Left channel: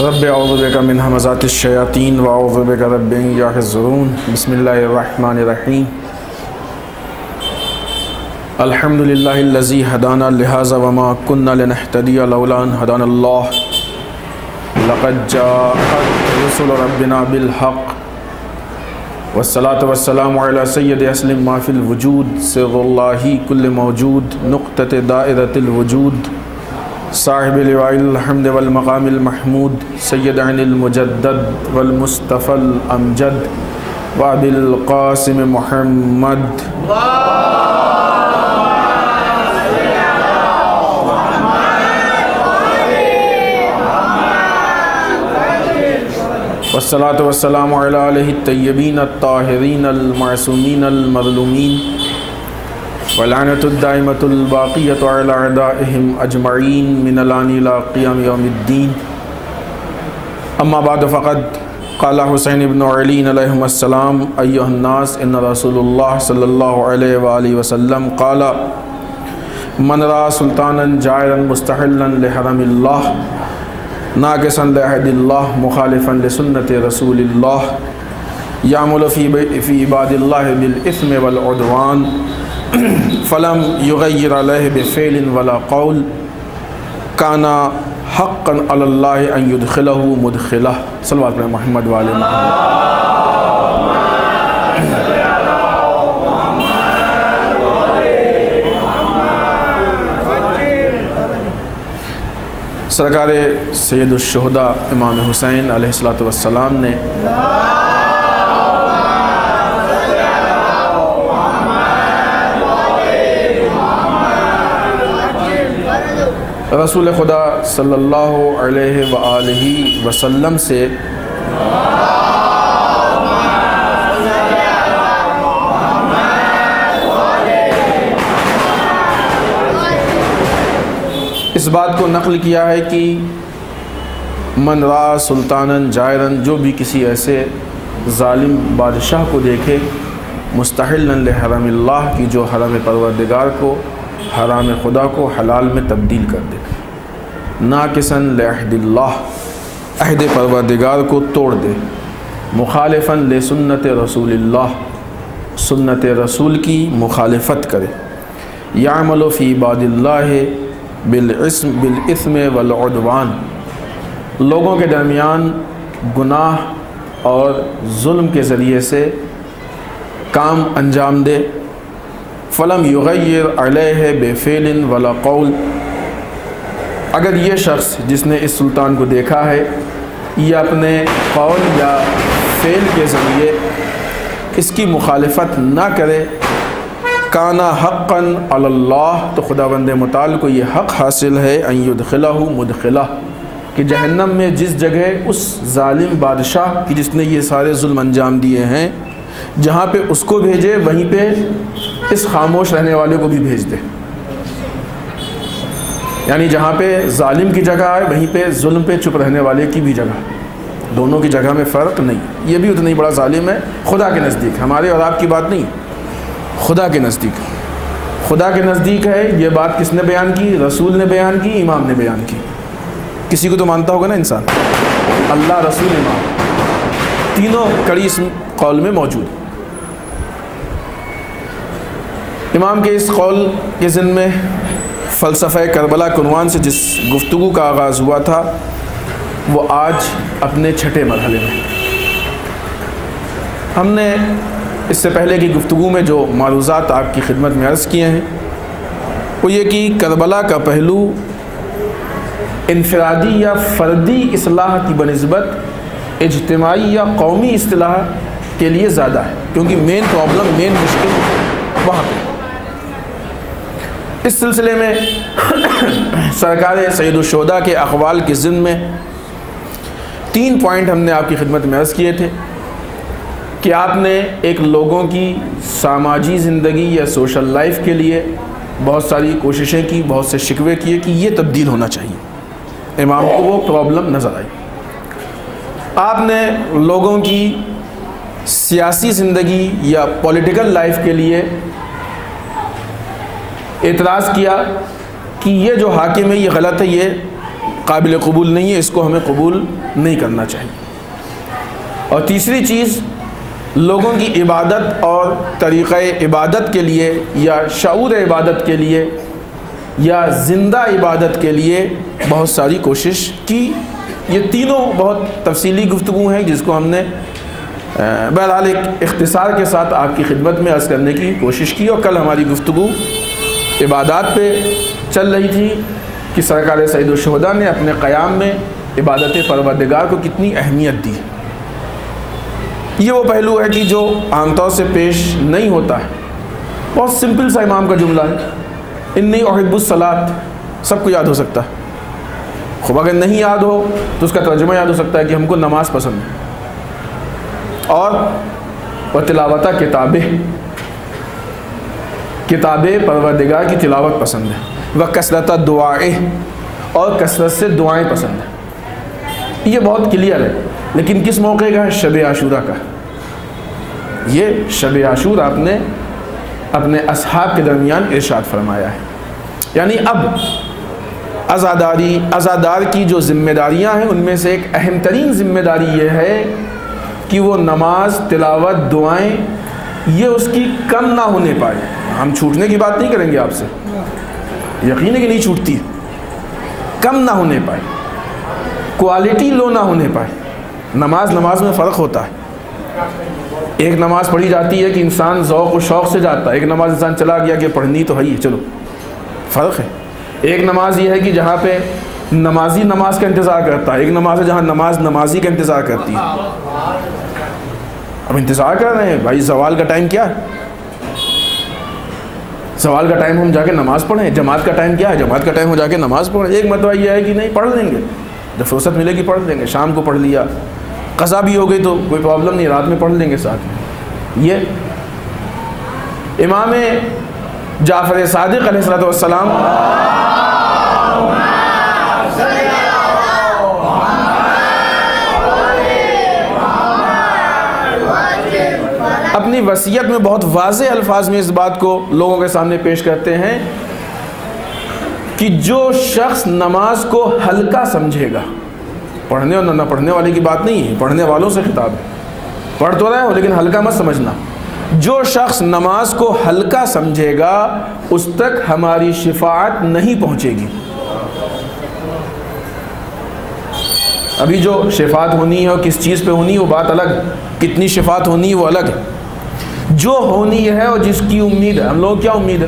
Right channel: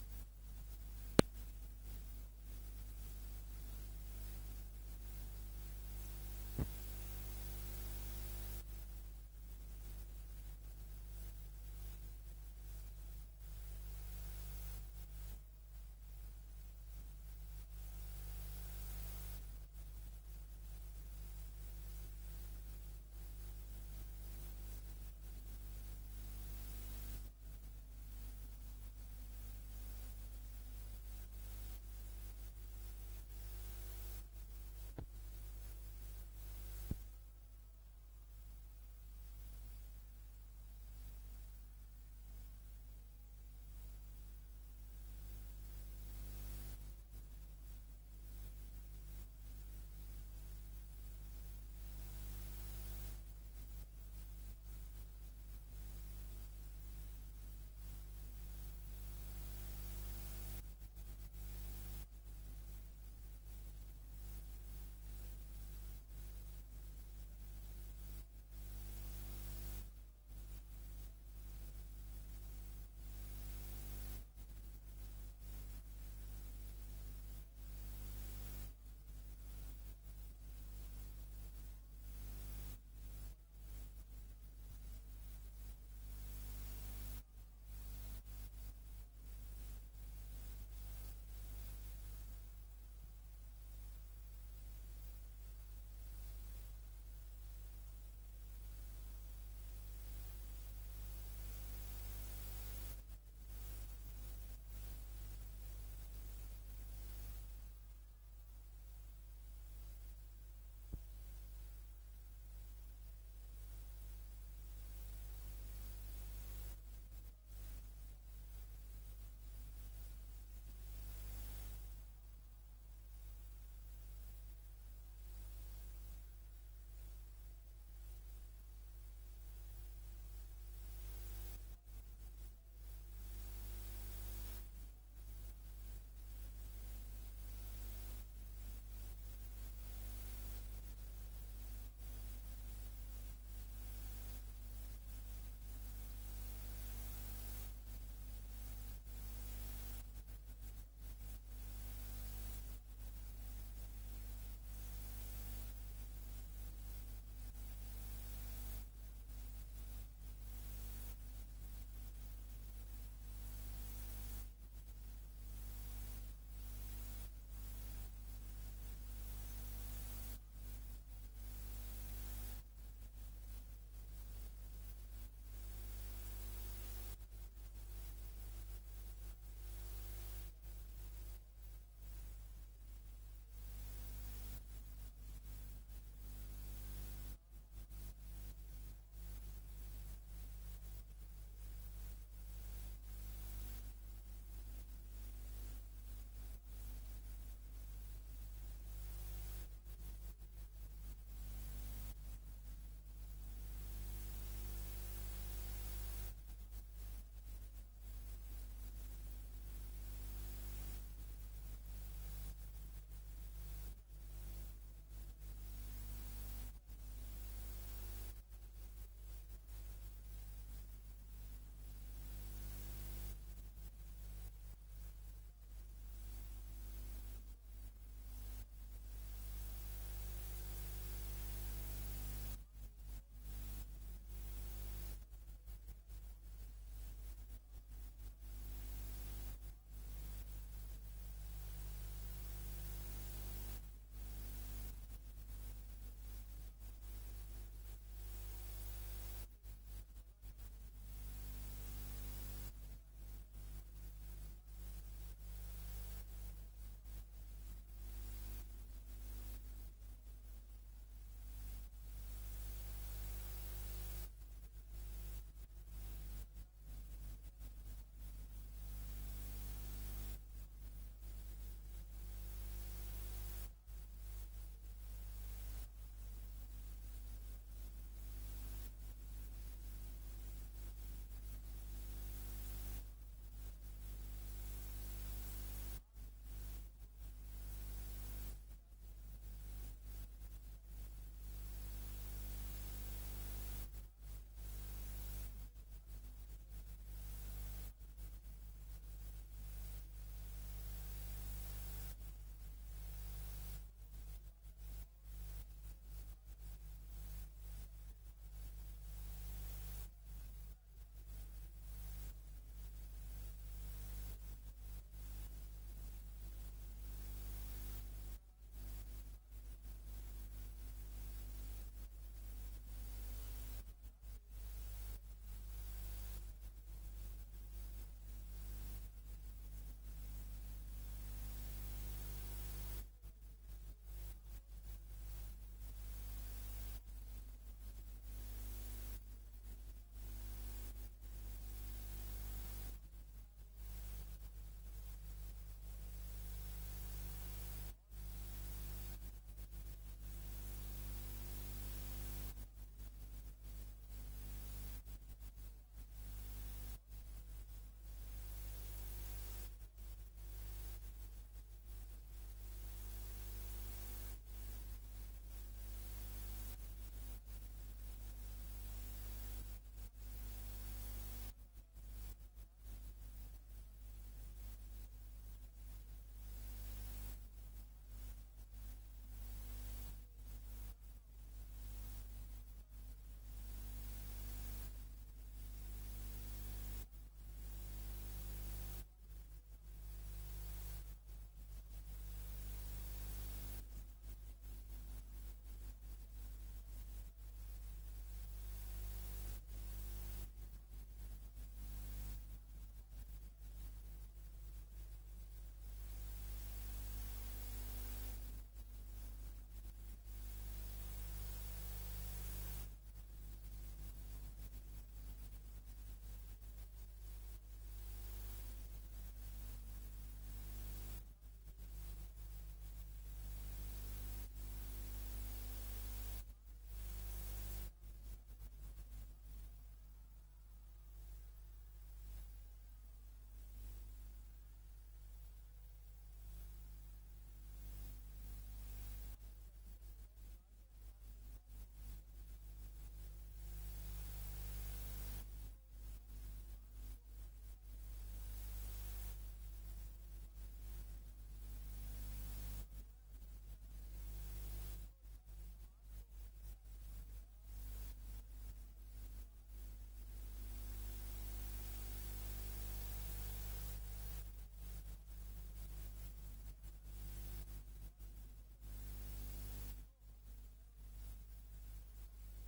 رب اعوذ بک من همزات الشیاطین واعوذ بک رب ان یحضرون بسم اللہ الرحمن الرحیم الحمد للہ الذی ہدانا لہذا وما كنا لنہتدی لولا ان ہدانا اللہ لقد جاءت رسل ربنا بالحق والصلاة والسلام علی سید اسلم ما فی الوجود سر اللہ کل موجود نقطۃ دائرۃ الوجود صاحب لواء الحمد والمقام المحمود سید عین المجدد والمصطفى الامجد وابی القاسم محمد والصلاة والسلام علی آلہ الطیبین الطاہرین المعصومین المظلومین ولعنۃ الدائمۃ الباقیۃ علی اعدائہم اجمعین من الآن الی قیام یوم الدین اما بعد فقد قال حسین بن علی علیہم السلام ایھا الناس ان رسول اللہ صلی اللہ علیہ وآلہ وسلم قال من رأى سلطانا جائرا مستحلا لحرم اللہ ناقصا لعہد اللہ مخالفا لسنت رسول اللہ یعمل فی عباد اللہ بالاثم والعدوان فلم یغیر علیہ بفعل ولا قول کان حقا علی اللہ ان یدخلہ مدخلہ صلوات علی محمد وآل محمد۔ سرکار سید الشہداء امام حسین علیہ السلام نے رسول خدا صلی اللہ علیہ وآلہ وسلم سے اس بات کو نقل کیا ہے کہ من رأى سلطانا جائرا، جو بھی کسی ایسے ظالم بادشاہ کو دیکھے مستحلا لحرم اللہ کی جو حرم پروردگار کو، حرام خدا کو حلال میں تبدیل کر دے، ناقصا لعہد اللہ عہد پروردگار کو توڑ دے، مخالفا لسنت رسول اللہ سنت رسول کی مخالفت کرے، یعمل فی عباد اللہ بالاثم والعدوان، لوگوں کے درمیان گناہ اور ظلم کے ذریعے سے کام انجام دے، فلم یغیر علیہ بفعل ولا قول، اگر یہ شخص جس نے اس سلطان کو دیکھا ہے یہ اپنے قول یا فعل کے ذریعے اس کی مخالفت نہ کرے، کانا حقا علی اللہ، تو خداوند متعال کو یہ حق حاصل ہے ان یدخلہ مدخلہ، کہ جہنم میں جس جگہ اس ظالم بادشاہ کی جس نے یہ سارے ظلم انجام دیے ہیں جہاں پہ اس کو بھیجے وہیں پہ اس خاموش رہنے والے کو بھی بھیج دے، یعنی جہاں پہ ظالم کی جگہ ہے وہیں پہ ظلم پہ چپ رہنے والے کی بھی جگہ، دونوں کی جگہ میں فرق نہیں، یہ بھی اتنا ہی بڑا ظالم ہے خدا کے نزدیک، ہمارے اور آپ کی بات نہیں، خدا کے نزدیک، خدا کے نزدیک ہے۔ یہ بات کس نے بیان کی؟ رسول نے بیان کی، امام نے بیان کی، کسی کو تو مانتا ہوگا نا انسان، اللہ، رسول، امام، تینوں کڑی اس قول میں موجود۔ امام کے اس قول کے ضمن میں فلسفہ کربلا عنوان سے جس گفتگو کا آغاز ہوا تھا وہ آج اپنے چھٹے مرحلے میں، ہم نے اس سے پہلے کی گفتگو میں جو معروضات آپ کی خدمت میں عرض کیے ہیں وہ یہ کہ کربلا کا پہلو انفرادی یا فردی اصلاح کی بنسبت اجتماعی یا قومی اصلاح کے لیے زیادہ ہے، کیونکہ مین پرابلم، مین مشکل وہاں پہ۔ اس سلسلے میں سرکار سید الشہداء کے اقوال کے ضمن میں 3 پوائنٹ ہم نے آپ کی خدمت میں عرض کیے تھے کہ آپ نے ایک لوگوں کی سماجی زندگی یا سوشل لائف کے لیے بہت ساری کوششیں کی، بہت سے شکوے کیے کہ یہ تبدیل ہونا چاہیے، امام کو وہ پرابلم نظر آئی۔ آپ نے لوگوں کی سیاسی زندگی یا پولیٹیکل لائف کے لیے اعتراض کیا کہ یہ جو حاکم ہے یہ غلط ہے، یہ قابل قبول نہیں ہے، اس کو ہمیں قبول نہیں کرنا چاہیے۔ اور تیسری چیز، لوگوں کی عبادت اور طریقہ عبادت کے لیے یا شعور عبادت کے لیے یا زندہ عبادت کے لیے بہت ساری کوشش کی۔ یہ تینوں بہت تفصیلی گفتگو ہیں جس کو ہم نے بہرحال ایک اختصار کے ساتھ آپ کی خدمت میں عرض کرنے کی کوشش کی۔ اور کل ہماری گفتگو عبادات پہ چل رہی تھی کہ سرکار سید الشہداء نے اپنے قیام میں عبادت پروردگار کو کتنی اہمیت دی۔ یہ وہ پہلو ہے کہ جو عام طور سے پیش نہیں ہوتا ہے۔ بہت سمپل سا امام کا جملہ ہے، انی احب الصلاۃ، سب کو یاد ہو سکتا ہے۔ خوب اگر نہیں یاد ہو تو اس کا ترجمہ یاد ہو سکتا ہے کہ ہم کو نماز پسند ہے، اور تلاوت کتابیں پروردگار کی تلاوت پسند ہے، وہ کثرت دعائیں، اور کثرت سے دعائیں پسند ہیں۔ یہ بہت کلیئر ہے، لیکن کس موقع کا ہے؟ شب عاشورہ کا۔ یہ شب عاشورہ آپ نے اپنے اصحاب کے درمیان ارشاد فرمایا ہے۔ یعنی اب عزادار کی جو ذمہ داریاں ہیں ان میں سے ایک اہم ترین ذمہ داری یہ ہے کہ وہ نماز، تلاوت، دعائیں یہ اس کی کم نہ ہونے پائے۔ ہم چھوٹنے کی بات نہیں کریں گے آپ سے، یقین ہے کہ نہیں چھوٹتی، کم نہ ہونے پائے، کوالٹی لو نہ ہونے پائے۔ نماز میں فرق ہوتا ہے۔ ایک نماز پڑھی جاتی ہے کہ انسان ذوق و شوق سے جاتا ہے، ایک نماز انسان چلا گیا کہ پڑھنی تو ہے ہی، چلو، فرق ہے۔ ایک نماز یہ ہے کہ جہاں پہ نمازی نماز کا انتظار کرتا ہے، ایک نماز ہے جہاں نماز نمازی کا انتظار کرتی ہے۔ اب انتظار کر رہے ہیں بھائی، زوال کا ٹائم کیا ہے؟ زوال کا ٹائم ہم جا کے نماز پڑھیں۔ جماعت کا ٹائم کیا ہے؟ جماعت کا ٹائم ہو جا کے نماز پڑھیں۔ ایک مرتبہ یہ ہے کہ نہیں، پڑھ لیں گے، جب فرصت ملے گی پڑھ لیں گے، شام کو پڑھ لیا، قضا بھی ہو گئی تو کوئی پرابلم نہیں، رات میں پڑھ لیں گے ساتھ میں۔ یہ امام جعفر صادق علیہ السلام اپنی وصیت میں بہت واضح الفاظ میں اس بات کو لوگوں کے سامنے پیش کرتے ہیں کہ جو شخص نماز کو ہلکا سمجھے گا، پڑھنے اور نہ پڑھنے والے کی بات نہیں ہے، پڑھنے والوں سے خطاب ہے، پڑھ تو رہے ہو لیکن ہلکا مت سمجھنا۔ جو شخص نماز کو ہلکا سمجھے گا اس تک ہماری شفاعت نہیں پہنچے گی۔ ابھی جو شفاعت ہونی ہے اور کس چیز پہ ہونی ہے وہ بات الگ، کتنی شفاعت ہونی ہے وہ الگ ہے۔ جو ہونی ہے اور جس کی امید ہے، ہم لوگ کیا امید ہے؟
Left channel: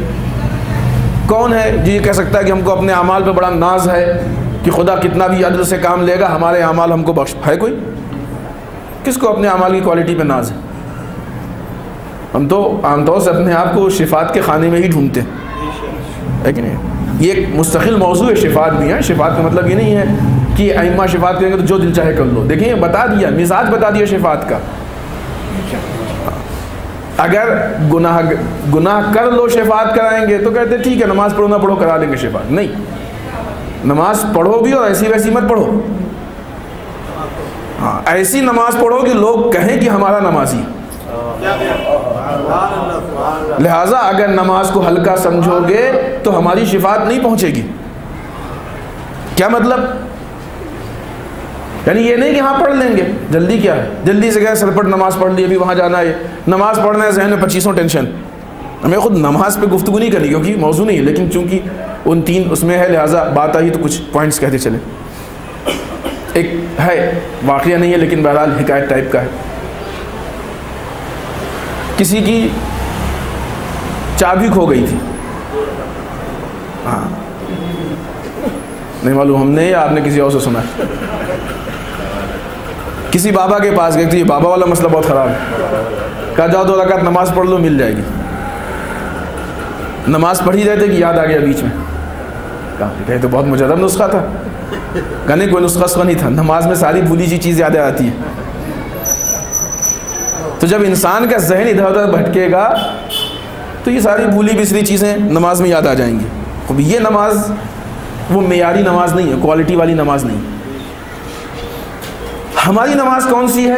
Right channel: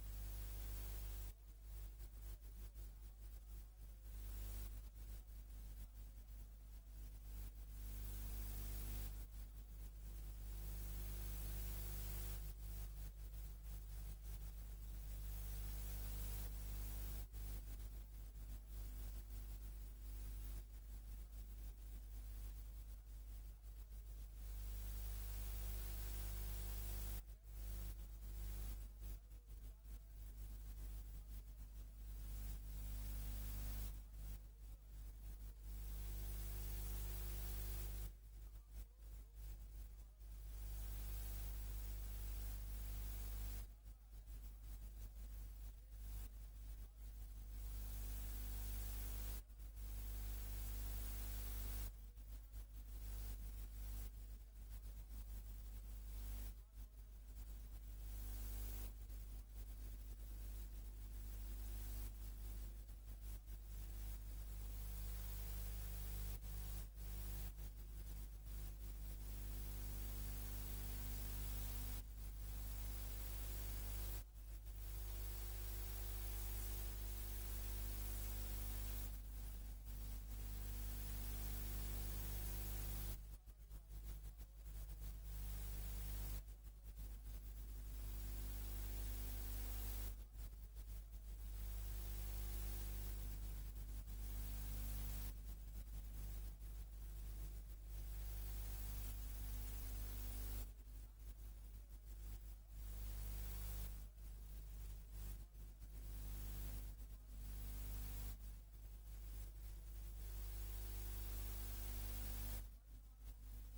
کون ہے جو یہ کہہ سکتا ہے کہ ہم کو اپنے اعمال پہ بڑا ناز ہے کہ خدا کتنا بھی عدل سے کام لے گا ہمارے اعمال ہم کو بخش؟ ہے کوئی؟ کس کو اپنے اعمال کی کوالٹی پہ ناز ہے؟ ہم تو عام طور سے اپنے آپ کو شفاعت کے خانے میں ہی ڈھونڈتے ہیں، ہے کہ نہیں؟ یہ ایک مستقل موضوع ہے، شفاعت بھی ہے۔ شفاعت کا مطلب یہ نہیں ہے کہ ائمہ شفاعت کریں گے تو جو دل چاہے کر لو۔ دیکھیں بتا دیا، مزاج بتا دیا شفاعت کا۔ اگر گناہ کر لو شفاعت کرائیں گے تو کہتے ٹھیک ہے، نماز پڑھو نہ پڑھو کرا لیں گے شفاعت۔ نہیں، نماز پڑھو بھی اور ایسی ویسی مت پڑھو۔ ہاں، ایسی نماز پڑھو کہ لوگ کہیں کہ ہمارا نمازی۔ لہٰذا اگر نماز کو ہلکا سمجھو گے تو ہماری شفاعت نہیں پہنچے گی۔ کیا مطلب؟ یعنی یہ نہیں کہ ہاں پڑھ لیں گے، جلدی کیا ہے، جلدی سے گئے سرپٹ نماز پڑھ لی، ابھی وہاں جانا ہے، نماز پڑھنا ہے، ذہن میں 25 ٹینشن۔ ہمیں خود نماز پہ گفتگو نہیں کرنی کیونکہ موضوع نہیں ہے، لیکن چونکہ ان 3 اس میں ہے لہٰذا بات آئی تو کچھ پوائنٹس کہتے چلے۔ ایک ہے، واقعہ نہیں ہے لیکن بہرحال حکایت ٹائپ کا ہے۔ کسی کی چابی کھو گئی تھی، ہاں نہیں معلوم ہم نے یا آپ نے کسی اور سے سنا۔ کسی بابا کے پاس گئے تھے، یہ بابا والا مسئلہ بہت خراب ہے، کہا جاؤ 2 رکعت نماز پڑھ لو مل جائے گی۔ نماز پڑھ ہی رہے تھے کہ یاد آ گیا بیچ میں، کہا تو بہت مجرب نسخہ تھا۔ کہا نہیں، کوئی نسخہ نہیں تھا، نماز میں ساری بھولی سی چیز یاد آتی ہے۔ تو جب انسان کا ذہن ادھر ادھر بھٹکے گا تو یہ ساری بھولی بسری چیزیں نماز میں یاد آ جائیں گی۔ اب یہ نماز وہ معیاری نماز نہیں ہے، کوالٹی والی نماز نہیں۔ ہماری نماز کون سی ہے؟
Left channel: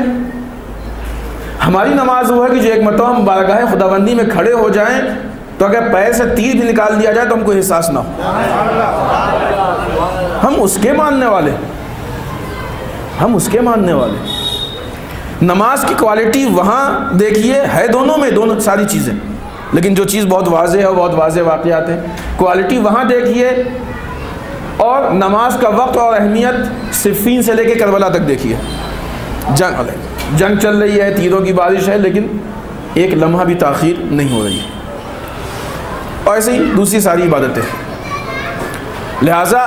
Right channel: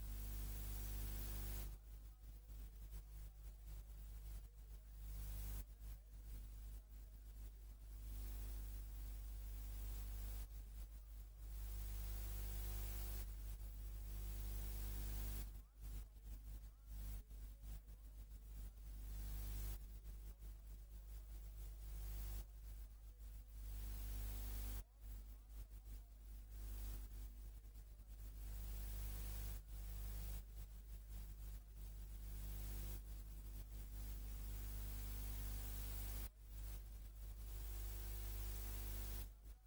ہماری نماز وہ ہے کہ جو ایک مرتبہ ہم بارگاہ خداوندی میں کھڑے ہو جائیں تو اگر پیر سے تیر بھی نکال دیا جائے تو ہم کو احساس نہ ہو۔ ہم اس کے ماننے والے، ہم اس کے ماننے والے۔ نماز کی کوالٹی وہاں دیکھیے ہے دونوں میں، دونوں ساری چیزیں، لیکن جو چیز بہت واضح ہے وہ بہت واضح واقعات ہیں۔ کوالٹی وہاں دیکھیے، اور نماز کا وقت اور اہمیت صفین سے لے کے کربلا تک دیکھیے۔ جنگ چل رہی ہے، تیروں کی بارش ہے، لیکن ایک لمحہ بھی تاخیر نہیں ہو رہی ہے، اور ایسے ہی دوسری ساری عبادتیں۔ لہٰذا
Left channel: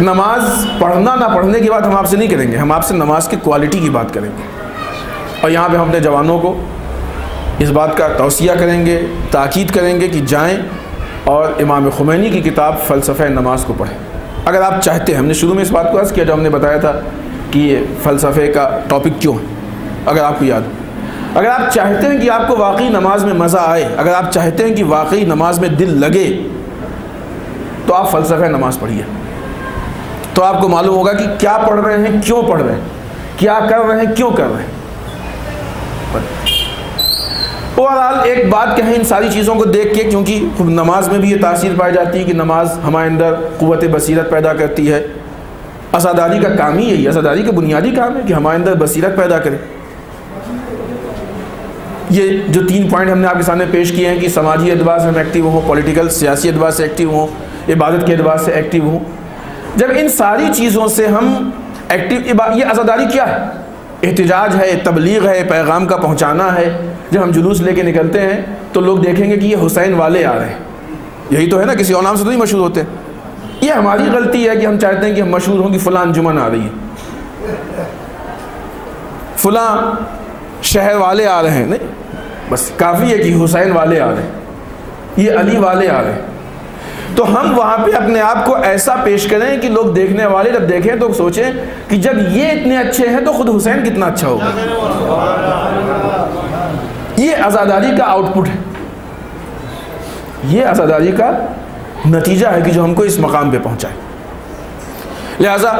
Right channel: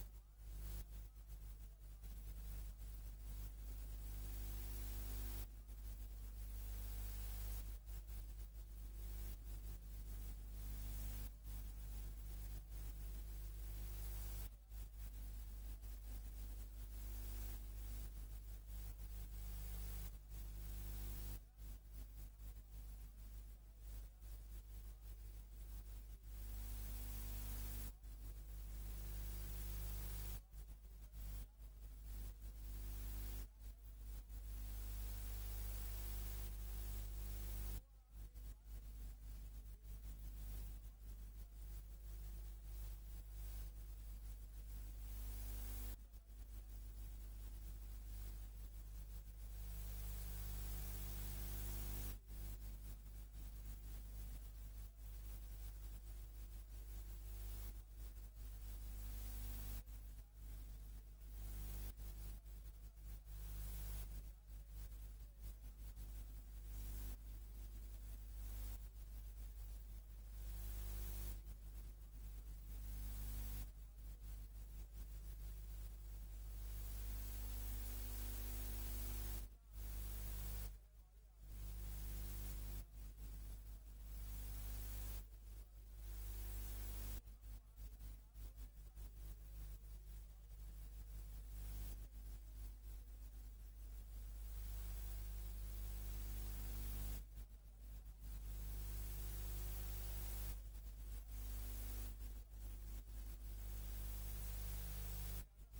نماز پڑھنا نہ پڑھنے کی بات ہم آپ سے نہیں کریں گے، ہم آپ سے نماز کی کوالٹی کی بات کریں گے، اور یہاں پہ ہم اپنے جوانوں کو اس بات کا توصیہ کریں گے، تاکید کریں گے کہ جائیں اور امام خمینی کی کتاب فلسفہ نماز کو پڑھیں۔ اگر آپ چاہتے ہیں، ہم نے شروع میں اس بات کو عرض کیا جب ہم نے بتایا تھا کہ یہ فلسفے کا ٹاپک کیوں ہے، اگر آپ کو یاد ہو، اگر آپ چاہتے ہیں کہ آپ کو واقعی نماز میں مزہ آئے، اگر آپ چاہتے ہیں کہ واقعی نماز میں دل لگے، تو آپ فلسفہ نماز پڑھیے، تو آپ کو معلوم ہوگا کہ کیا پڑھ رہے ہیں، کیوں پڑھ رہے ہیں، کیا کر رہے ہیں، کیوں کر رہے ہیں۔ اوورآل ایک بات کہیں ان ساری چیزوں کو دیکھ کے، کیونکہ نماز میں بھی یہ تاثیر پائی جاتی ہے کہ نماز ہمارے اندر قوت بصیرت پیدا کرتی ہے۔ عزاداری کا کام ہی یہی ہے، عزاداری کا بنیادی کام ہے کہ ہمارے اندر بصیرت پیدا کرے۔ یہ جو 3 پوائنٹ ہم نے آپ کے سامنے پیش کیے ہیں کہ سماجی اعتبار سے ہم ایکٹیو ہوں، پولیٹیکل سیاسی اعتبار سے ایکٹیو ہوں، عبادت کے اعتبار سے ایکٹیو ہوں، جب ان ساری چیزوں سے ہم ایکٹیو، یہ عزاداری کیا ہے؟ احتجاج ہے، تبلیغ ہے، پیغام کا پہنچانا ہے۔ جب ہم جلوس لے کے نکلتے ہیں تو لوگ دیکھیں گے کہ یہ حسین والے آ رہے ہیں، یہی تو ہے نا، کسی اور نام سے تو نہیں مشہور ہوتے۔ یہ ہماری غلطی ہے کہ ہم چاہتے ہیں کہ ہم مشہور ہوں کہ فلاں انجمن آ رہی ہے، فلاں شہر والے آ رہے ہیں، نہیں، بس کافی ہے کہ حسین والے آ رہے ہیں، یہ علی والے آ رہے ہیں۔ تو ہم وہاں پہ اپنے آپ کو ایسا پیش کریں کہ لوگ دیکھنے والے جب دیکھیں تو سوچیں کہ جب یہ اتنے اچھے ہیں تو خود حسین کتنا اچھا ہوگا۔ یہ عزاداری کا آؤٹ پٹ ہے، یہ عزاداری کا نتیجہ ہے کہ جو ہم کو اس مقام پہ پہنچائے۔ لہذا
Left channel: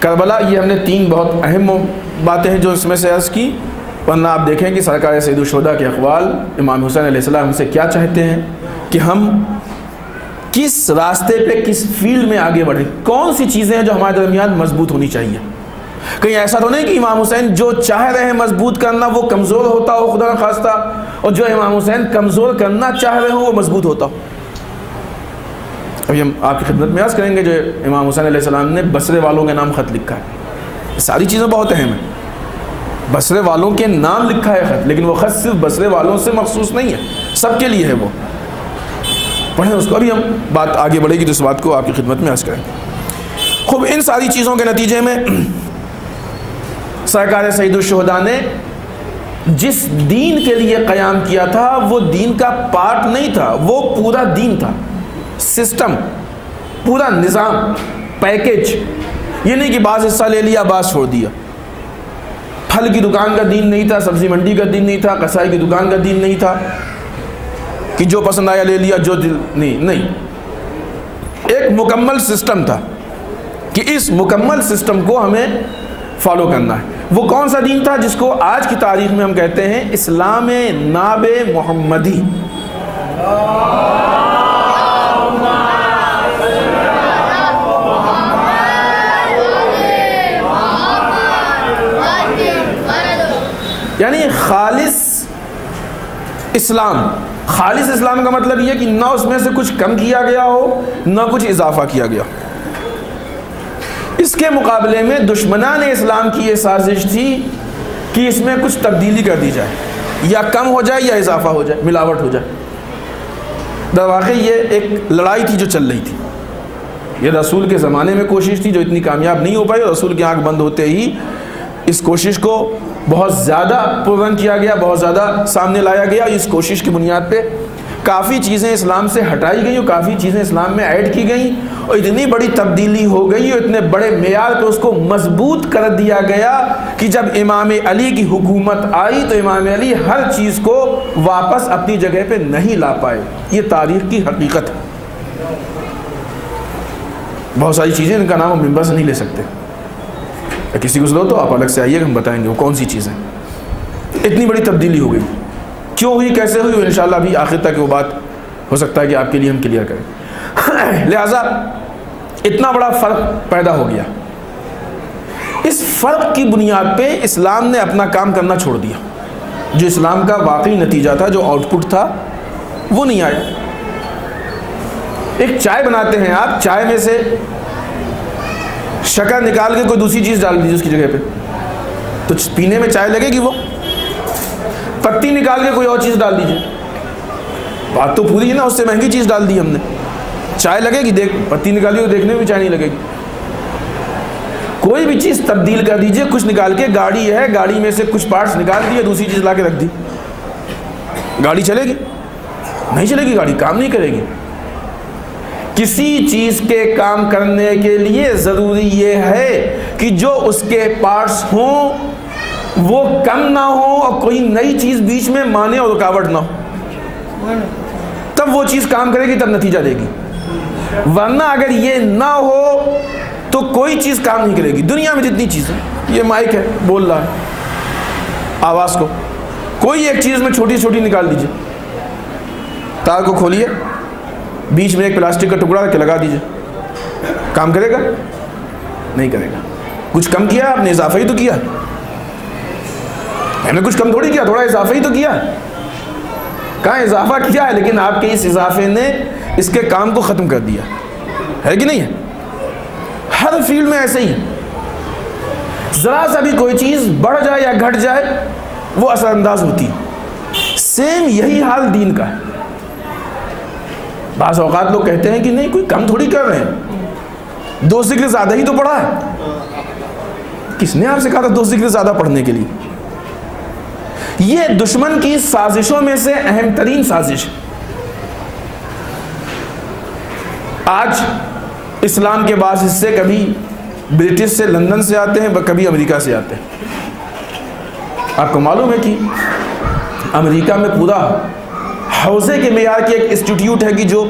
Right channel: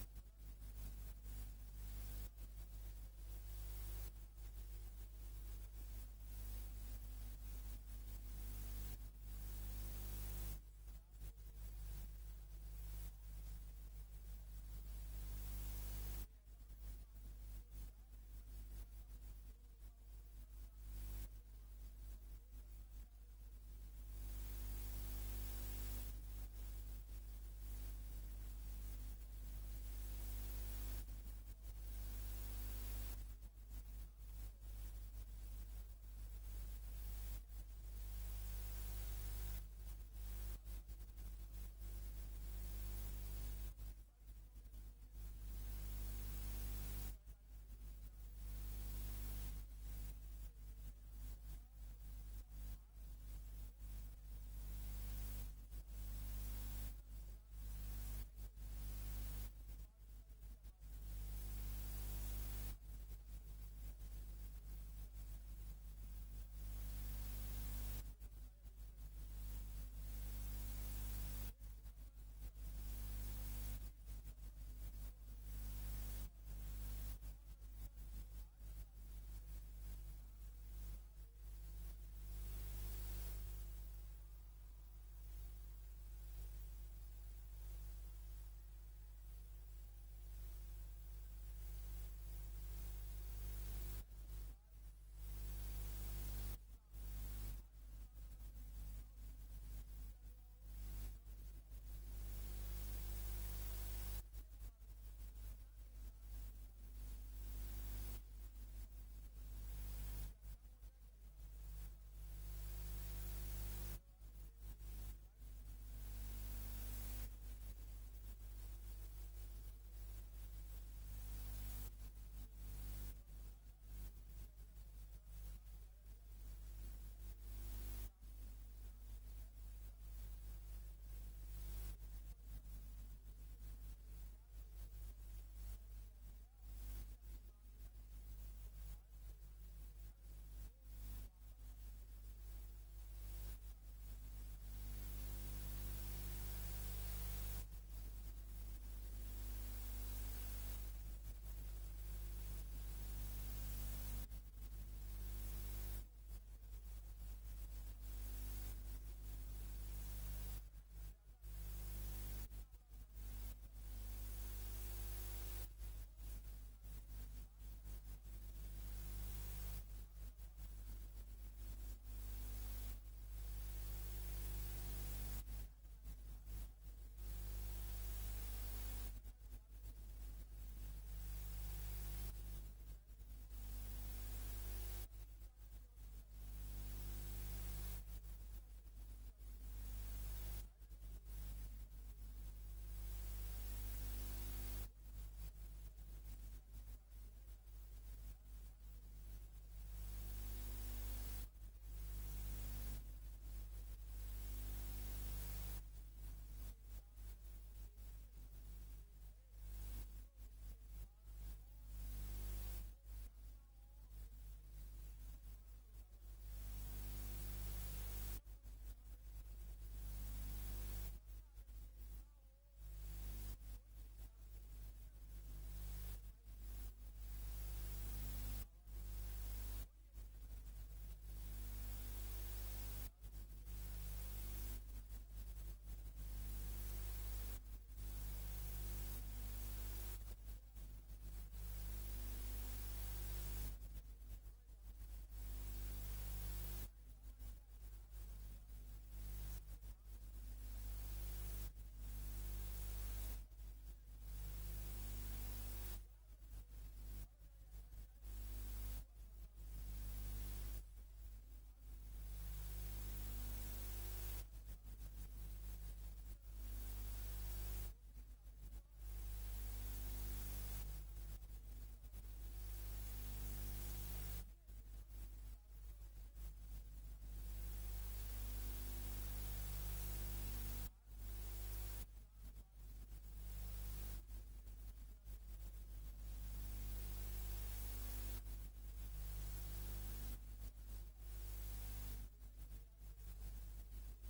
کربلا، یہ ہم نے 3 بہت اہم باتیں ہیں جو اس میں سے عرض کی، ورنہ آپ دیکھیں کہ سرکار سید الشہداء کے اقوال، امام حسین علیہ السلام ہم سے کیا چاہتے ہیں کہ ہم کس راستے پہ، کس فیلڈ میں آگے بڑھیں، کون سی چیزیں ہیں جو ہمارے درمیان مضبوط ہونی چاہیے۔ کہیں ایسا تو نہیں کہ امام حسین جو چاہ رہے ہیں مضبوط کرنا وہ کمزور ہوتا ہو خدا نخواستہ، اور جو امام حسین کمزور کرنا چاہ رہے ہوں وہ مضبوط ہوتا ہو۔ ابھی ہم آپ کی خدمت میں عرض کریں گے جو امام حسین علیہ السلام نے بصرے والوں کے نام خط لکھا ہے، یہ ساری چیزیں بہت اہم ہیں۔ بصرے والوں کے نام لکھا ہے خط، لیکن وہ خط صرف بصرے والوں سے مخصوص نہیں ہے، سب کے لیے ہے، وہ پڑھیں اس کو۔ ابھی ہم بات آگے بڑھے گی تو اس بات کو آپ کی خدمت میں عرض کریں۔ خوب، ان ساری چیزوں کے نتیجے میں سرکار سید الشہداء نے جس دین کے لیے قیام کیا تھا وہ دین کا پارٹ نہیں تھا، وہ پورا دین تھا، سسٹم، پورا نظام، پیکج۔ یہ نہیں کہ بعض حصہ لے لیا بعض چھوڑ دیا۔ پھل کی دکان کا دین نہیں تھا، سبزی منڈی کا دین نہیں تھا، کسائی کی دکان کا دین نہیں تھا کہ جو پسند آیا لے لیا، جو دل نہیں۔ ایک مکمل سسٹم تھا کہ اس مکمل سسٹم کو ہمیں فالو کرنا ہے۔ وہ کون سا دین تھا جس کو آج کی تاریخ میں ہم کہتے ہیں اسلام ناب محمدی۔ یعنی خالص اسلام۔ خالص اسلام کا مطلب یہ کہ نہ اس میں سے کچھ کم کیا گیا ہو، نہ کچھ اضافہ کیا گیا۔ اس کے مقابلے میں دشمنان اسلام کی یہ سازش تھی کہ اس میں کچھ تبدیلی کر دی جائے، یا کم ہو جائے یا اضافہ ہو جائے، ملاوٹ ہو جائے۔ در واقع یہ ایک لڑائی تھی جو چل رہی تھی۔ یہ رسول کے زمانے میں کوشش تھی جو اتنی کامیاب نہیں ہو پائی، اور رسول کی آنکھ بند ہوتے ہی اس کوشش کو بہت زیادہ پرون کیا گیا، بہت زیادہ سامنے لایا گیا۔ اس کوشش کی بنیاد پہ کافی چیزیں اسلام سے ہٹائی گئیں اور کافی چیزیں اسلام میں ایڈ کی گئیں، اور اتنی بڑی تبدیلی ہو گئی اور اتنے بڑے معیار پہ اس کو مضبوط کر دیا گیا کہ جب امام علی کی حکومت آئی تو امام علی ہر چیز کو واپس اپنی جگہ پہ نہیں لا پائے۔ یہ تاریخ کی حقیقت ہے۔ بہت ساری چیزیں ان کا نام ہم ممبر سے نہیں لے سکتے، کسی کو ضرورت تو آپ الگ سے آئیے، ہم بتائیں گے وہ کون سی چیزیں۔ اتنی بڑی تبدیلی ہو گئی، کیوں ہوئی، کیسے ہوئی، انشاءاللہ ابھی آخر تک وہ بات ہو سکتا ہے کہ آپ کے لیے ہم کلیئر کریں۔ لہذا اتنا بڑا فرق پیدا ہو گیا. اس فرق کی بنیاد پہ اسلام نے اپنا کام کرنا چھوڑ دیا. جو اسلام کا واقعی نتیجہ تھا, جو آؤٹ پٹ تھا, وہ نہیں آیا. ایک چائے بناتے ہیں آپ, چائے میں سے شکر نکال کے کوئی دوسری چیز ڈال دیجیے اس کی جگہ پہ, تو پینے میں چائے لگے گی. وہ پتی نکال کے کوئی اور چیز ڈال دیجیے, بات تو پوری ہے نا. اس سے مہنگی چیز ڈال دی ہم نے, چائے لگے گی. پتی نکالی تو دیکھنے میں بھی چائے نہیں لگے گی. کوئی بھی چیز تبدیل کر دیجئے, کچھ نکال کے. گاڑی ہے, گاڑی میں سے کچھ پارٹس نکال دیے, دوسری چیز لا کے رکھ دی, گاڑی چلے گی؟ نہیں چلے گی, گاڑی کام نہیں کرے گی. کسی چیز کے کام کرنے کے لیے ضروری یہ ہے کہ جو اس کے پارٹس ہوں وہ کم نہ ہوں اور کوئی نئی چیز بیچ میں مانے اور رکاوٹ نہ ہو, تب وہ چیز کام کرے گی, تب نتیجہ دے گی. ورنہ اگر یہ نہ ہو تو کوئی چیز کام نہیں کرے گی. دنیا میں جتنی چیزیں, یہ مائک ہے, بول رہا ہے, آواز کو کوئی ایک چیز میں چھوٹی چھوٹی نکال دیجئے, تار کو کھولیے, بیچ میں ایک پلاسٹک کا ٹکڑا رکھ کے لگا دیجئے, کام کرے گا؟ نہیں کرے گا. کچھ کم کیا آپ نے, اضافہ ہی تو کیا. ہم نے کچھ کم تھوڑی کیا, تھوڑا اضافہ ہی تو کیا. کہاں اضافہ کیا ہے, لیکن آپ کے اس اضافے نے اس کے کام کو ختم کر دیا ہے کہ نہیں ہے؟ ہر فیلڈ میں ایسے ہی. ذرا سا بھی کوئی چیز بڑھ جائے یا گھٹ جائے وہ اثر انداز ہوتی ہے. سیم یہی حال دین کا ہے. بعض اوقات لوگ کہتے ہیں کہ نہیں, کوئی کم تھوڑی کر رہے ہیں, 2 ذکر زیادہ ہی تو پڑھا ہے. کس نے آپ سے کہا تھا 2 ذکر زیادہ پڑھنے کے لیے؟ یہ دشمن کی سازشوں میں سے اہم ترین سازش ہے. آج اسلام کے بعض حصے کبھی برٹش سے, لندن سے آتے ہیں, کبھی امریکہ سے آتے ہیں. آپ کو معلوم ہے کہ امریکہ میں پورا حوزے کے معیار کی ایک انسٹیٹیوٹ ہے کہ جو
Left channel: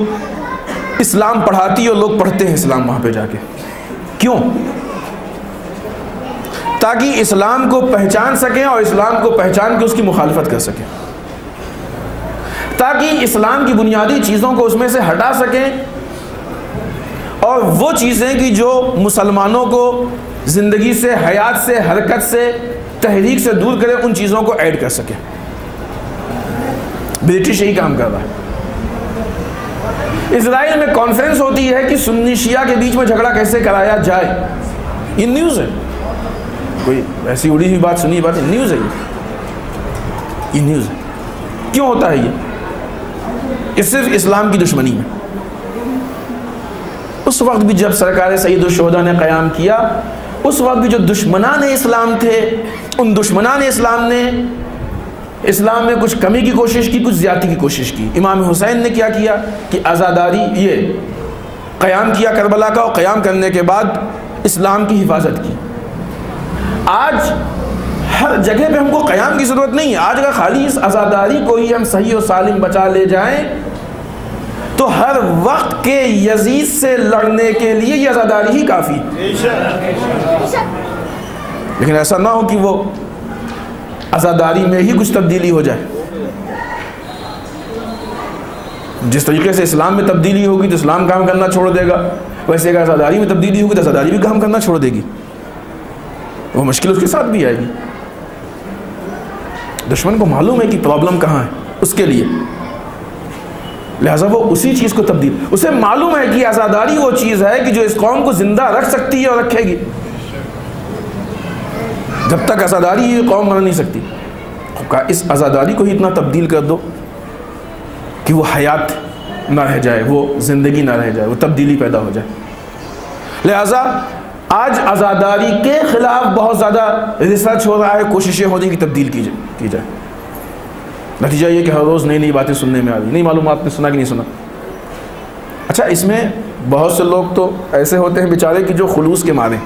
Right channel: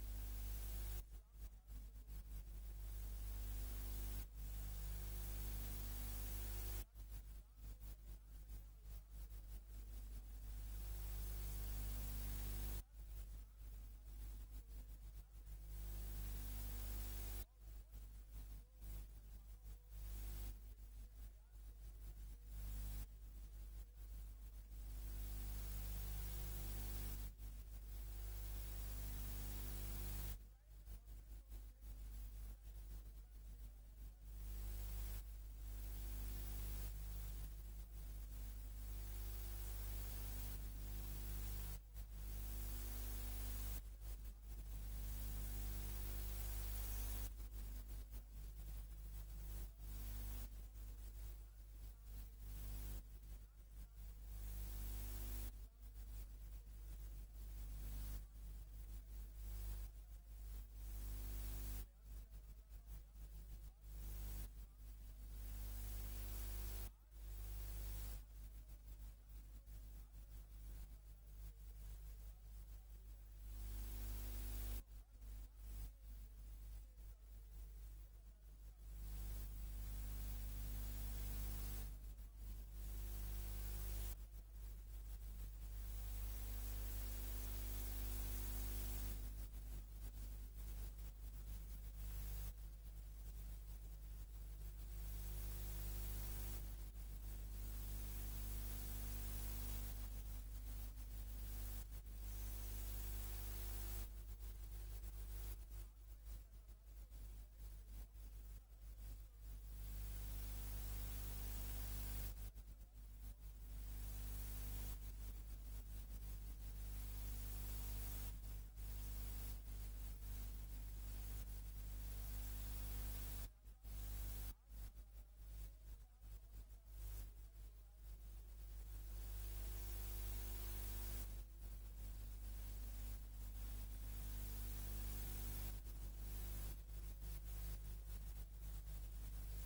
اسلام پڑھاتی ہے, اور لوگ پڑھتے ہیں اسلام وہاں پہ جا کے. کیوں؟ تاکہ اسلام کو پہچان سکیں اور اسلام کو پہچان کے اس کی مخالفت کر سکیں, تاکہ اسلام کی بنیادی چیزوں کو اس میں سے ہٹا سکیں, اور وہ چیزیں کہ جو مسلمانوں کو زندگی سے, حیات سے, حرکت سے, تحریک سے دور کرے, ان چیزوں کو ایڈ کر سکیں. برٹش یہی کام کر رہا ہے. اسرائیل میں کانفرنس ہوتی ہے کہ سنی شیعہ کے بیچ میں جھگڑا کیسے کرایا جائے. یہ نیوز ہے, کوئی ایسی اڑی ہوئی بات, سنی بات ہے, نیوز ہے یہ نیوز ہے. کیوں ہوتا ہے یہ صرف اسلام کی دشمنی میں. اس وقت بھی جب سرکار سید الشہداء نے قیام کیا, اس وقت بھی جو دشمنان اسلام تھے, ان دشمنان اسلام نے اسلام میں کچھ کمی کی کوشش کی, کچھ زیادتی کی کوشش کی. امام حسین نے کیا کیا کہ آزاداری, یہ قیام کیا کربلا کا, اور قیام کرنے کے بعد اسلام کی حفاظت کی. آج ہر جگہ پہ ہم کو قیام کی ضرورت نہیں ہے. آج اگر خالی اس آزاداری کو ہی ہم صحیح و سالم بچا لے جائیں تو ہر وقت کے یزید سے لڑنے کے لیے یہ آزاداری ہی کافی. لیکن ایسا نہ ہو کہ وہ آزاداری میں ہی کچھ تبدیلی ہو جائے. جس طریقے سے اسلام میں تبدیلی ہوگی تو اسلام کام کرنا چھوڑ دے گا, ویسے اگر آزاداری میں تبدیلی ہوگی تو آزاداری بھی کام کرنا چھوڑ دے گی. وہ مشکل اس کے ساتھ بھی آئے گی. دشمن کو معلوم ہے کہ پرابلم کہاں ہے اس کے لیے, لہٰذا وہ اسی چیز کو تبدیل, اسے معلوم ہے کہ آزاداری وہ چیز ہے کہ جو اس قوم کو زندہ رکھ سکتی ہے اور رکھے گی. جب تک آزاداری یہ قوم بنا نہیں سکتی. اس آزاداری کو ہی اتنا تبدیل کر دو کہ وہ حیات نہ رہ جائے, وہ زندگی نہ رہ جائے, وہ تبدیلی پیدا ہو جائے. لہٰذا آج آزاداری کے خلاف بہت زیادہ ریسرچ ہو رہا ہے, کوششیں ہو رہی ہیں کہ تبدیل کی جائے. نتیجہ یہ کہ ہر روز نئی نئی باتیں سننے میں آ رہی. نہیں معلوم آپ نے سنا کہ نہیں سنا. اچھا, اس میں بہت سے لوگ تو ایسے ہوتے ہیں بیچارے کہ جو خلوص کے مارے,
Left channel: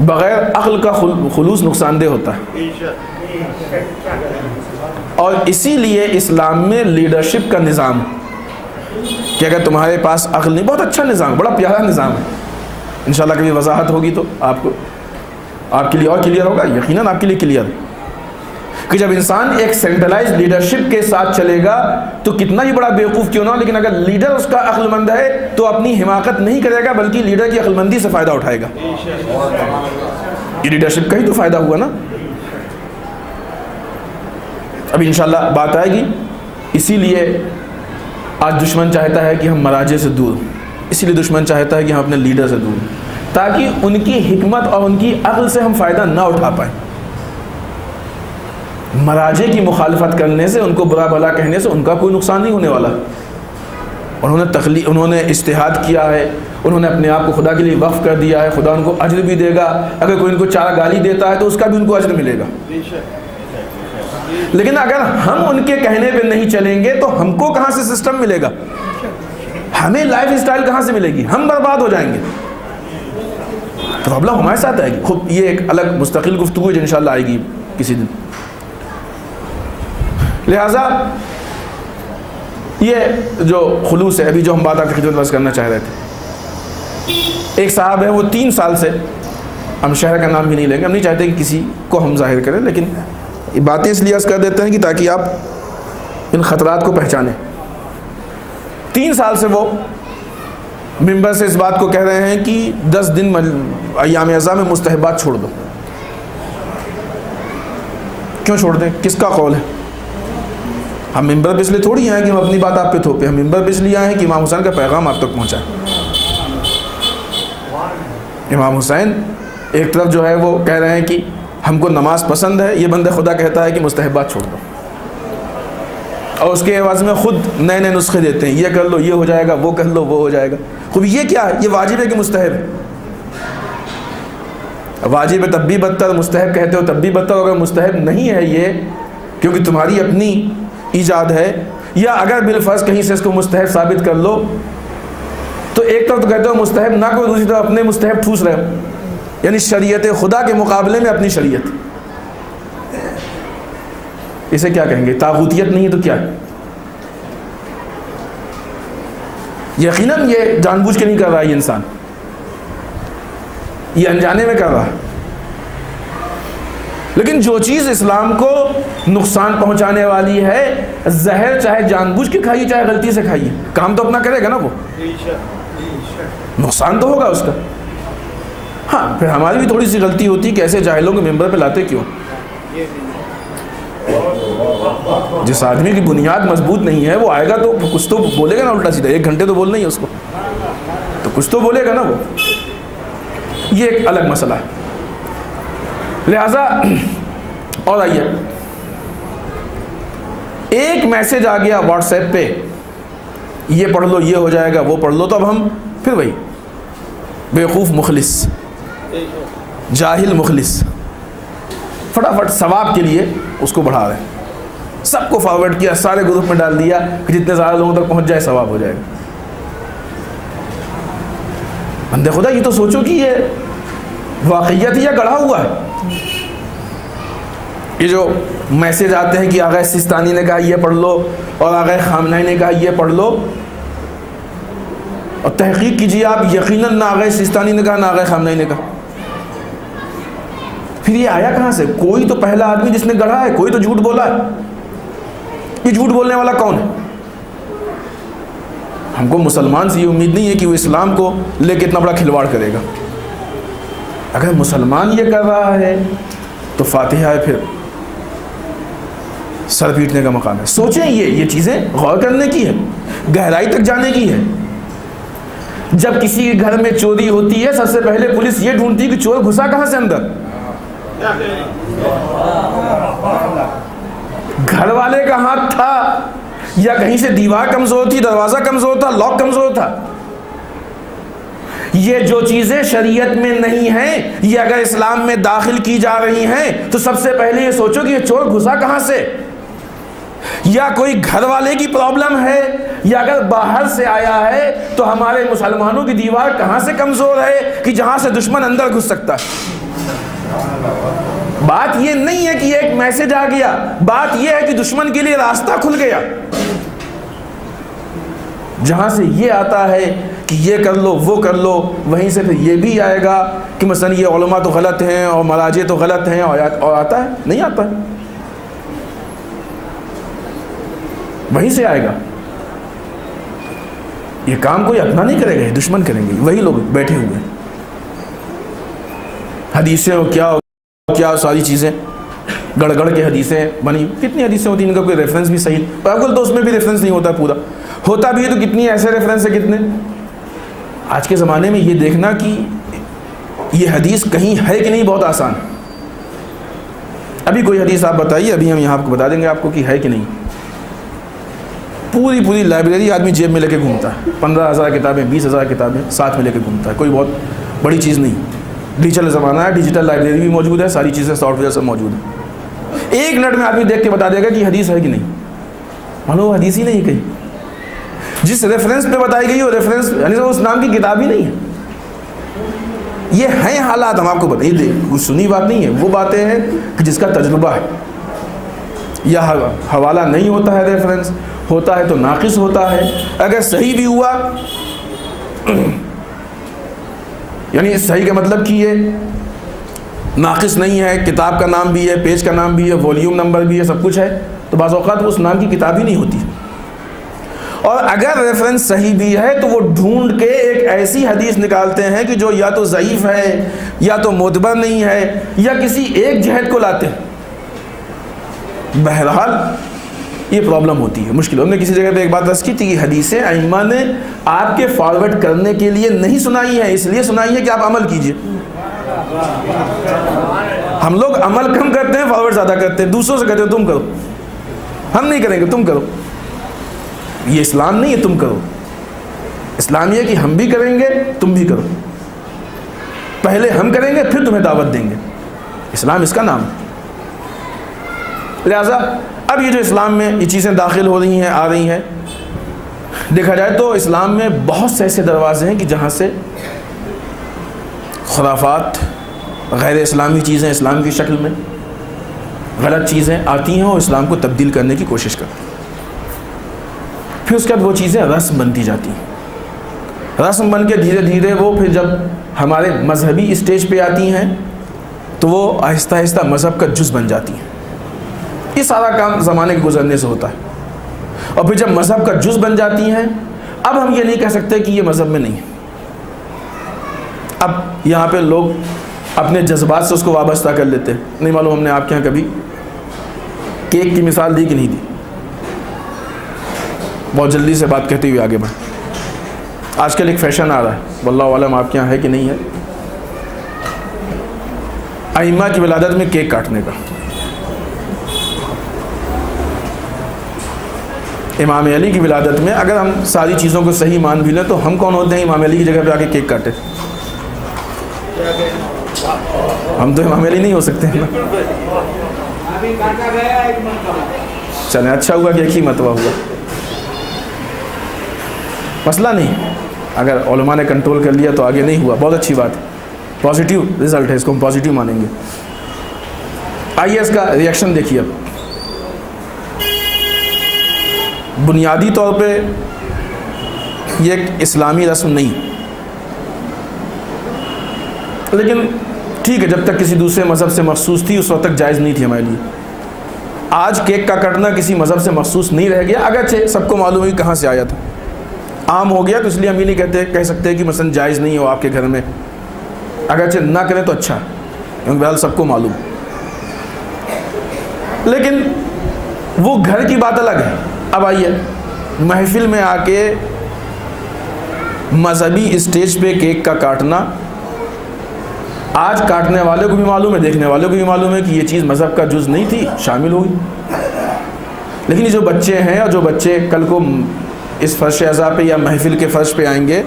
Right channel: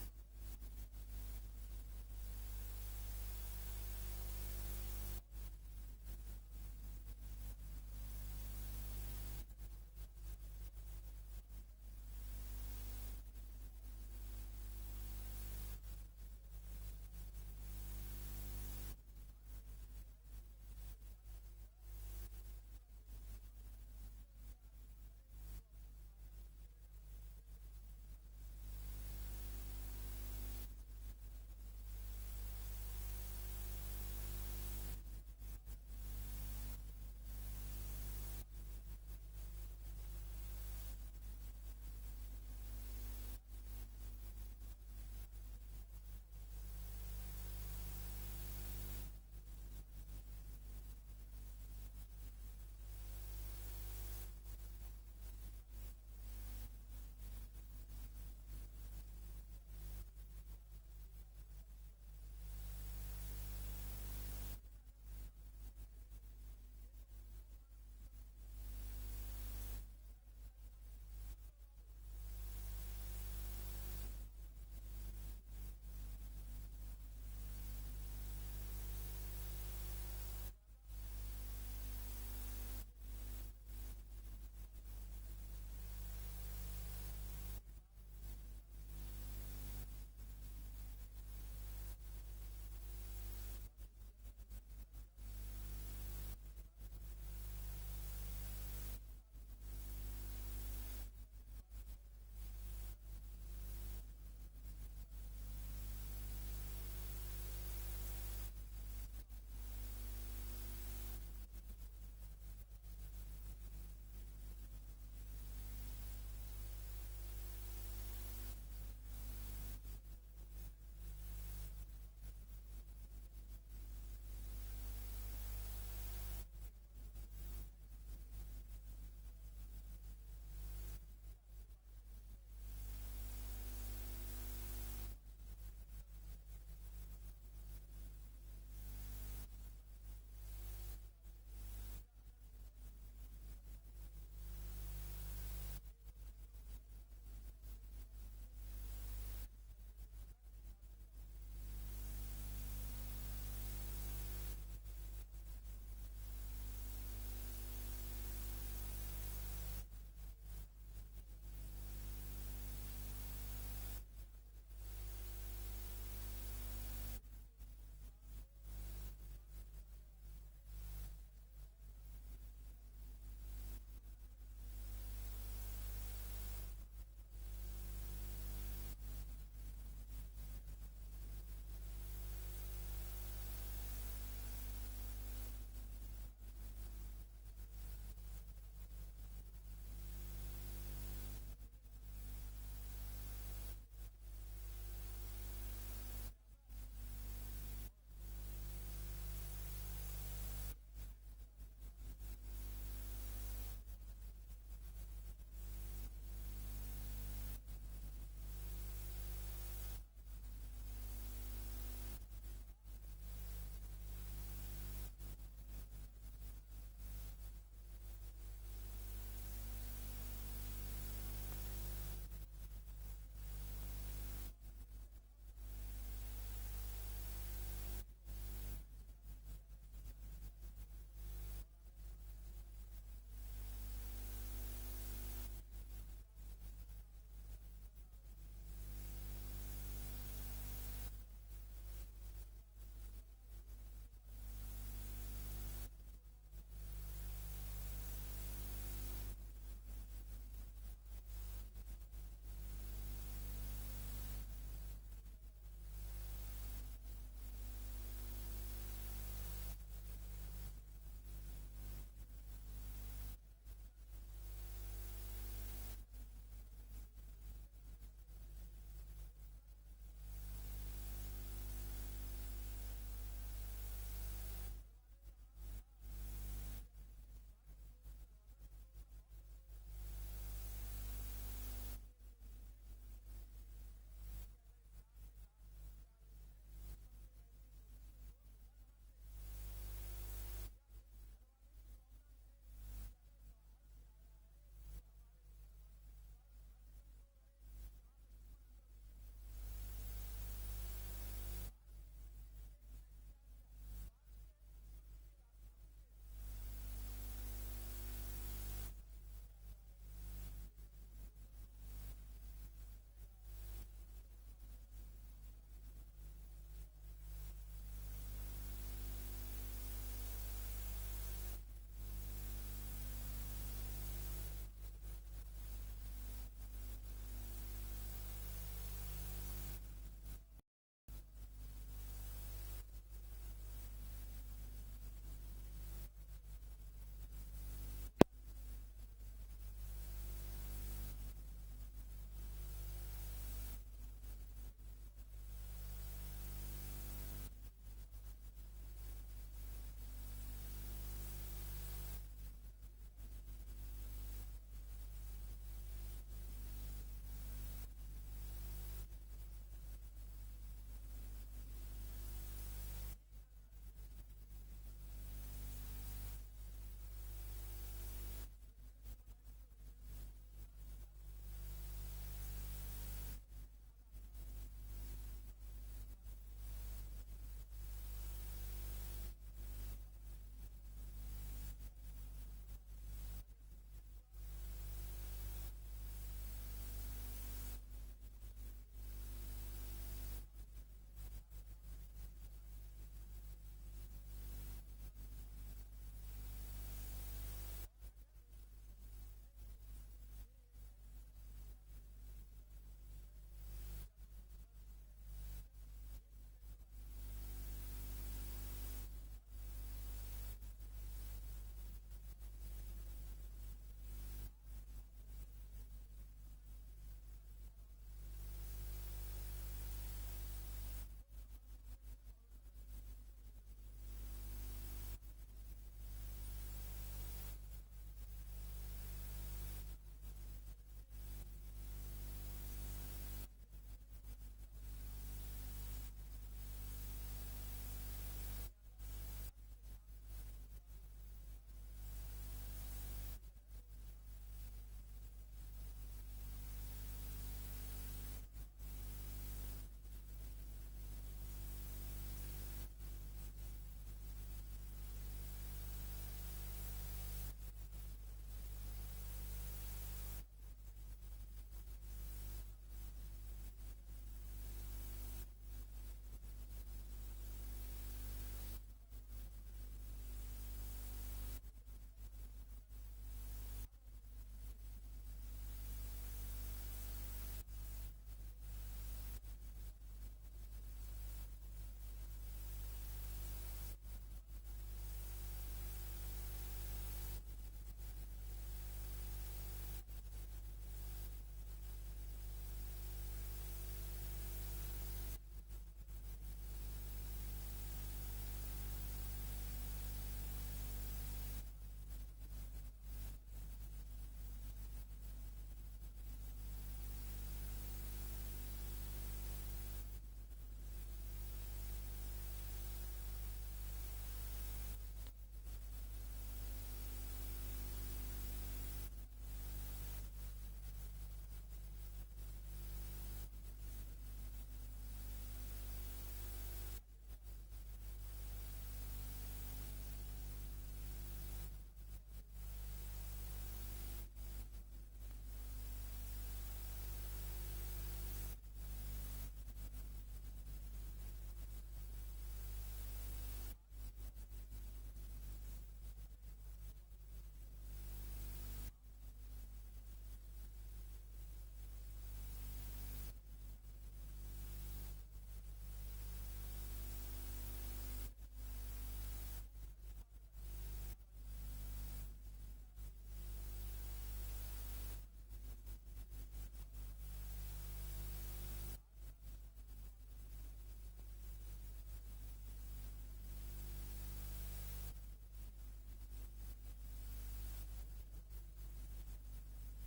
بغیر عقل کا خلوص نقصان دہ ہوتا ہے. اور اسی لیے اسلام میں لیڈرشپ کا نظام کہ اگر تمہارے پاس عقل نہیں, بہت اچھا نظام, بڑا پیارا نظام ہے. انشاءاللہ کبھی وضاحت ہوگی تو آپ کے لیے اور کلیئر ہوگا, یقیناً آپ کے لیے کلیئر ہے. کہ جب انسان ایک سینٹرلائز لیڈرشپ کے ساتھ چلے گا تو کتنا ہی بڑا بیوقوف کیوں نہ ہو، لیکن اگر لیڈر اس کا عقل مند ہے تو اپنی حماقت نہیں کرے گا بلکہ لیڈر کی عقل مندی سے فائدہ اٹھائے گا. یہ لیڈرشپ کا ہی تو فائدہ ہوا نا. اب انشاءاللہ بات آئے گی. اسی لیے آج دشمن چاہتا ہے کہ ہم مراجع سے دور، اسی لیے دشمن چاہتا ہے کہ ہم اپنے لیڈر سے دور، تاکہ ان کی حکمت اور ان کی عقل سے ہم فائدہ نہ اٹھا پائیں. مراجع کی مخالفت کرنے سے، ان کو برا بھلا کہنے سے ان کا کوئی نقصان نہیں ہونے والا. انہوں نے اجتہاد کیا ہے، انہوں نے اپنے آپ کو خدا کے لیے وقف کر دیا ہے، خدا ان کو اجر بھی دے گا. اگر کوئی ان کو 4 گالی دیتا ہے تو اس کا بھی ان کو اجر ملے گا. لیکن اگر ہم ان کے کہنے پہ نہیں چلیں گے تو ہم کو کہاں سے سسٹم ملے گا، ہمیں لائف اسٹائل کہاں سے ملے گی، ہم برباد ہو جائیں گے. پرابلم ہمارے ساتھ آئے گی. خود یہ ایک الگ مستقل گفتگو ہے جو انشاءاللہ آئے گی کسی دن. لہٰذا یہ جو خلوص ہے، ابھی جو ہم بات آپ کی خدمت میں کرنا چاہ رہے تھے، ایک صاحب ہے وہ 3 سال سے، ہم شہر کا نام بھی نہیں لیں گے، ہم نہیں چاہتے کہ کسی کو ہم ظاہر کریں، لیکن باتیں اس لیے عرض کر دیتے ہیں کہ تاکہ آپ ان خطرات کو پہچانیں. 3 سال سے وہ ممبر سے اس بات کو کہہ رہے ہیں کہ 10 دن ایام اعزاء میں مستحبات چھوڑ دو. کیوں چھوڑ دیں؟ کس کا قول ہے؟ ہم ممبر پہ اس لیے تھوڑی آئے کہ ہم اپنی بات آپ پہ تھوپیں، ہم ممبر پہ اس لیے آئے ہیں کہ امام حسین کا پیغام آپ تک پہنچائیں. امام حسین ایک طرف جو ہے وہ کہہ رہے ہیں کہ ہم کو نماز پسند ہے، یہ بندہ خدا کہتا ہے کہ مستحبات چھوڑ دو، اور اس کے عوض میں خود نئے نئے نسخے دیتے ہیں، یہ کر لو یہ ہو جائے گا، وہ کر لو وہ ہو جائے گا. خوب یہ کیا ہے؟ یہ واجب ہے کہ مستحب ہے؟ واجب ہے تب بھی بدتر، مستحب کہتے ہو تب بھی بدتر. اگر مستحب نہیں ہے یہ کیونکہ تمہاری اپنی ایجاد ہے، یا اگر بالفرض کہیں سے اس کو مستحب ثابت کر لو تو ایک طرف تو کہتے ہو مستحب نہ کوئی، دوسری طرف اپنے مستحب ٹھوس رہے ہو، یعنی شریعت خدا کے مقابلے میں اپنی شریعت. اسے کیا کہیں گے؟ طاغوتیت نہیں ہے تو کیا ہے؟ یقیناً یہ جان بوجھ کے نہیں کر رہا ہے یہ انسان، یہ انجانے میں کر رہا ہے. لیکن جو چیز اسلام کو نقصان پہنچانے والی ہے، زہر چاہے جان بوجھ کے کھائیے چاہے غلطی سے کھائیے، کام تو اپنا کرے گا نا، وہ نقصان تو ہوگا اس کا. ہاں پھر ہماری بھی تھوڑی سی غلطی ہوتی کہ ایسے جاہلوں کو ممبر پہ لاتے کیوں؟ جس آدمی کی بنیاد مضبوط نہیں ہے وہ آئے گا تو کچھ تو بولے گا نا الٹا سیدھا. 1 گھنٹے تو بولنا ہی ہے اس کو، تو کچھ تو بولے گا نا وہ. یہ ایک الگ مسئلہ ہے. لہذا اور آئیے، ایک میسج آ گیا واٹس ایپ پہ، یہ پڑھ لو یہ ہو جائے گا وہ پڑھ لو، تو اب ہم پھر وہی بیوقوف مخلص، جاہل مخلص، فٹافٹ ثواب کے لیے اس کو بڑھا رہے ہیں. سب کو فارورڈ کیا، سارے گروپ میں ڈال دیا کہ جتنے زیادہ لوگوں تک پہنچ جائے ثواب ہو جائے گا. بندے خدا یہ تو سوچو کہ یہ واقعیت یا گڑھا ہوا ہے. یہ جو میسج آتے ہیں کہ آغا سیستانی نے کہا یہ پڑھ لو اور آغا خامنہئی نے کہا یہ پڑھ لو، اور تحقیق کیجیے آپ، یقیناً نہ آغا سیستانی نے کہا نہ آغا خامنہئی نے کہا. پھر یہ آیا کہاں سے؟ کوئی تو پہلا آدمی جس نے گڑھا ہے، کوئی تو جھوٹ بولا ہے. یہ جھوٹ بولنے والا کون ہے؟ ہم کو مسلمان سے یہ امید نہیں ہے کہ وہ اسلام کو لے کے اتنا بڑا کھلواڑ کرے گا. اگر مسلمان یہ کر رہا ہے تو فاتحہ ہے، پھر سر پیٹنے کا مقام ہے. سوچیں یہ چیزیں غور کرنے کی ہے، گہرائی تک جانے کی ہے. جب کسی کے گھر میں چوری ہوتی ہے سب سے پہلے پولیس یہ ڈھونڈتی ہے کہ چور گھسا کہاں سے اندر. گھر والے کا ہاتھ تھا یا کہیں سے دیوار کمزور تھی، دروازہ کمزور تھا، لاک کمزور تھا. یہ جو چیزیں شریعت میں نہیں ہیں یہ اگر اسلام میں داخل کی جا رہی ہیں تو سب سے پہلے یہ سوچو کہ یہ چور گھسا کہاں سے. یا کوئی گھر والے کی پرابلم ہے، یا اگر باہر سے آیا ہے تو ہمارے مسلمانوں کی دیوار کہاں سے کمزور ہے کہ جہاں سے دشمن اندر گھس سکتا ہے. بات یہ نہیں ہے کہ ایک میسج آ گیا، بات یہ ہے کہ دشمن کے لیے راستہ کھل گیا. جہاں سے یہ آتا ہے کہ یہ کر لو وہ کر لو، وہیں سے پھر یہ بھی آئے گا کہ مثلا یہ علماء تو غلط ہیں اور مراجع تو غلط ہیں، اور آتا ہے نہیں آتا ہے. وہیں سے آئے گا. یہ کام کوئی اپنا نہیں کرے گا, دشمن کریں گے, وہی لوگ بیٹھے ہوئے ہیں. حدیثیں ہو کیا ساری چیزیں گڑ گڑ کے حدیثیں بنی. کتنی حدیثیں ہوتی ہیں ان کا کوئی ریفرنس بھی صحیح, بالکل تو اس میں بھی ریفرنس نہیں ہوتا پورا, ہوتا بھی ہے تو کتنی ایسے ریفرنس ہے کتنے. آج کے زمانے میں یہ دیکھنا کہ یہ حدیث کہیں ہے کہ نہیں بہت آسان. ابھی کوئی حدیث آپ بتائیے, ابھی ہم یہاں آپ کو بتا دیں گے آپ کو کہ ہے کہ نہیں. پوری لائبریری آدمی جیب میں لے کے گھومتا ہے, 15,000 کتابیں 20,000 کتابیں ساتھ میں لے کے گھومتا ہے. کوئی بہت بڑی چیز نہیں. ڈیجیٹل زمانہ ہے, ڈیجیٹل لائبریری بھی موجود ہے, ساری چیزیں سافٹ ویئر سب موجود ہیں. 1 منٹ میں آدمی دیکھ کے بتا دے گا کہ حدیث ہے کہ نہیں. مانو وہ حدیث ہی نہیں کہیں. جس ریفرنس پہ بتائی گئی وہ ریفرنس یعنی اس نام کی کتاب ہی نہیں ہے. یہ ہیں حالات, ہم آپ کو بتائیے. کچھ سنی بات نہیں ہے, وہ باتیں ہیں کہ جس کا تجربہ ہے. یا حوالہ نہیں ہوتا ہے, ریفرنس ہوتا ہے تو ناقص ہوتا ہے. اگر صحیح بھی ہوا یعنی صحیح کا مطلب کہ یہ ناقص نہیں ہے, کتاب کا نام بھی ہے, پیج کا نام بھی ہے, والیوم نمبر بھی ہے, سب کچھ ہے, تو بعض اوقات وہ اس نام کی کتاب ہی نہیں ہوتی. اور اگر ریفرنس صحیح بھی ہے تو وہ ڈھونڈ کے ایک ایسی حدیث نکالتے ہیں کہ جو یا تو ضعیف ہے یا تو معتبر نہیں ہے یا کسی ایک جہت کو لاتے ہیں. بہرحال یہ پرابلم ہوتی ہے, مشکل. ہم نے کسی جگہ پہ ایک بات عرض کی تھی کہ حدیثیں ائمہ نے آپ کے فارورڈ کرنے کے لیے نہیں سنائی ہیں, اس لیے سنائی ہے کہ آپ عمل کیجئے. ہم لوگ عمل کم کرتے ہیں, فارورڈ زیادہ کرتے ہیں. دوسروں سے کہتے ہیں تم کرو, ہم نہیں کریں گے, تم کرو. یہ اسلام نہیں ہے تم کرو. اسلام یہ ہے کہ ہم بھی کریں گے تم بھی کرو. پہلے ہم کریں گے پھر تمہیں دعوت دیں گے. اسلام اس کا نام ہے. لہذا اب یہ جو اسلام میں یہ چیزیں داخل ہو رہی ہیں, آ رہی ہیں, دیکھا جائے تو اسلام میں بہت سے ایسے دروازے ہیں کہ جہاں سے خرافات, غیر اسلامی چیزیں اسلام کی شکل میں, غلط چیزیں آتی ہیں اور اسلام کو تبدیل کرنے کی کوشش کرتی ہیں. پھر اس کے بعد وہ چیزیں رسم بنتی جاتی ہیں. رسم بن کے دھیرے دھیرے وہ پھر جب ہمارے مذہبی اسٹیج پہ آتی ہیں تو وہ آہستہ آہستہ مذہب کا جز بن جاتی ہیں. یہ سارا کام زمانے کے گزرنے سے ہوتا ہے. اور پھر جب مذہب کا جز بن جاتی ہیں, اب ہم یہ نہیں کہہ سکتے کہ یہ مذہب میں نہیں ہے. اب یہاں پہ لوگ اپنے جذبات سے اس کو وابستہ کر لیتے ہیں. نہیں معلوم ہم نے آپ کے یہاں کبھی کیک کی مثال دی کہ نہیں دی. بہت جلدی سے بات کہتے ہوئے آگے بڑھ. آج کل ایک فیشن آ رہا ہے, واللہ عالم آپ کے یہاں ہے کہ نہیں ہے, ائمہ کی ولادت میں کیک کاٹنے کا. امام علی کی ولادت میں اگر ہم ساری چیزوں کو صحیح مان بھی لیں تو ہم کون ہوتے ہیں امام علی کی جگہ پہ آ کے کیک کاٹے. ہم تو امام علی نہیں ہو سکتے ہیں نا. چلیں اچھا ہوا کہ ایک ہی مرتبہ ہوا, مسئلہ نہیں. اگر علماء نے کنٹرول کر لیا تو آگے نہیں ہوا, بہت اچھی بات ہے, پازیٹیو رزلٹ ہے, اس کو ہم پازیٹیو مانیں گے. آئیے اس کا ریئیکشن دیکھیے. اب بنیادی طور پہ یہ ایک اسلامی رسم نہیں, لیکن ٹھیک ہے, جب تک کسی دوسرے مذہب سے مخصوص تھی اس وقت تک جائز نہیں تھی ہمارے لیے. آج کیک کا کٹنا کسی مذہب سے مخصوص نہیں رہ گیا, اگرچہ سب کو معلوم ہے کہاں سے آیا تھا, عام ہو گیا, تو اس لیے ہم یہ نہیں کہہ سکتے کہ مثلا جائز نہیں ہو آپ کے گھر میں. اگرچہ نہ کریں تو اچھا, کیونکہ بہرحال سب کو معلوم. لیکن وہ گھر کی بات الگ ہے. اب آئیے محفل میں آ کے مذہبی اسٹیج پہ کیک کا کاٹنا, آج کاٹنے والے کو بھی معلوم ہے, دیکھنے والے کو بھی معلوم ہے کہ یہ چیز مذہب کا جز نہیں تھی, شامل ہوئی. لیکن یہ جو بچے ہیں اور جو بچے کل کو اس فرش اعضاء پہ یا محفل کے فرش پہ آئیں گے,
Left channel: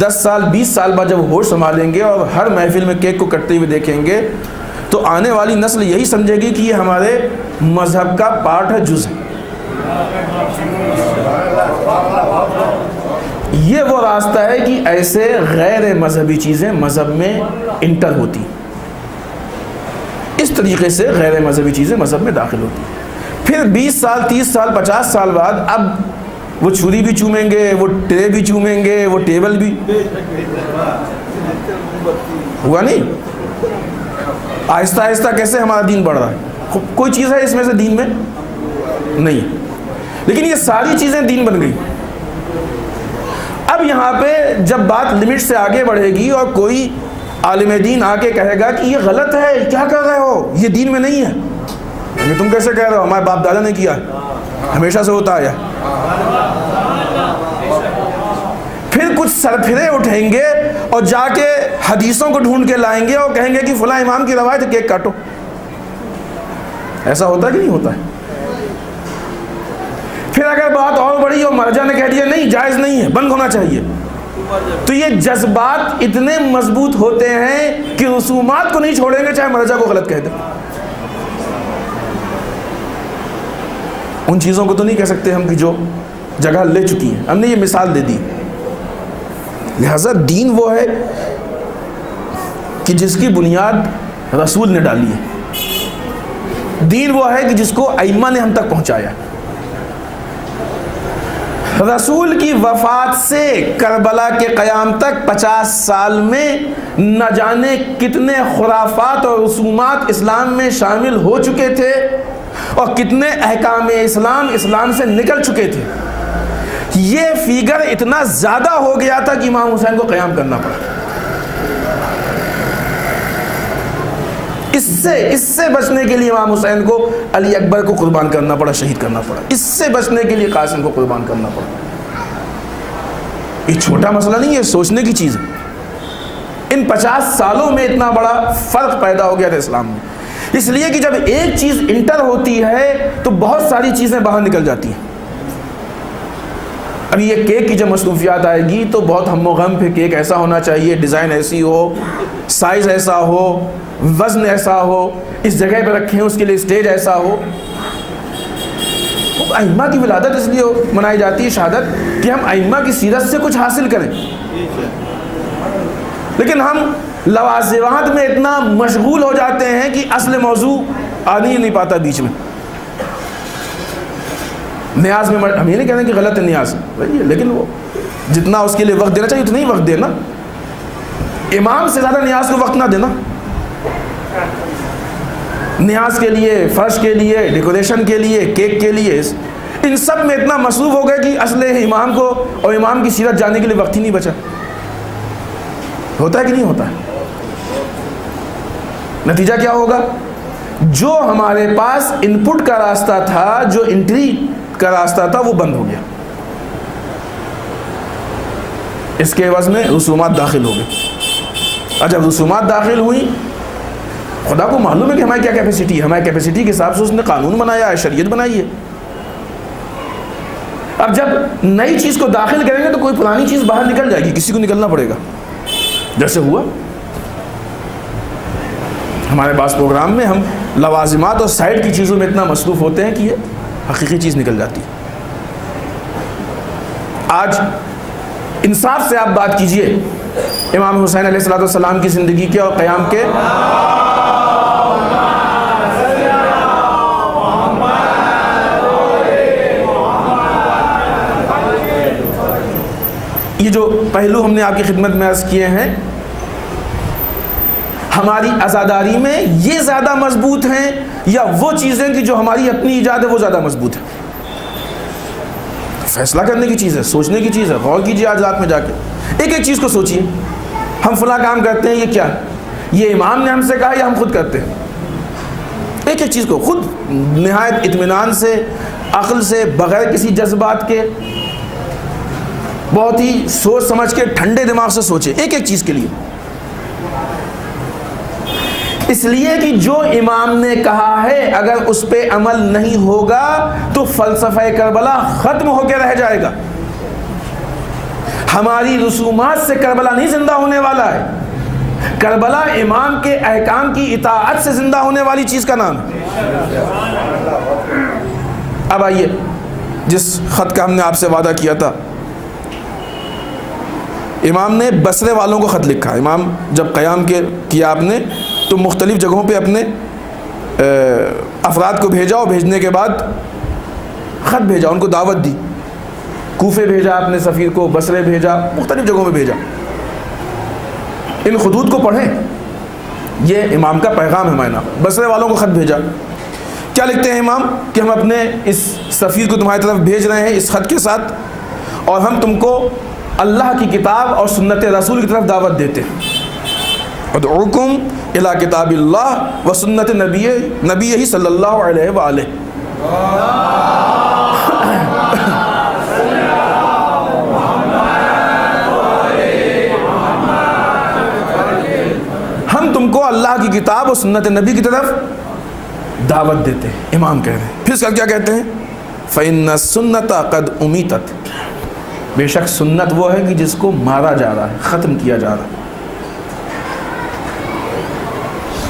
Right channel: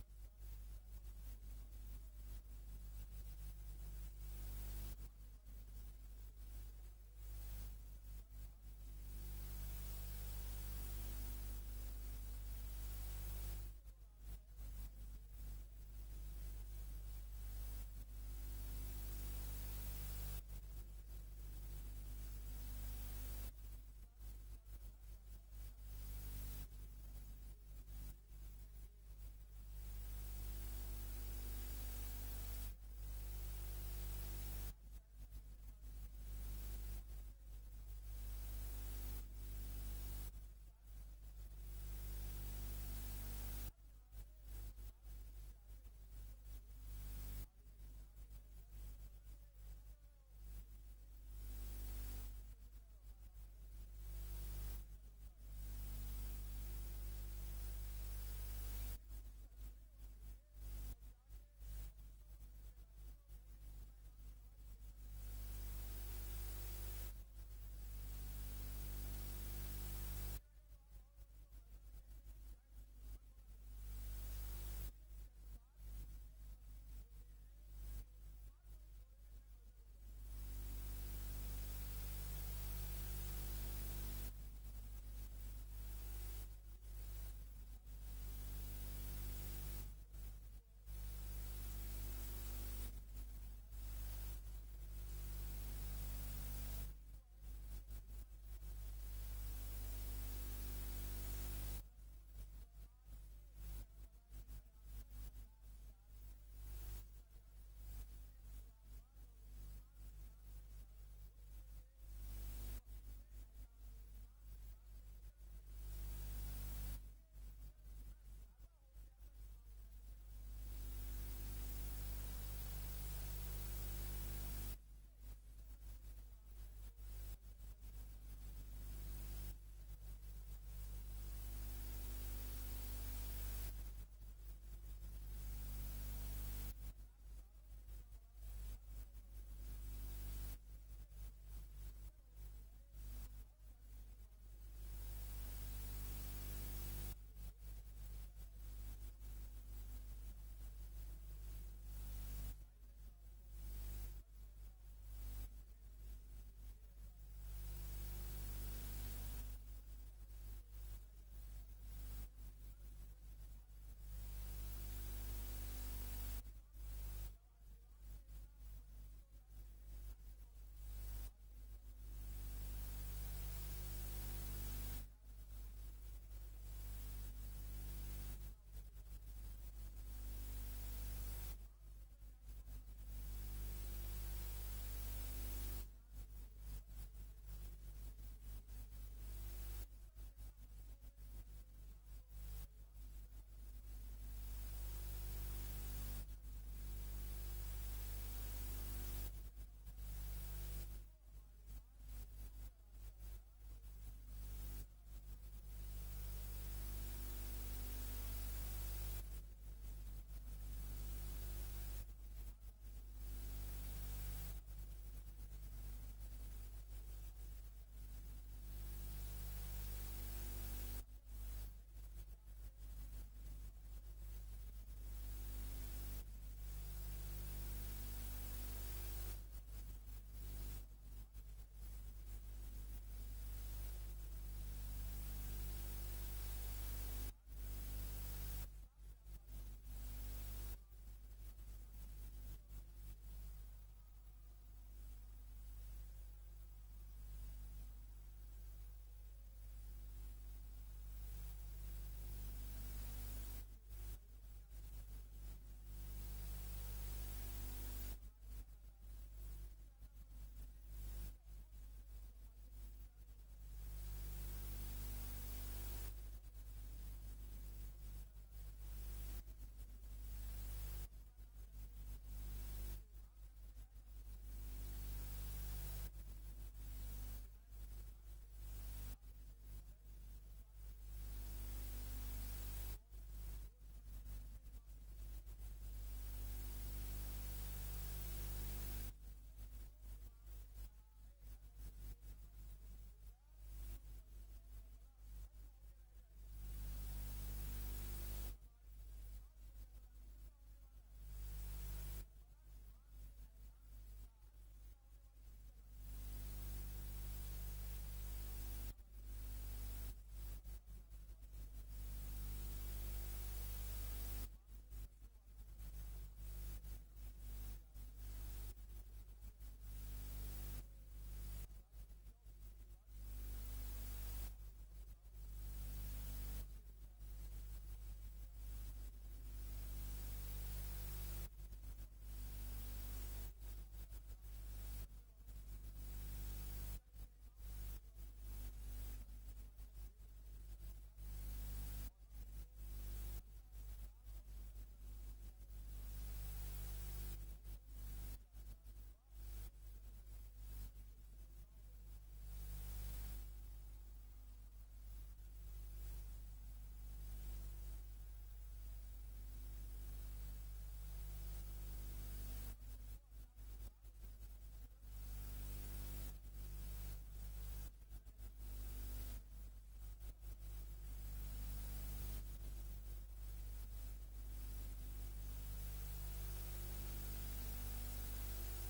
10 سال 20 سال بعد جب ہوش سنبھالیں گے اور ہر محفل میں کیک کو کٹتے ہوئے دیکھیں گے تو آنے والی نسل یہی سمجھے گی کہ یہ ہمارے مذہب کا پارٹ ہے, جز ہے. یہ وہ راستہ ہے کہ ایسے غیر مذہبی چیزیں مذہب میں انٹر ہوتی, اس طریقے سے غیر مذہبی چیزیں مذہب میں داخل ہوتی. پھر 20 سال 30 سال 50 سال بعد اب وہ چھری بھی چومیں گے, وہ ٹرے بھی چومیں گے, وہ ٹیبل بھی. ہوا نہیں؟ آہستہ آہستہ کیسے ہمارا دین بڑھ رہا ہے. کوئی چیز ہے اس میں سے دین میں نہیں. لیکن یہ ساری چیزیں دین بن گئی. اب یہاں پہ جب بات لمٹ سے آگے بڑھے گی اور کوئی عالم دین آ کے کہے گا کہ یہ غلط ہے, کیا کر رہے ہو, یہ دین میں نہیں ہے, تم کیسے کہہ رہے ہو, ہمارے باپ دادا نے کیا, ہمیشہ سے ہوتا آیا. پھر کچھ سرپھرے اٹھیں گے اور جا کے حدیثوں کو ڈھونڈ کے لائیں گے اور کہیں گے کہ فلاں امام کی روایت ہے, کیک کاٹو. ایسا ہوتا ہے کہ نہیں ہوتا ہے؟ پھر اگر بات اور بڑی اور مرجع نے کہہ دیا نہیں جائز نہیں ہے, بند ہونا چاہیے, تو یہ جذبات اتنے مضبوط ہوتے ہیں کہ رسومات کو نہیں چھوڑیں گے چاہے مرجع کو غلط کہہ دیں. ان چیزوں کو تو نہیں کہہ سکتے ہم کہ جو جگہ لے چکی ہیں, ہم نے یہ مثال دے دی. لہذا دین وہ ہے کہ جس کی بنیاد رسول نے ڈالی ہے, دین وہ ہے کہ جس کو ائمہ نے ہم تک پہنچایا. رسول کی وفات سے کربلا کے قیام تک 50 سال میں نہ جانے کتنے خرافات اور رسومات اسلام میں شامل ہو چکے تھے اور کتنے احکام اسلام سے نکل چکے تھے. یہ فیگر اتنا زیادہ ہو گیا تھا کہ امام حسین کو قیام کرنا پڑا. اس سے بچنے کے لیے امام حسین کو علی اکبر کو قربان کرنا پڑا, شہید کرنا پڑا. اس سے بچنے کے لیے قاسم کو قربان کرنا پڑا. یہ چھوٹا مسئلہ نہیں ہے, سوچنے کی چیز ہے. ان 50 سالوں میں اتنا بڑا فرق پیدا ہو گیا تھا اسلام میں, اس لیے کہ جب ایک چیز انٹر ہوتی ہے تو بہت ساری چیزیں باہر نکل جاتی ہیں. اب یہ کیک کی جب مصروفیات آئے گی تو بہت ہم و غم, پھر کیک ایسا ہونا چاہیے, ڈیزائن ایسی ہو, سائز ایسا ہو, وزن ایسا ہو, اس جگہ پہ رکھیں, اس کے لیے اسٹیج ایسا ہو. ائمہ کی ولادت اس لیے منائی جاتی ہے شہادت کہ ہم ائمہ کی سیرت سے کچھ حاصل کریں. لیکن ہم لوازمات میں اتنا مشغول ہو جاتے ہیں کہ اصل موضوع آنے ہی نہیں پاتا بیچ میں. نیاز میں ہم یہ نہیں کہتے کہ غلط ہے نیاز, لیکن وہ جتنا اس کے لیے وقت دینا چاہیے اتنا ہی وقت دینا. امام سے زیادہ نیاز کو وقت نہ دینا. نیاز کے لیے, فرش کے لیے, ڈیکوریشن کے لیے, کیک کے لیے, ان سب میں اتنا مصروف ہو گئے کہ اصل امام کو اور امام کی سیرت جاننے کے لیے وقت ہی نہیں بچا. ہوتا ہے کہ نہیں ہوتا ہے؟ نتیجہ کیا ہوگا؟ جو ہمارے پاس ان پٹ کا راستہ تھا, جو انٹری کا راستہ تھا, وہ بند ہو گیا. اس کے عوض میں رسومات داخل ہو گئے. اور جب رسومات داخل ہوئی, خدا کو معلوم ہے کہ ہماری کیا کیپیسٹی ہے. ہماری کیپیسٹی کے حساب سے اس نے قانون بنایا ہے, شریعت بنائی ہے. اب جب نئی چیز کو داخل کریں گے تو کوئی پرانی چیز باہر نکل جائے گی, کسی کو نکلنا پڑے گا. جیسے ہوا ہمارے پاس پروگرام میں, ہم لوازمات اور سائڈ کی چیزوں میں اتنا مصروف ہوتے ہیں کہ یہ حقیقی چیز نکل جاتی ہے. آج انصاف سے آپ بات کیجئے امام حسین علیہ السلام کی زندگی کے اور قیام کے. یہ جو پہلو ہم نے آپ کی خدمت میں عرض کیے ہیں, ہماری عزاداری میں یہ زیادہ مضبوط ہیں یا وہ چیزیں کہ جو ہماری اپنی ایجاد ہے وہ زیادہ مضبوط ہے؟ فیصلہ کرنے کی چیز ہے, سوچنے کی چیز ہے. غور کیجیے آج رات میں جا کے, ایک ایک چیز کو سوچیے. ہم فلاں کام کرتے ہیں, یہ کیا ہے؟ یہ امام نے ہم سے کہا یا ہم خود کرتے ہیں؟ ایک ایک چیز کو خود نہایت اطمینان سے, عقل سے, بغیر کسی جذبات کے, بہت ہی سوچ سمجھ کے ٹھنڈے دماغ سے سوچے ایک ایک چیز کے لیے. اس لیے کہ جو امام نے کہا ہے اگر اس پہ عمل نہیں ہوگا تو فلسفہ کربلا ختم ہو کے رہ جائے گا. ہماری رسومات سے کربلا نہیں زندہ ہونے والا ہے. کربلا امام کے احکام کی اطاعت سے زندہ ہونے والی چیز کا نام ہے. اب آئیے جس خط کا ہم نے آپ سے وعدہ کیا تھا, امام نے بصرے والوں کو خط لکھا. امام جب قیام کیا آپ نے تو مختلف جگہوں پہ اپنے افراد کو بھیجا, اور بھیجنے کے بعد خط بھیجا, ان کو دعوت دی. کوفے بھیجا اپنے سفیر کو, بصرے بھیجا, مختلف جگہوں پہ بھیجا. ان خطوط کو پڑھیں, یہ امام کا پیغام ہے. معنی بصرے والوں کو خط بھیجا کیا لکھتے ہیں امام کہ ہم اپنے اس سفیر کو تمہاری طرف بھیج رہے ہیں اس خط کے ساتھ، اور ہم تم کو اللہ کی کتاب اور سنت رسول کی طرف دعوت دیتے ہیں. ادعوکم الی کتاب اللہ و سنت نبی صلی اللہ علیہ وآلہ. ہم تم کو اللہ کی کتاب اور سنت نبی کی طرف دعوت دیتے ہیں. امام کہہ رہے ہیں. پھر اس کا کیا کہتے ہیں؟ فإن السنت قد امیتت. بے شک سنت وہ ہے کہ جس کو مارا جا رہا ہے، ختم کیا جا رہا ہے.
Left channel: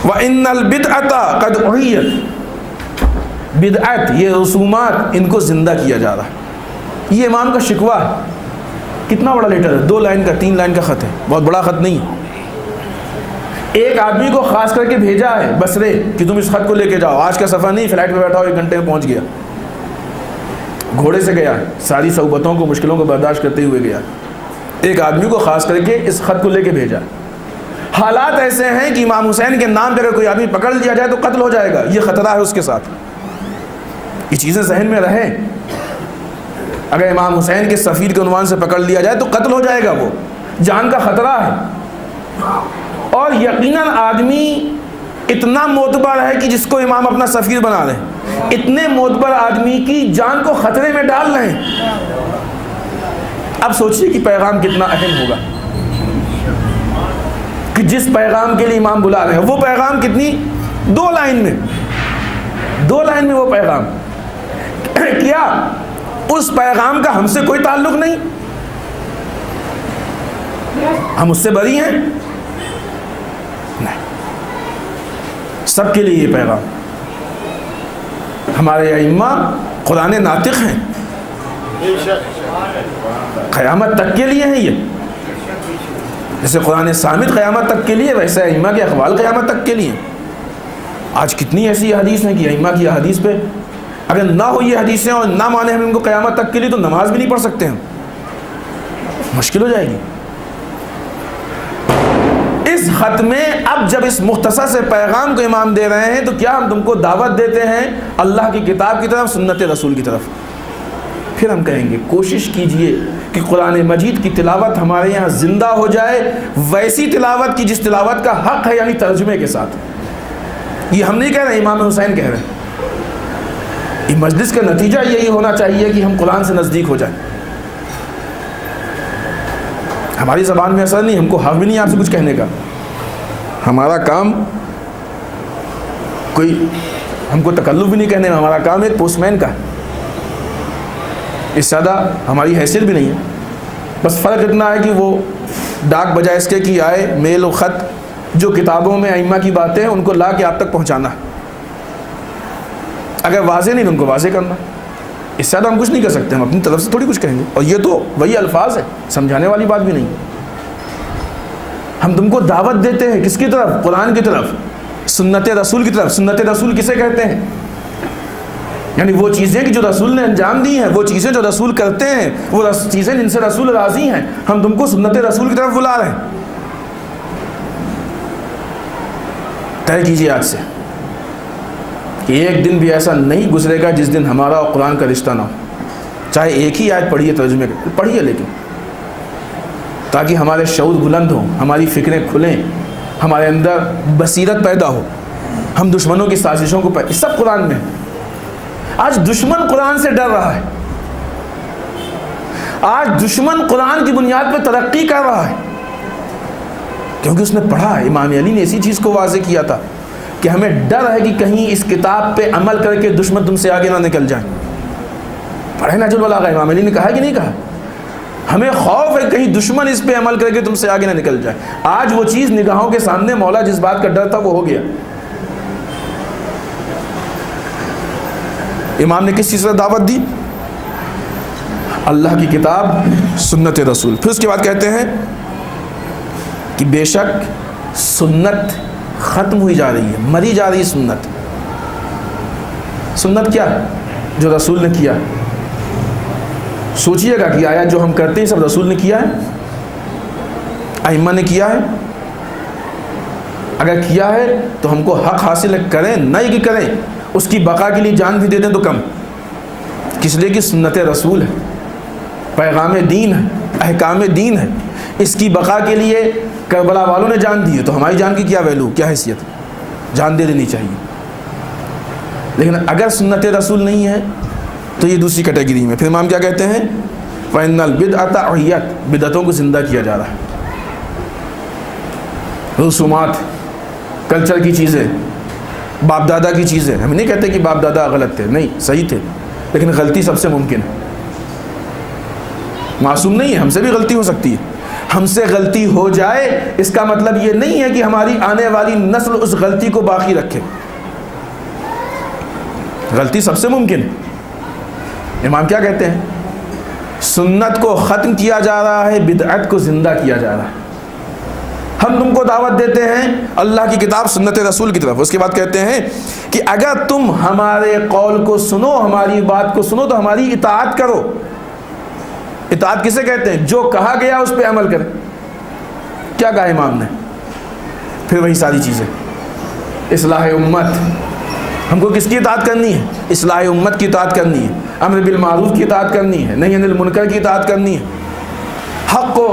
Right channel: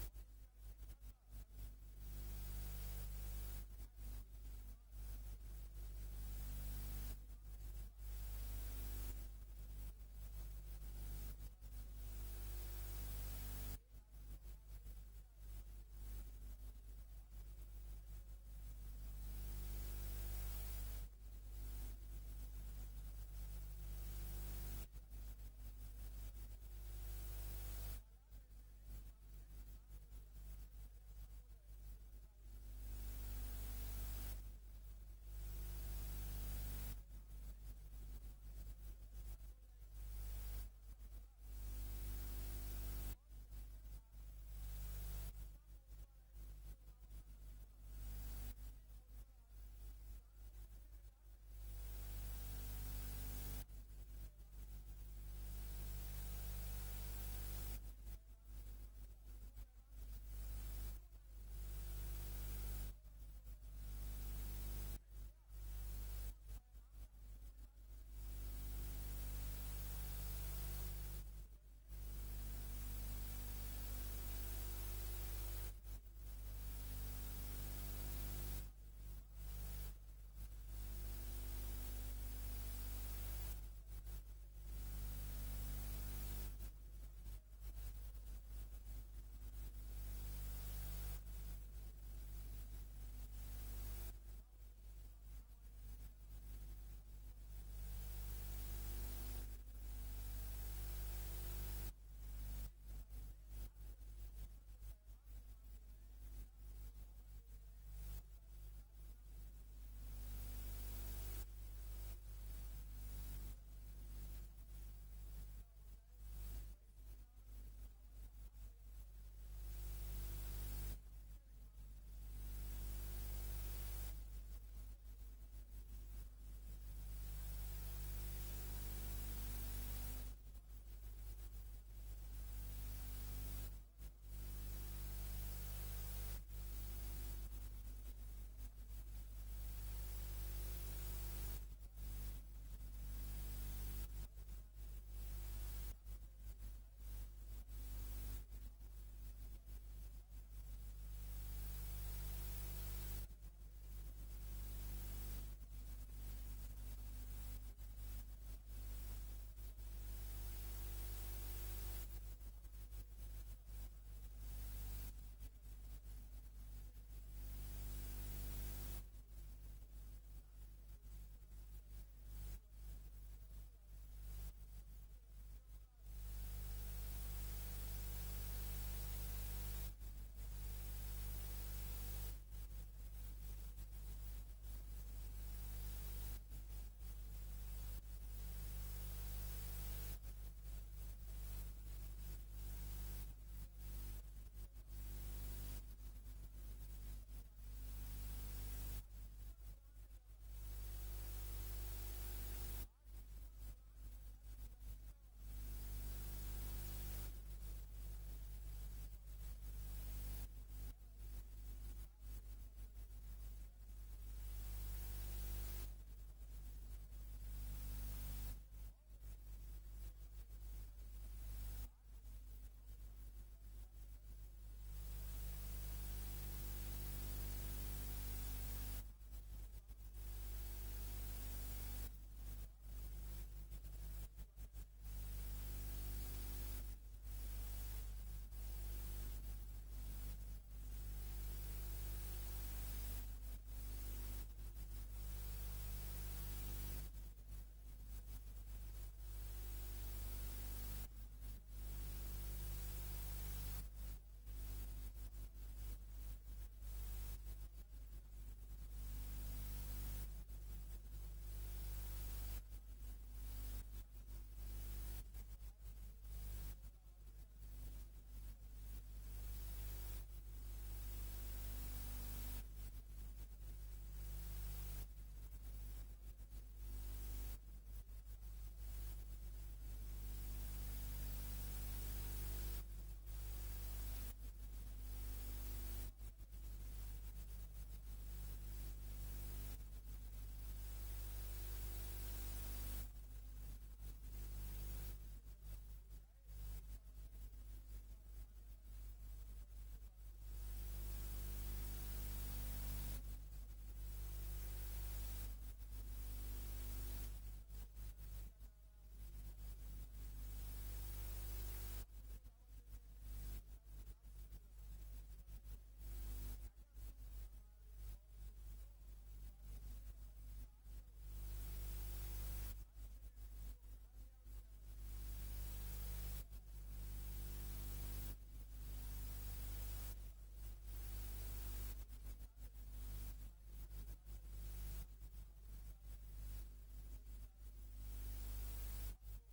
وإن البدعۃ قد احیت. بدعت، یہ رسومات، ان کو زندہ کیا جا رہا ہے. یہ امام کا شکوہ ہے. کتنا بڑا لیٹر ہے؟ 2 لائن کا 3 لائن کا خط ہے، بہت بڑا خط نہیں ہے. ایک آدمی کو خاص کر کے بھیجا ہے بصرے کہ تم اس خط کو لے کے جاؤ. آج کا سفر نہیں، فلائٹ پہ بیٹھا ہو 1 گھنٹے میں پہنچ گیا. گھوڑے سے گیا، ساری صعوبتوں کو مشکلوں کو برداشت کرتے ہوئے گیا. ایک آدمی کو خاص کر کے اس خط کو لے کے بھیجا. حالات ایسے ہیں کہ امام حسین کے نام پہ اگر کوئی آدمی پکڑ لیا جائے تو قتل ہو جائے گا. یہ خطرہ ہے اس کے ساتھ. یہ چیزیں ذہن میں رہیں. اگر امام حسین کے سفیر کے عنوان سے پکڑ لیا جائے تو قتل ہو جائے گا، وہ جان کا خطرہ ہے. اور یقیناً آدمی اتنا معتبر ہے کہ جس کو امام اپنا سفیر بنا رہے ہیں، اتنے معتبر آدمی کی جان کو خطرے میں ڈال رہے ہیں. اب سوچیے کہ پیغام کتنا اہم ہوگا کہ جس پیغام کے لیے امام بلا رہے ہیں. وہ پیغام کتنی 2 لائن میں وہ پیغام. کیا اس پیغام کا ہم سے کوئی تعلق نہیں؟ ہم اس سے بری ہیں؟ نہیں. سب کے لیے یہ پیغام. ہمارے ائمہ قرآن ناطق ہیں، قیامت تک کے لیے ہیں. یہ جیسے قرآن صامت قیامت تک کے لیے، ویسے ائمہ کے اقوال قیامت تک کے لیے. آج کتنی ایسی حدیث ہیں کہ ائمہ کی حدیث پہ اگر نہ ہو یہ حدیثیں اور نہ مانے ہم ان کو قیامت تک کے لیے تو نماز بھی نہیں پڑھ سکتے. ہم مشکل ہو جائے گی. اس خط میں اب جب اس مختصر سے پیغام کو امام دے رہے ہیں تو کیا ہم تم کو دعوت دیتے ہیں اللہ کی کتاب کی طرف، سنت رسول کی طرف. پھر ہم کہیں گے کوشش کیجئے کہ قرآن مجید کی تلاوت ہمارے یہاں زندہ ہو جائے، ویسی تلاوت کی جس تلاوت کا حق ہے، یعنی ترجمے کے ساتھ. یہ ہم نہیں کہہ رہے، امام حسین کہہ رہے ہیں. یہ مجلس کا نتیجہ یہی ہونا چاہیے کہ ہم قرآن سے نزدیک ہو جائیں. ہماری زبان میں اثر نہیں، ہم کو حق بھی نہیں آپ سے کچھ کہنے کا. ہمارا کام کوئی ہم کو تکلف بھی نہیں کہنے کا. ہمارا کام ایک پوسٹ مین کا ہے. اس سے زیادہ ہماری حیثیت بھی نہیں ہے. بس فرق اتنا ہے کہ وہ ڈاک بجائے اس کے کہ آئے میل و خط جو کتابوں میں ائمہ کی باتیں ہیں ان کو لا کے آپ تک پہنچانا. اگر واضح نہیں تو ان کو واضح کرنا. اس سے زیادہ ہم کچھ نہیں کر سکتے. ہم اپنی طرف سے تھوڑی کچھ کہیں گے. اور یہ تو وہی الفاظ ہیں، سمجھانے والی بات بھی نہیں. ہم تم کو دعوت دیتے ہیں کس کی طرف؟ قرآن کی طرف، سنت رسول کی طرف. سنت رسول کسے کہتے ہیں؟ یعنی وہ چیزیں کہ جو رسول نے انجام دی ہیں، وہ چیزیں جو رسول کرتے ہیں، وہ چیزیں جن سے رسول راضی ہیں. ہم تم کو سنت رسول کی طرف بلا رہے ہیں. طے کیجیے آج سے کہ ایک دن بھی ایسا نہیں گزرے گا جس دن ہمارا اور قرآن کا رشتہ نہ ہو. چاہے ایک ہی آیت پڑھیے، ترجمے پڑھیے، لیکن تاکہ ہمارے شعور بلند ہوں، ہماری فکریں کھلیں، ہمارے اندر بصیرت پیدا ہو. ہم دشمنوں کی سازشوں کو سب قرآن میں. آج دشمن قرآن سے ڈر رہا ہے. آج دشمن قرآن کی بنیاد پہ ترقی کر رہا ہے کیونکہ اس نے پڑھا ہے. امام علی نے اسی چیز کو واضح کیا تھا کہ ہمیں ڈر ہے کہ کہیں اس کتاب پہ عمل کر کے دشمن تم سے آگے نہ نکل جائیں. پڑھے نہج البلاغہ، امام علی نے کہا کہ نہیں کہا؟ ہمیں خوف ہے کہیں دشمن اس پہ عمل کر کے تم سے آگے نہ نکل جائے. آج وہ چیز نگاہوں کے سامنے، مولا جس بات کا ڈر تھا وہ ہو گیا. امام نے کس چیز پر دعوت دی؟ اللہ کی کتاب، سنت رسول. پھر اس کے بعد کہتے ہیں کہ بے شک سنت ختم ہوئی جا رہی ہے، مری جا رہی ہے سنت. سنت کیا؟ جو رسول نے کیا. سوچئے گا کہ آیا جو ہم کرتے ہیں سب رسول نے کیا ہے، ائمہ نے کیا ہے؟ اگر کیا ہے تو ہم کو حق حاصل کریں، نہیں کہ کریں. اس کی بقا کے لیے جان بھی دے دیں تو کم، کس لیے کہ سنت رسول ہے، پیغام دین ہے، احکام دین ہے، اس کی بقا کے لیے کربلا والوں نے جان دی ہے تو ہماری جان کی کیا ویلو، کیا حیثیت، جان دے دینی چاہیے۔ لیکن اگر سنت رسول نہیں ہے تو یہ دوسری کیٹیگری میں۔ پھر امام کیا کہتے ہیں، فَإِنَّ الْبِدْعَةَ اُحْيَتْ، بدعتوں کو زندہ کیا جا رہا ہے۔ رسومات، کلچر کی چیزیں، باپ دادا کی چیزیں، ہم نہیں کہتے کہ باپ دادا غلط تھے، نہیں، صحیح تھے، لیکن غلطی سب سے ممکن ہے، معصوم نہیں ہے، ہم سے بھی غلطی ہو سکتی ہے۔ ہم سے غلطی ہو جائے اس کا مطلب یہ نہیں ہے کہ ہماری آنے والی نسل اس غلطی کو باقی رکھے، غلطی سب سے ممکن ہے۔ امام کیا کہتے ہیں، سنت کو ختم کیا جا رہا ہے، بدعت کو زندہ کیا جا رہا ہے۔ ہم تم کو دعوت دیتے ہیں اللہ کی کتاب سنت رسول کی طرف، اس کے بعد کہتے ہیں کہ اگر تم ہمارے قول کو سنو، ہماری بات کو سنو تو ہماری اطاعت کرو۔ اطاعت کسے کہتے ہیں، جو کہا گیا اس پہ عمل کرے۔ کیا کہا امام نے، پھر وہی ساری چیزیں، اصلاح امت، ہم کو کس کی اطاعت کرنی ہے، اصلاح امت کی اطاعت کرنی ہے، امر بالمعروف کی اطاعت کرنی ہے، نہی عن المنکر کی اطاعت کرنی ہے، حق کو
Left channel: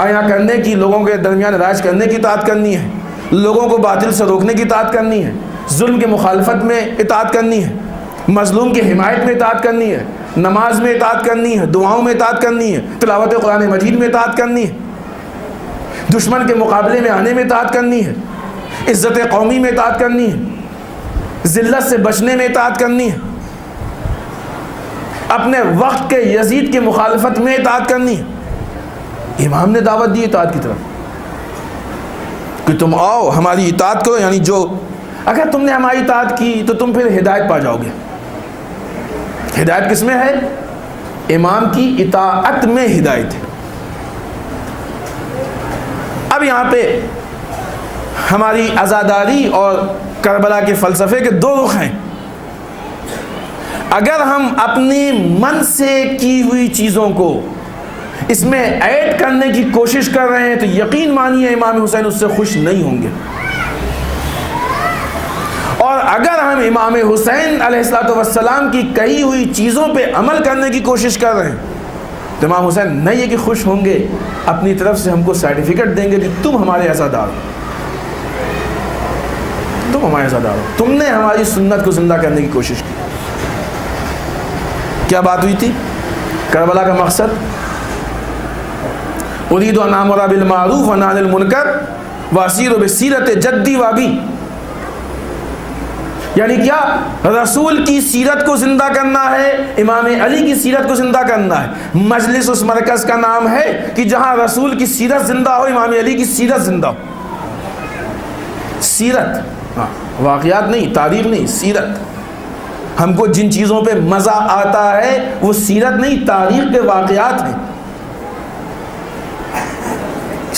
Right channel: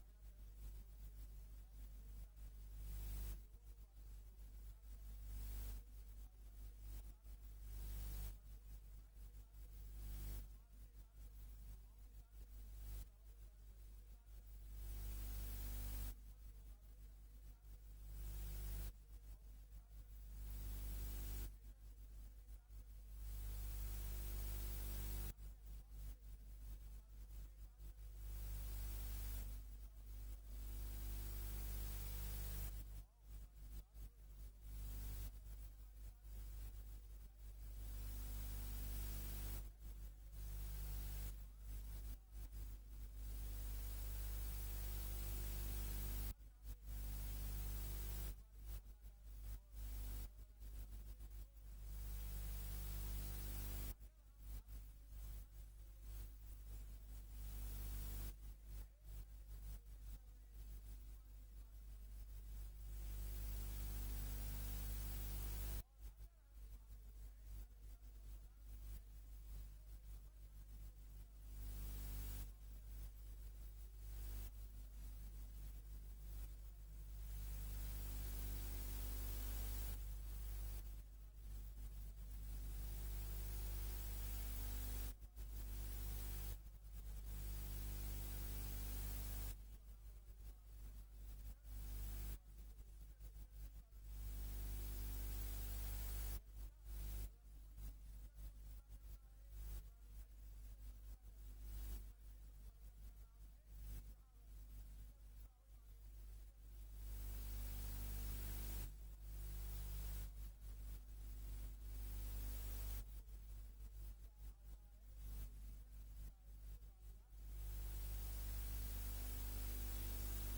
عیاں کرنے کی، لوگوں کے درمیان رائج کرنے کی اطاعت کرنی ہے، لوگوں کو باطل سے روکنے کی اطاعت کرنی ہے، ظلم کے مخالفت میں اطاعت کرنی ہے، مظلوم کی حمایت میں اطاعت کرنی ہے، نماز میں اطاعت کرنی ہے، دعاؤں میں اطاعت کرنی ہے، تلاوت قرآن مجید میں اطاعت کرنی ہے، دشمن کے مقابلے میں آنے میں اطاعت کرنی ہے، عزت قومی میں اطاعت کرنی ہے، ذلت سے بچنے میں اطاعت کرنی ہے، اپنے وقت کے یزید کے مخالفت میں اطاعت کرنی ہے۔ امام نے دعوت دی اطاعت کی طرف کہ تم آؤ ہماری اطاعت کرو، یعنی جو اگر تم نے ہماری اطاعت کی تو تم پھر ہدایت پا جاؤ گے۔ ہدایت کس میں ہے، امام کی اطاعت میں ہدایت ہے۔ اب یہاں پہ ہماری عزاداری اور کربلا کے فلسفے کے دو رخ ہیں۔ اگر ہم اپنے من سے کی ہوئی چیزوں کو اس میں ایڈ کرنے کی کوشش کر رہے ہیں تو یقین مانیے امام حسین اس سے خوش نہیں ہوں گے، اور اگر ہم امام حسین علیہ الصلوۃ والسلام کی کہی ہوئی چیزوں پہ عمل کرنے کی کوشش کر رہے ہیں تو امام حسین نہیں ہے کہ خوش ہوں گے، اپنی طرف سے ہم کو سرٹیفکیٹ دیں گے کہ تم ہمارے عزادار ہو، تم ہمارے عزادار ہو، تم نے ہماری سنت کو زندہ کرنے کی کوشش کی۔ کیا بات ہوئی تھی، کربلا کا مقصد اريد ان امر بالمعروف وانهى عن المنکر واسیر بسیرت جدی وابی، یعنی کیا، رسول کی سیرت کو زندہ کرنا ہے، امام علی کی سیرت کو زندہ کرنا ہے۔ مجلس اس مرکز کا نام ہے کہ جہاں رسول کی سیرت زندہ ہو، امام علی کی سیرت زندہ ہو۔ سیرت، واقعات نہیں، تاریخ نہیں، سیرت۔ ہم کو جن چیزوں پہ مزہ آتا ہے وہ سیرت نہیں، تاریخ کے واقعات ہیں۔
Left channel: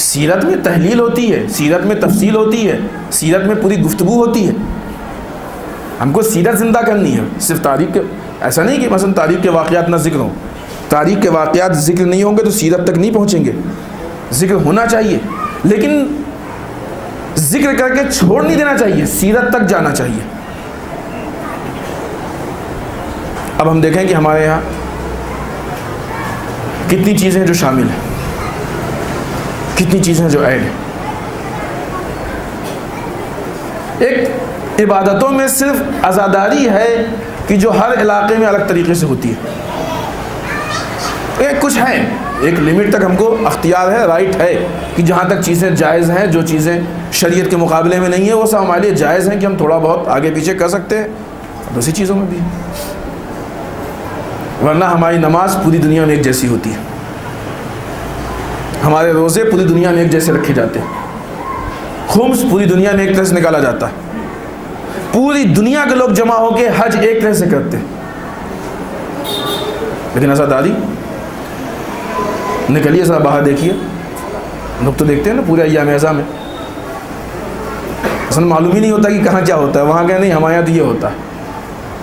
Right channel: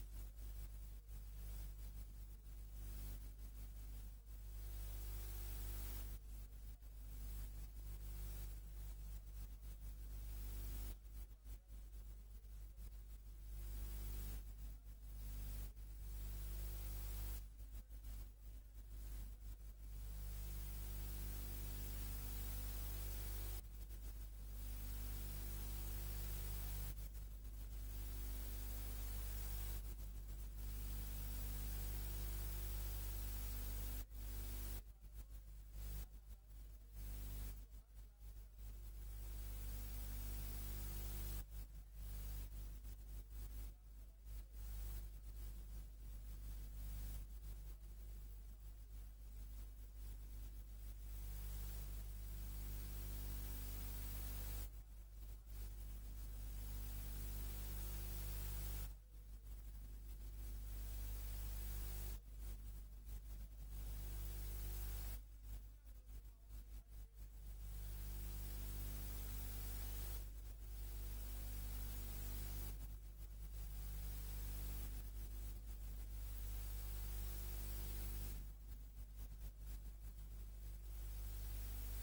سیرت میں تحلیل ہوتی ہے، سیرت میں تفصیل ہوتی ہے، سیرت میں پوری گفتگو ہوتی ہے۔ ہم کو سیرت زندہ کرنی ہے، صرف تاریخ کے، ایسا نہیں کہ مثلا تاریخ کے واقعات نہ ذکر ہوں، تاریخ کے واقعات ذکر نہیں ہوں گے تو سیرت تک نہیں پہنچیں گے۔ ذکر ہونا چاہیے لیکن ذکر کر کے چھوڑ نہیں دینا چاہیے، سیرت تک جانا چاہیے۔ اب ہم دیکھیں کہ ہمارے یہاں کتنی چیزیں جو شامل ہیں، کتنی چیزیں جو ایڈ ہیں۔ ایک عبادتوں میں صرف عزاداری ہے کہ جو ہر علاقے میں الگ طریقے سے ہوتی ہے، ایک کچھ ہے، ایک لمٹ تک ہم کو اختیار ہے، رائٹ ہے کہ جہاں تک چیزیں جائز ہیں، جو چیزیں شریعت کے مقابلے میں نہیں ہیں وہ سب ہمارے لیے جائز ہیں کہ ہم تھوڑا بہت آگے پیچھے کر سکتے ہیں، دوسری چیزوں میں بھی، ورنہ ہماری نماز پوری دنیا میں ایک جیسی ہوتی ہے، ہمارے روزے پوری دنیا میں ایک جیسے رکھے جاتے ہیں، خمس پوری دنیا میں ایک طرح سے نکالا جاتا ہے، پوری دنیا کے لوگ جمع ہو کے حج ایک طرح سے کرتے ہیں، لیکن عزاداری نکلیے ذرا باہر دیکھیے، لوگ تو دیکھتے ہیں نا پورے ایام اعزاء میں، اصل معلوم ہی نہیں ہوتا کہ کہاں کیا ہوتا ہے، وہاں کہ نہیں ہمارے یہاں تو یہ ہوتا ہے،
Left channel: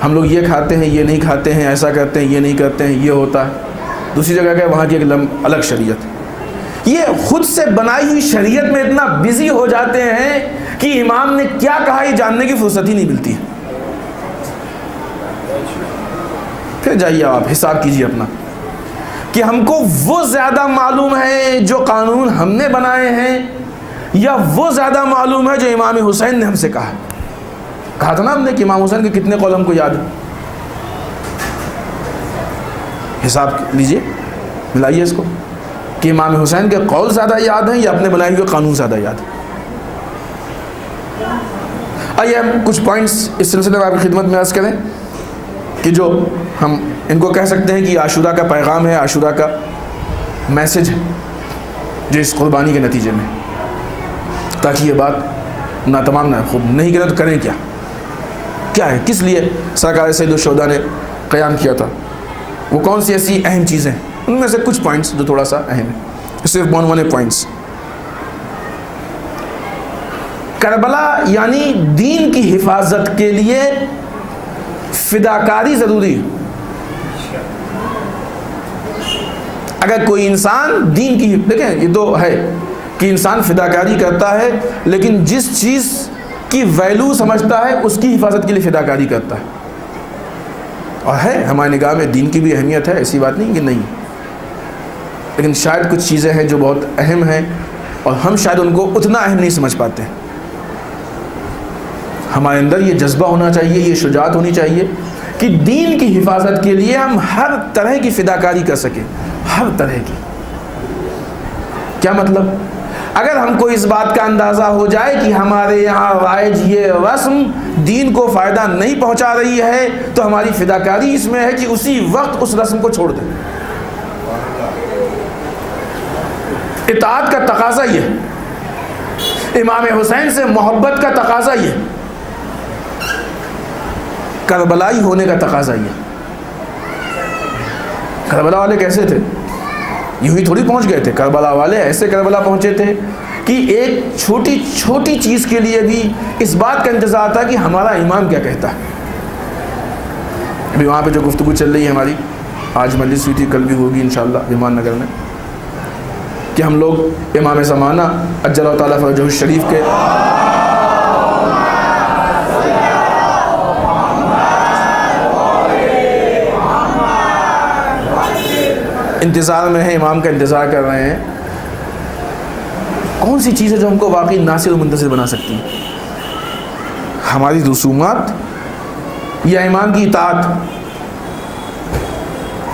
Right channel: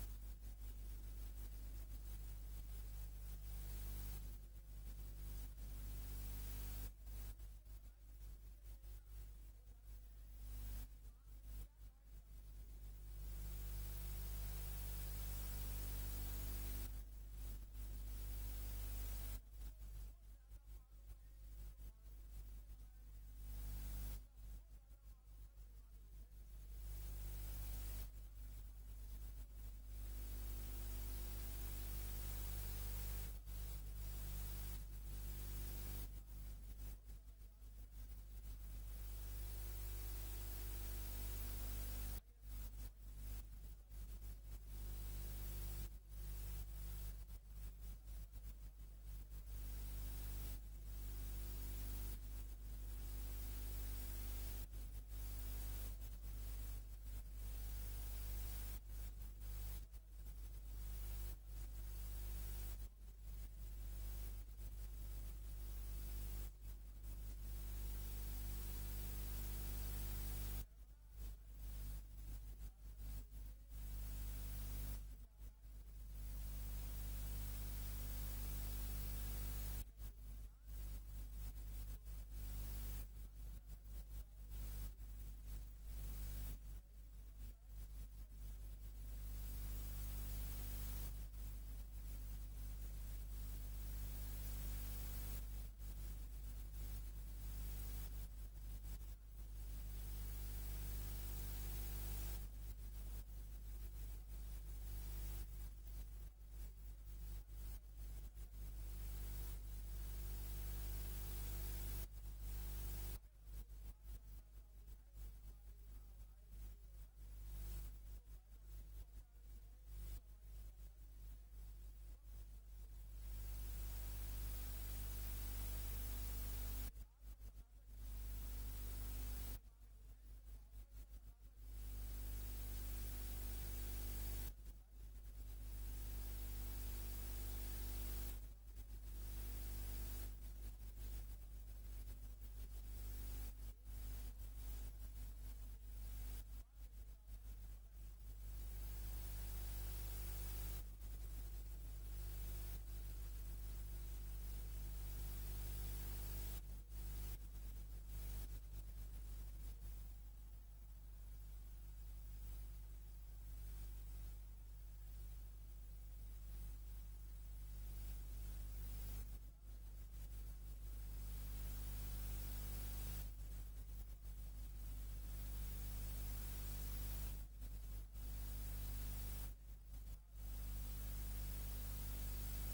ہم لوگ یہ کھاتے ہیں یہ نہیں کھاتے ہیں، ایسا کرتے ہیں یہ نہیں کرتے ہیں، یہ ہوتا ہے، دوسری جگہ کہ وہاں کی ایک الگ شریعت۔ یہ خود سے بنائی ہوئی شریعت میں اتنا بزی ہو جاتے ہیں کہ امام نے کیا کہا یہ جاننے کی فرصت ہی نہیں ملتی ہے۔ پھر جائیے آپ حساب کیجیے اپنا کہ ہم کو وہ زیادہ معلوم ہے جو قانون ہم نے بنائے ہیں یا وہ زیادہ معلوم ہے جو امام حسین نے ہم سے کہا تھا نا ہم نے کہ امام حسین کے کتنے قول ہم کو یاد ہیں. حساب لیجئے, ملائیے اس کو کہ امام حسین کے قول زیادہ یاد ہیں یا اپنے بنائے ہوئے قانون زیادہ یاد ہیں. آئیے ہم کچھ پوائنٹس اس سلسلے میں آپ کی خدمت میں عرض کریں کہ جو ہم ان کو کہہ سکتے ہیں کہ عاشورہ کا پیغام ہے, عاشورہ کا میسج ہے جو اس قربانی کے نتیجے میں, تاکہ یہ بات ناتمام نہ خوب نہیں کریں تو کریں کیا ہے, کس لیے سرکار سید الشہداء نے قیام کیا تھا, وہ کون سی ایسی اہم چیزیں, ان میں سے کچھ پوائنٹس جو تھوڑا سا اہم ہے, صرف 1 پوائنٹس. کربلا یعنی دین کی حفاظت کے لیے فداکاری ضروری ہے. اگر کوئی انسان دین کی, دیکھیں یہ تو ہے کہ انسان فداکاری کرتا ہے, لیکن جس چیز کی ویلیو سمجھتا ہے اس کی حفاظت کے لیے فداکاری کرتا ہے. اور ہے ہماری نگاہ میں دین کی بھی اہمیت ہے, ایسی بات نہیں کہ نہیں, لیکن شاید کچھ چیزیں ہیں جو بہت اہم ہیں اور ہم شاید ان کو اتنا اہم نہیں سمجھ پاتے ہیں. ہمارے اندر یہ جذبہ ہونا چاہیے, یہ شجاعت ہونی چاہیے کہ دین کی حفاظت کے لیے ہم ہر طرح کی فداکاری کر سکیں, ہر طرح کی. کیا مطلب؟ اگر ہم کو اس بات کا اندازہ ہو جائے کہ ہمارے یہاں رائج یہ رسم دین کو فائدہ نہیں پہنچا رہی ہے تو ہماری فداکاری اس میں ہے کہ اسی وقت اس رسم کو چھوڑ دیں. اطاعت کا تقاضا یہ ہے, امام حسین سے محبت کا تقاضا یہ, کربلائی ہونے کا تقاضا یہ. کربلا والے کیسے تھے؟ یوں ہی تھوڑی پہنچ گئے تھے. کربلا والے ایسے کربلا پہنچے تھے کہ ایک چھوٹی چھوٹی چیز کے لیے بھی اس بات کا انتظار تھا کہ ہمارا امام کیا کہتا ہے. ابھی وہاں پہ جو گفتگو چل رہی ہے ہماری, آج مجلس ہوئی تھی, کل بھی ہوگی انشاءاللہ بیمان نگر میں, کہ ہم لوگ امام زمانہ عجل اللہ تعالیٰ فرجہ الشریف کے انتظار میں ہیں, امام کا انتظار کر رہے ہیں. کون سی چیز ہے جو ہم کو واقعی ناصر و منتصر بنا سکتی ہے؟ ہماری رسومات یا امام کی اطاعت؟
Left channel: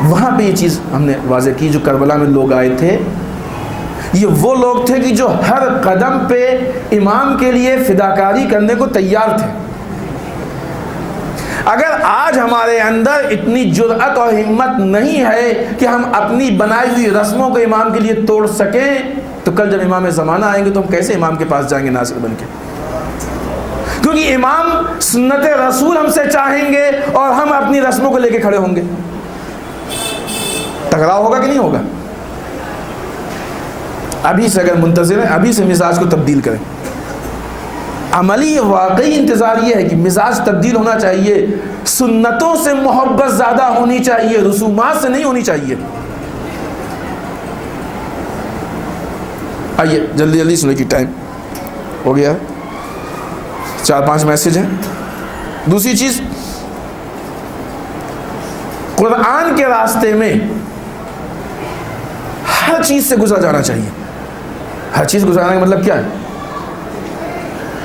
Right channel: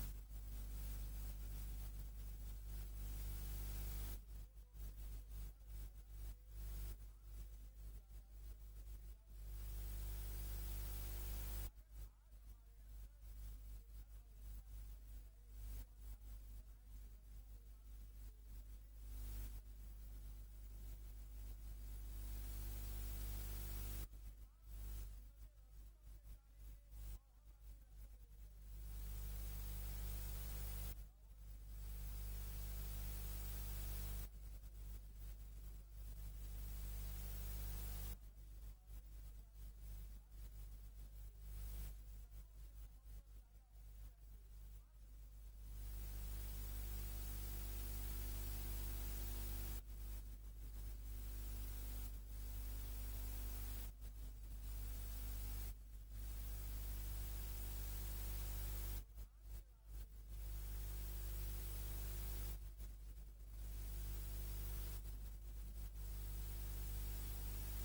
وہاں پہ یہ چیز ہم نے واضح کی. جو کربلا میں لوگ آئے تھے یہ وہ لوگ تھے کہ جو ہر قدم پہ امام کے لیے فداکاری کرنے کو تیار تھے. اگر آج ہمارے اندر اتنی جرأت اور ہمت نہیں ہے کہ ہم اپنی بنائی ہوئی رسموں کو امام کے لیے توڑ سکیں, تو کل جب امام زمانہ آئیں گے تو ہم کیسے امام کے پاس جائیں گے ناصر بن کے؟ کیونکہ امام سنت رسول ہم سے چاہیں گے اور ہم اپنی رسموں کو لے کے کھڑے ہوں گے. ٹکراؤ ہوگا کہ نہیں ہوگا؟ ابھی سے اگر منتظر ہیں, ابھی سے مزاج کو تبدیل کریں. عملی واقعی انتظار یہ ہے کہ مزاج تبدیل ہونا چاہیے, سنتوں سے محبت زیادہ ہونی چاہیے, رسومات سے نہیں ہونی چاہیے. آئیے جلدی جلدی سنیں کہ ٹائم ہو گیا ہے, 4-5 میسج ہیں. دوسری چیز, قرآن کے راستے میں ہر چیز سے گزرا جانا چاہیے. ہر چیز گزارنے کا مطلب کیا ہے؟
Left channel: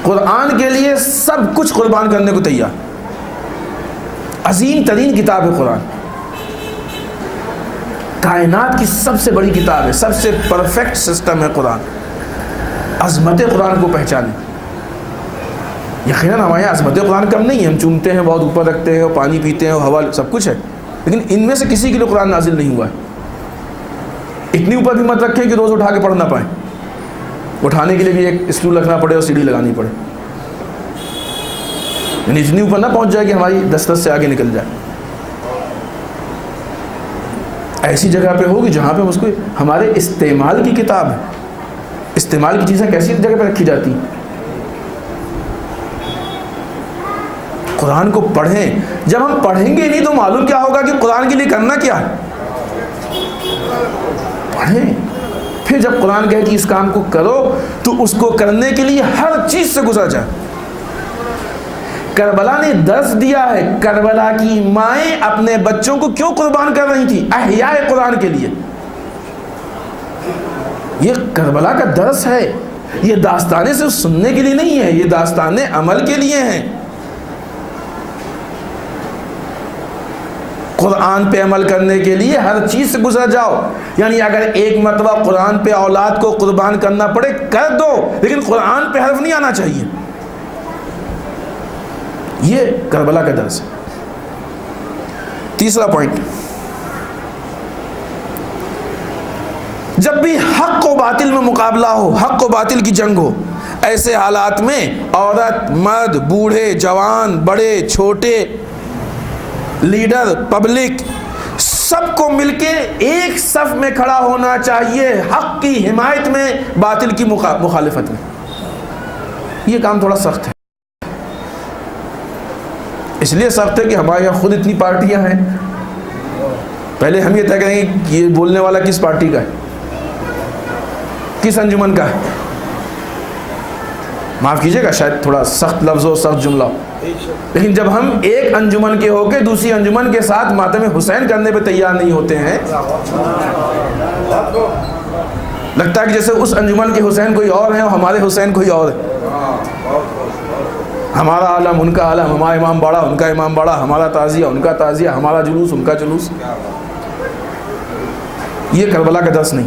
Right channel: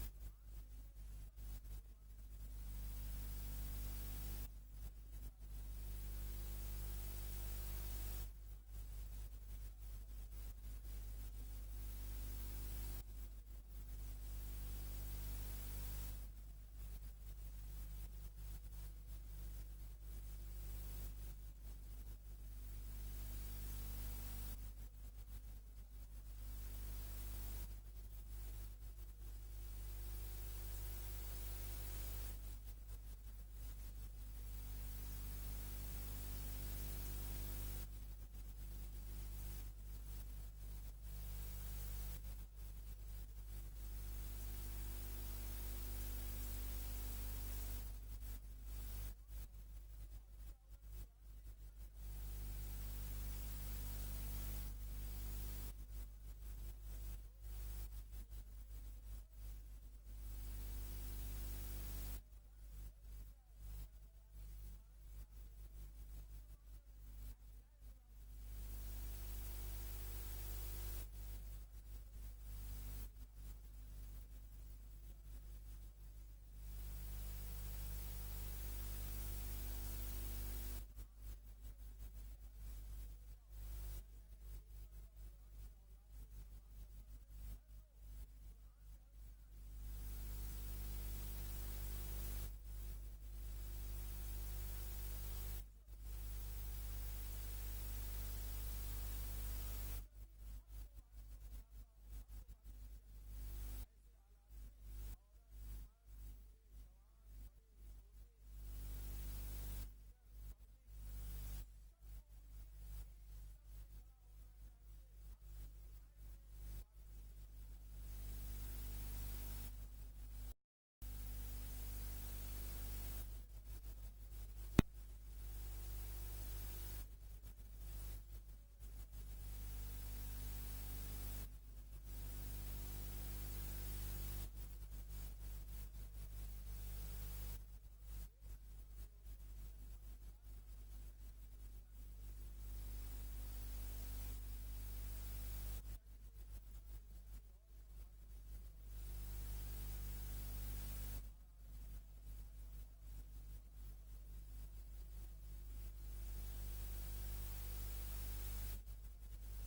قرآن کے لیے سب کچھ قربان کرنے کو تیار. عظیم ترین کتاب ہے قرآن, کائنات کی سب سے بڑی کتاب ہے, سب سے پرفیکٹ سسٹم ہے قرآن. عظمت قرآن کو پہچانیں. یقیناً ہمارے یہاں عظمت قرآن کم نہیں ہے, ہم چومتے ہیں, بہت اوپر رکھتے ہیں, پانی پیتے ہیں, ہوا, سب کچھ ہے, لیکن ان میں سے کسی کے لیے قرآن نازل نہیں ہوا ہے. اتنی اوپر بھی مت رکھیں کہ روز اٹھا کے پڑھ نہ پائیں, اٹھانے کے لیے بھی ایک اسٹول رکھنا پڑے اور سیڑھی لگانی پڑے, یعنی اتنی اوپر نہ پہنچ جائے کہ ہماری دسترس سے آگے نکل جائے. ایسی جگہ پہ ہوگی جہاں پہ اس کو ہمارے استعمال کی کتاب ہے. استعمال کی چیزیں کیسی جگہ پہ رکھی جاتی ہیں؟ قرآن کو پڑھیں. جب ہم پڑھیں گے نہیں تو معلوم کیا ہوگا کہ قرآن کے لیے کرنا کیا ہے. پڑھیں, پھر جب قرآن کہے کہ اس کام کو کرو تو اس کو کرنے کے لیے ہر چیز سے گزر جائے. کربلا نے درس دیا ہے کربلا کی مائیں اپنے بچوں کو کیوں قربان کر رہی تھی احیاء قرآن کے لیے. یہ کربلا کا درس ہے. یہ داستانیں صرف سننے کے لیے نہیں ہے, یہ داستانیں عمل کے لیے ہیں. قرآن پہ عمل کرنے کے لیے ہر چیز سے گزر جاؤ. یعنی اگر ایک مرتبہ قرآن پہ اولاد کو قربان کرنا پڑے کر دو, لیکن قرآن پہ حرف نہیں آنا چاہیے. یہ کربلا کا درس ہے. تیسرا پوائنٹ, جب بھی حق و باطل میں مقابلہ ہو, حق و باطل کی جنگ ہو, ایسے حالات میں عورت, مرد, بوڑھے, جوان, بڑے, چھوٹے, لیڈر, پبلک, سب کو مل کے ایک صف میں کھڑا ہونا چاہیے حق کی حمایت میں, باطل کی مخالفت میں. یہ کام تھوڑا سخت ہے. اس لیے سخت ہے کہ ہمارے یہاں خود اتنی پارٹیاں ہیں. پہلے ہم یہ طے کریں گے کہ یہ بولنے والا کس پارٹی کا ہے, کس انجمن کا ہے. معاف کیجئے گا شاید تھوڑا سخت لفظ ہو, سخت جملہ ہو, لیکن جب ہم ایک انجمن کے ہو کے دوسری انجمن کے ساتھ ماتم حسین کرنے پہ تیار نہیں ہوتے ہیں, لگتا ہے کہ جیسے اس انجمن کے حسین کوئی اور ہیں اور ہمارے حسین کوئی اور ہے. ہمارا عالم ان کا عالم, ہمارا امام باڑہ ان کا امام باڑہ, ہمارا تعزیہ ان کا تعزیہ, ہمارا جلوس ان کا جلوس. یہ کربلا کا درس نہیں.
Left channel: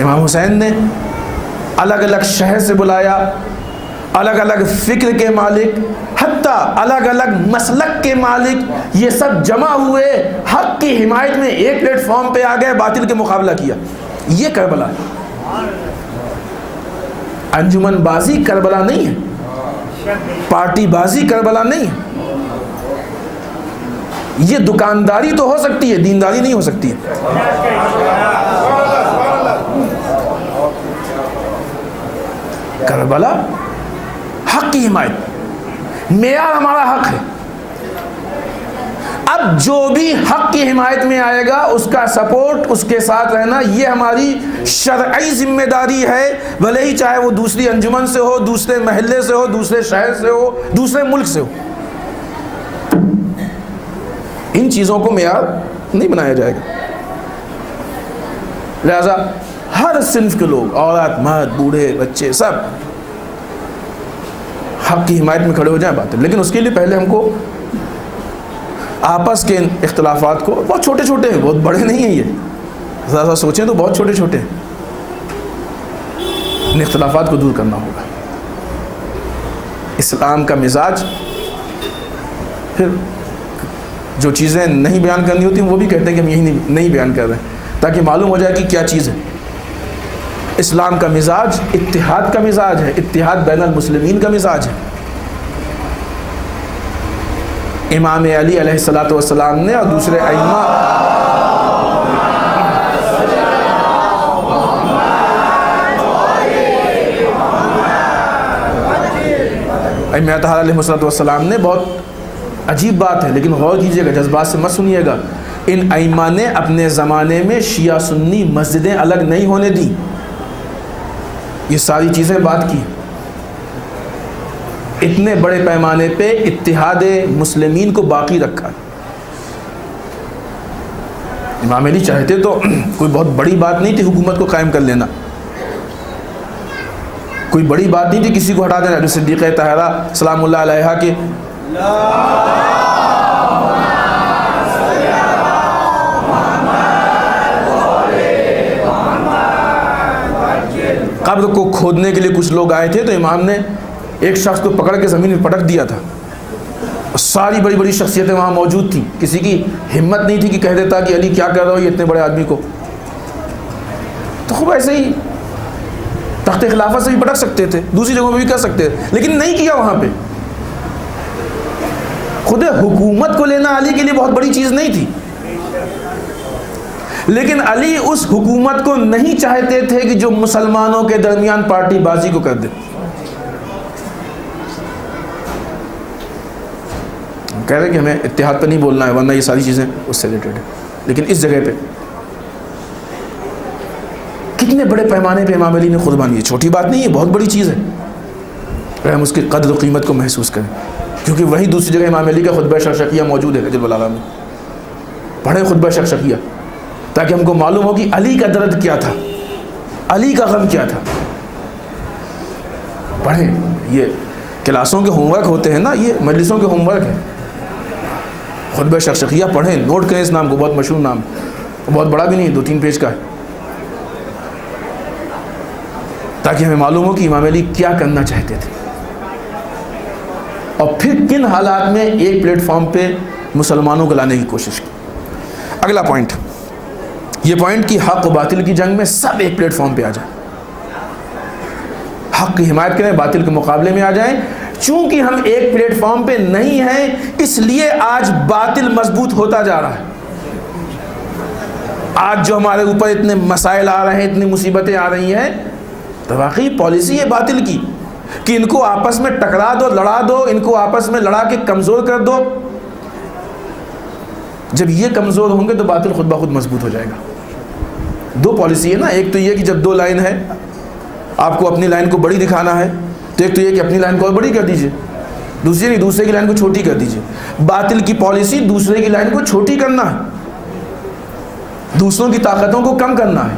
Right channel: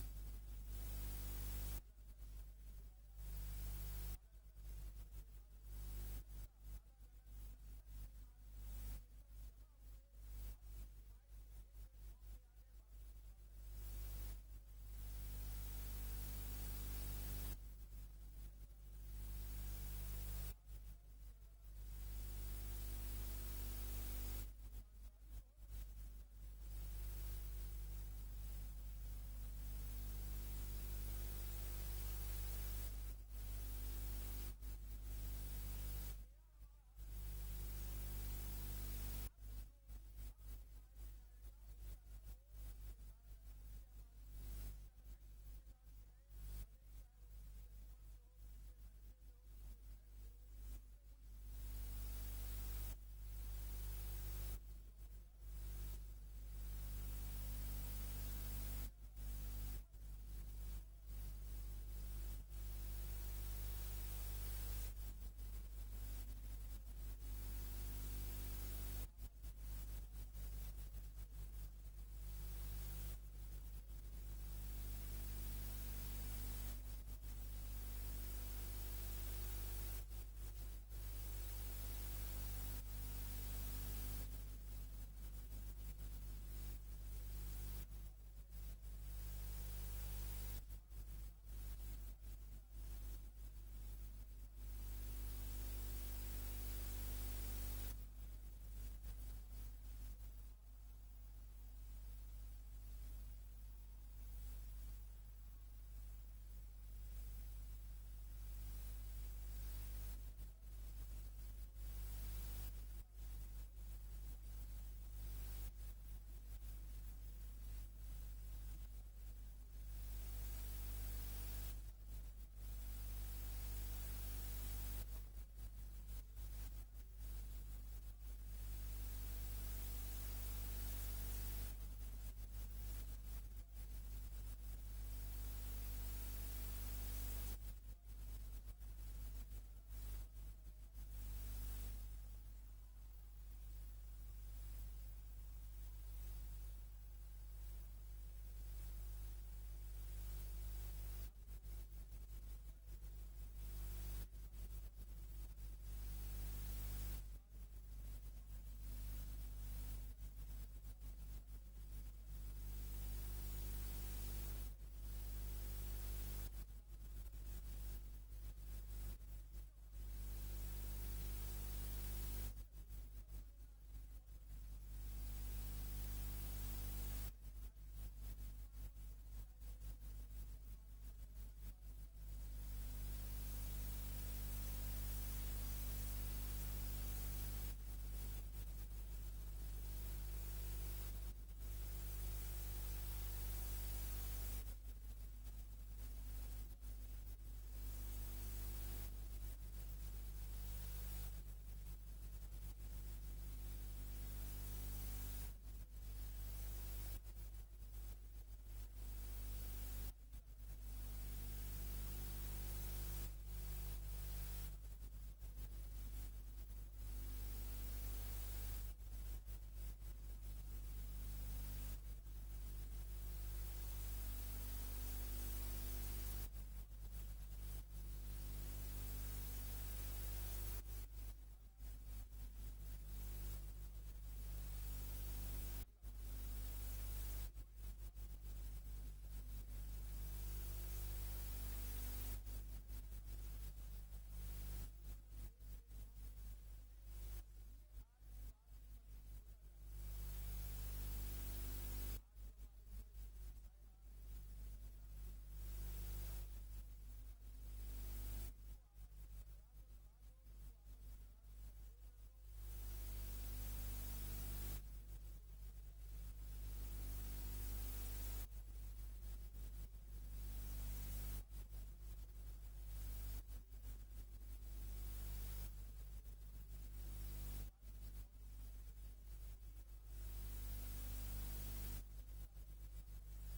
امام حسین نے الگ الگ شہر سے بلایا, الگ الگ فکر کے مالک, حتیٰ الگ الگ مسلک کے مالک, یہ سب جمع ہوئے حق کی حمایت میں ایک پلیٹ فارم پہ آ گئے, باطل کے مقابلہ کیا. یہ کربلا ہے. انجمن بازی کربلا نہیں ہے, پارٹی بازی کربلا نہیں ہے. یہ دکانداری تو ہو سکتی ہے, دینداری نہیں ہو سکتی ہے. کربلا حق کی حمایت, معیار ہمارا حق ہے. اب جو بھی حق کی حمایت میں آئے گا اس کا سپورٹ, اس کے ساتھ رہنا, یہ ہماری شرعی ذمہ داری ہے, بھلے ہی چاہے وہ دوسری انجمن سے ہو, دوسرے محلے سے ہو, دوسرے شہر سے ہو, دوسرے ملک سے ہو. ان چیزوں کو معیار نہیں بنایا جائے گا. لہذا ہر صنف کے لوگ, عورت, مرد, بوڑھے, بچے, سب حق کی حمایت میں کھڑے ہو جائیں. بات ہے, لیکن اس کے لیے پہلے ہم کو آپس کے اختلافات کو, بہت چھوٹے چھوٹے ہیں, بہت بڑے نہیں ہیں, یہ ذرا سوچیں تو بہت چھوٹے چھوٹے ہیں, ان اختلافات کو دور کرنا ہوگا. اسلام کا مزاج, پھر جو چیزیں نہیں بیان کرنی ہوتی وہ بھی کہتے ہیں کہ ہم یہی نہیں بیان کر رہے ہیں, تاکہ معلوم ہو جائے کہ کیا چیز ہے. اسلام کا مزاج اتحاد کا مزاج ہے, اتحاد بین المسلمین کا مزاج ہے. امام علی علیہ الصلوۃ والسلام نے اور دوسرے ائمہ علیہ الصلوۃ والسلام نے, بہت عجیب بات ہے لیکن غور کیجیے گا, جذبات سے مت سنیے گا, ان ائمہ نے اپنے زمانے میں شیعہ سنی مسجدیں الگ نہیں ہونے دی. یہ ساری چیزیں بات کی. اتنے بڑے پیمانے پہ اتحاد مسلمین کو باقی رکھا. امام علی چاہتے تو کوئی بہت بڑی بات نہیں تھی حکومت کو قائم کر لینا, کوئی بڑی بات نہیں تھی کسی کو ہٹا دینا. جو صدیقہ طاہرہ سلام اللہ علیہا کے قبر کو کھودنے کے لیے کچھ لوگ آئے تھے, تو امام نے ایک شخص کو پکڑ کے زمین میں پٹک دیا تھا. ساری بڑی بڑی شخصیتیں وہاں موجود تھیں, کسی کی ہمت نہیں تھی کہ کہہ دیتا کہ علی کیا کر رہا ہو یہ اتنے بڑے آدمی کو. تو خوب ایسے ہی تخت خلافت سے بھی پٹک سکتے تھے, دوسری جگہوں پہ بھی کر سکتے تھے, لیکن نہیں کیا. وہاں پہ خود حکومت کو لینا علی کے لیے بہت بڑی چیز نہیں تھی, لیکن علی اس حکومت کو نہیں چاہتے تھے کہ جو مسلمانوں کے درمیان پارٹی بازی کو کر دے. کہہ رہے کہ ہمیں اتحاد پہ نہیں بولنا ہے ورنہ یہ ساری چیزیں اس سے ریلیٹڈ ہیں, لیکن اس جگہ پہ کتنے بڑے پیمانے پہ امام علی نے قربانی. یہ چھوٹی بات نہیں ہے, بہت بڑی چیز ہے. اگر ہم اس کی قدر و قیمت کو محسوس کریں، کیونکہ وہی دوسری جگہ امام علی کا خطبہ شقشقیہ موجود ہے نجم البلاغہ میں. پڑھیں خطبہ شقشقیہ تاکہ ہم کو معلوم ہو کہ علی کا درد کیا تھا، علی کا غم کیا تھا. پڑھیں، یہ کلاسوں کے ہوم ورک ہوتے ہیں نا، یہ مجلسوں کے ہوم ورک ہے. خطبہ شقشقیہ پڑھیں، نوٹ کریں اس نام کو، بہت مشہور نام، بہت بڑا بھی نہیں، 2-3 پیج کا ہے، تاکہ ہمیں معلوم ہو کہ امام علی کیا کرنا چاہتے تھے اور پھر کن حالات میں ایک پلیٹ فارم پہ مسلمانوں کو لانے کی کوشش کی. اگلا پوائنٹ، یہ پوائنٹ کہ حق و باطل کی جنگ میں سب ایک پلیٹ فارم پہ آ جائیں، حق کی حمایت کریں، باطل کے مقابلے میں آ جائیں. چونکہ ہم ایک پلیٹ فارم پہ نہیں ہیں، اس لیے آج باطل مضبوط ہوتا جا رہا ہے. آج جو ہمارے اوپر اتنے مسائل آ رہے ہیں، اتنی مصیبتیں آ رہی ہیں، تو واقعی پالیسی ہے باطل کی کہ ان کو آپس میں ٹکرا دو، لڑا دو، ان کو آپس میں لڑا کے کمزور کر دو. جب یہ کمزور ہوں گے تو باطل خود بخود مضبوط ہو جائے گا. 2 پالیسی ہے نا، ایک تو یہ کہ جب 2 لائن ہے، آپ کو اپنی لائن کو بڑی دکھانا ہے، تو ایک تو یہ کہ اپنی لائن کو اور بڑی کر دیجئے، دوسری نہیں، دوسرے کی لائن کو چھوٹی کر دیجئے. باطل کی پالیسی دوسرے کی لائن کو چھوٹی کرنا ہے، دوسروں کی طاقتوں کو کم کرنا ہے،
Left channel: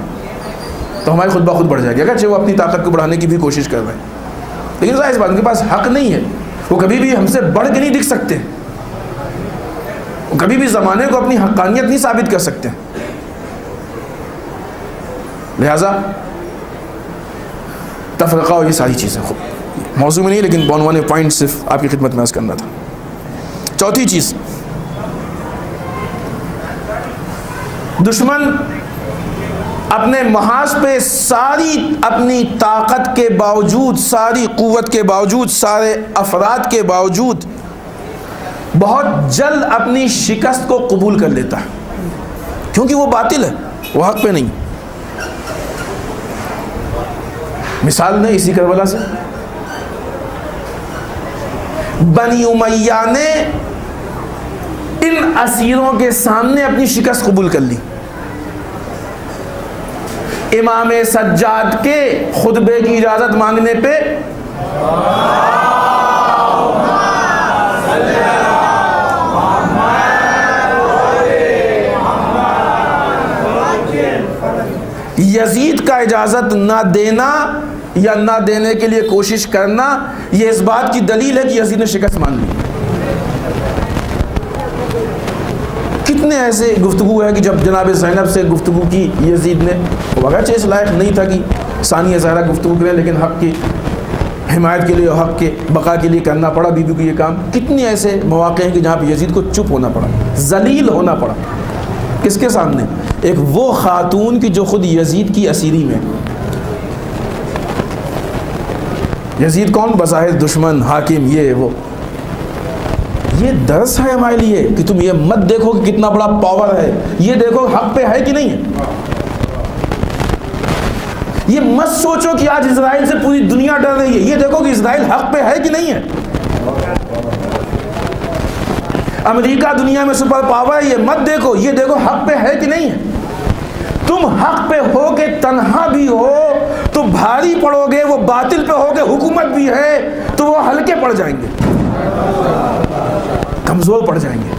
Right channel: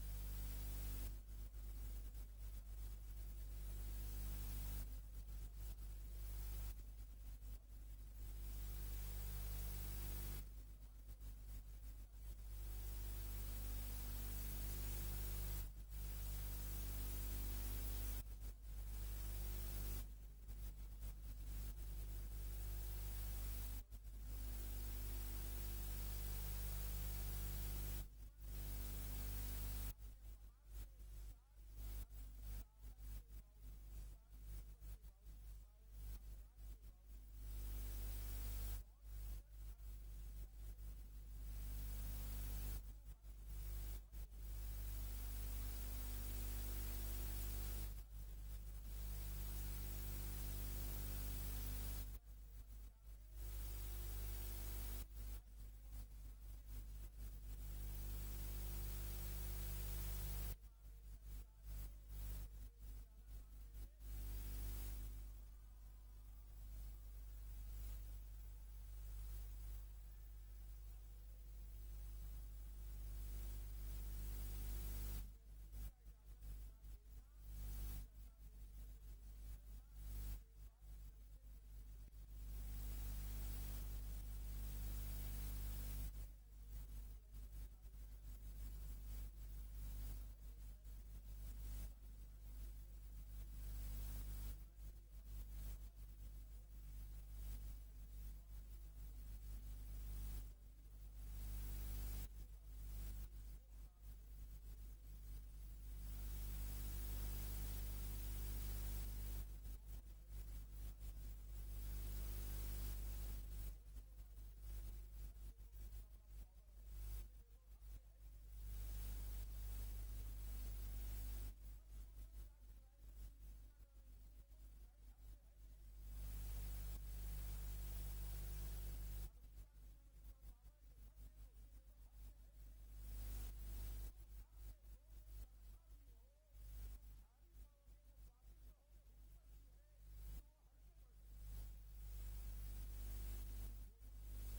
تو ہماری خود بخود بڑھ جائے گی، اگرچہ وہ اپنی طاقت کو بڑھانے کی بھی کوشش کر رہے ہیں. لیکن ظاہر اس بات ان کے پاس حق نہیں ہے، وہ کبھی بھی ہم سے بڑھ کے نہیں دکھ سکتے، وہ کبھی بھی زمانے کو اپنی حقانیت نہیں ثابت کر سکتے. لہذا تفرقہ اور یہ ساری چیزیں خود موضوع میں نہیں، لیکن بعنوان پوائنٹ صرف آپ کی خدمت میں عرض کرنا تھا. چوتھی چیز، دشمن اپنے محاذ پہ ساری اپنی طاقت کے باوجود، ساری قوت کے باوجود، سارے افراد کے باوجود بہت جلد اپنی شکست کو قبول کر لیتا ہے، کیونکہ وہ باطل ہے، وہ حق پہ نہیں. مثال نے اسی کربلا سے، بنی امیہ نے ان اسیروں کے سامنے اپنی شکست قبول کر لی. امام سجاد کے خطبے کی اجازت مانگنے پہ یزید کا اجازت نہ دینا یا نہ دینے کے لیے کوشش کرنا، یہ اس بات کی دلیل ہے کہ یزید نے شکست مان لی. کتنے ایسے گفتگو ہے کہ جب جناب زینب سے گفتگو کی یزید نے، اگرچہ اس لائق نہیں تھا کہ ثانیہ زہرا گفتگو کرے، لیکن حق کی حمایت کے لیے اور حق کے بقا کے لیے کرنا پڑا بی بی کو یہ کام. کتنے ایسے مواقع ہیں کہ جہاں پہ یزید کو چپ ہونا پڑا، ذلیل ہونا پڑا. کس کے سامنے؟ ایک وہ خاتون کی جو خود یزید کی اسیری میں. یزید کون؟ بظاہر دشمن، حاکم، یہ وہ. یہ درس ہے ہمارے لیے کہ تم یہ مت دیکھو کہ کتنا بڑا پاور ہے، یہ دیکھو حق پہ ہے کہ نہیں ہے. یہ مت سوچو کہ آج اسرائیل سے پوری دنیا ڈر رہی ہے، یہ دیکھو کہ اسرائیل حق پہ ہے کہ نہیں ہے. امریکہ دنیا میں سپر پاور ہے، یہ مت دیکھو، یہ دیکھو حق پہ ہے کہ نہیں ہے. تم حق پہ ہو کے تنہا بھی ہو تو بھاری پڑو گے، وہ باطل پہ ہو کے حکومت بھی ہے تو وہ ہلکے پڑ جائیں گے، کمزور پڑ جائیں گے.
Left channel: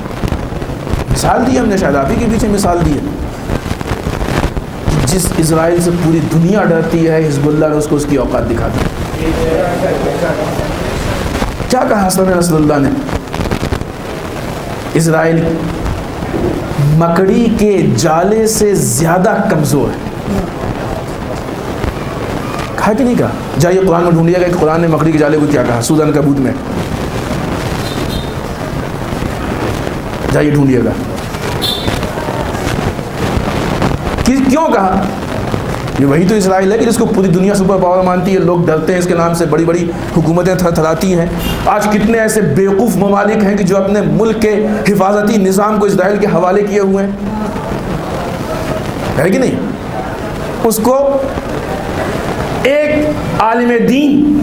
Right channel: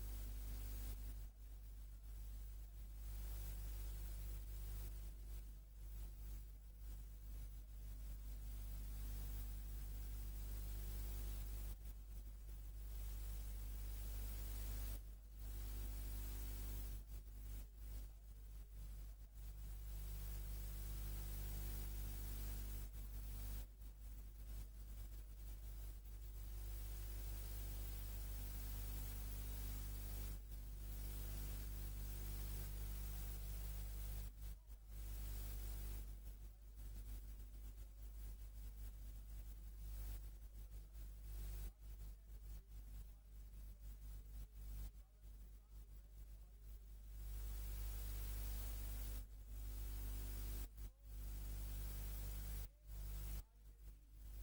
مثال دی ہم نے، شاید آپ ہی کے پیچھے مثال دی ہے. جس اسرائیل سے پوری دنیا ڈرتی ہے، حزب اللہ نے اس کو اس کی اوقات دکھا دی. کیا کہا حسن نصر اللہ نے؟ اسرائیل مکڑی کے جالے سے زیادہ کمزور ہے. کہا کہ نہیں کہا؟ جائیے قرآن میں ڈھونڈیے گا کہ قرآن نے مکڑی کے جالے کو کیا کہا. سوزن کبوت میں جائیے ڈھونڈیے گا. کیوں کہا؟ یہ وہی تو اسرائیل ہے کہ جس کو پوری دنیا سپر پاور مانتی ہے، لوگ ڈرتے ہیں اس کے نام سے، بڑی بڑی حکومتیں تھر تھراتی ہیں. آج کتنے ایسے بیوقوف ممالک ہیں کہ جو اپنے ملک کے حفاظتی نظام کو اسرائیل کے حوالے کیے ہوئے ہیں، ہے کہ نہیں؟ اس کو ایک عالم دین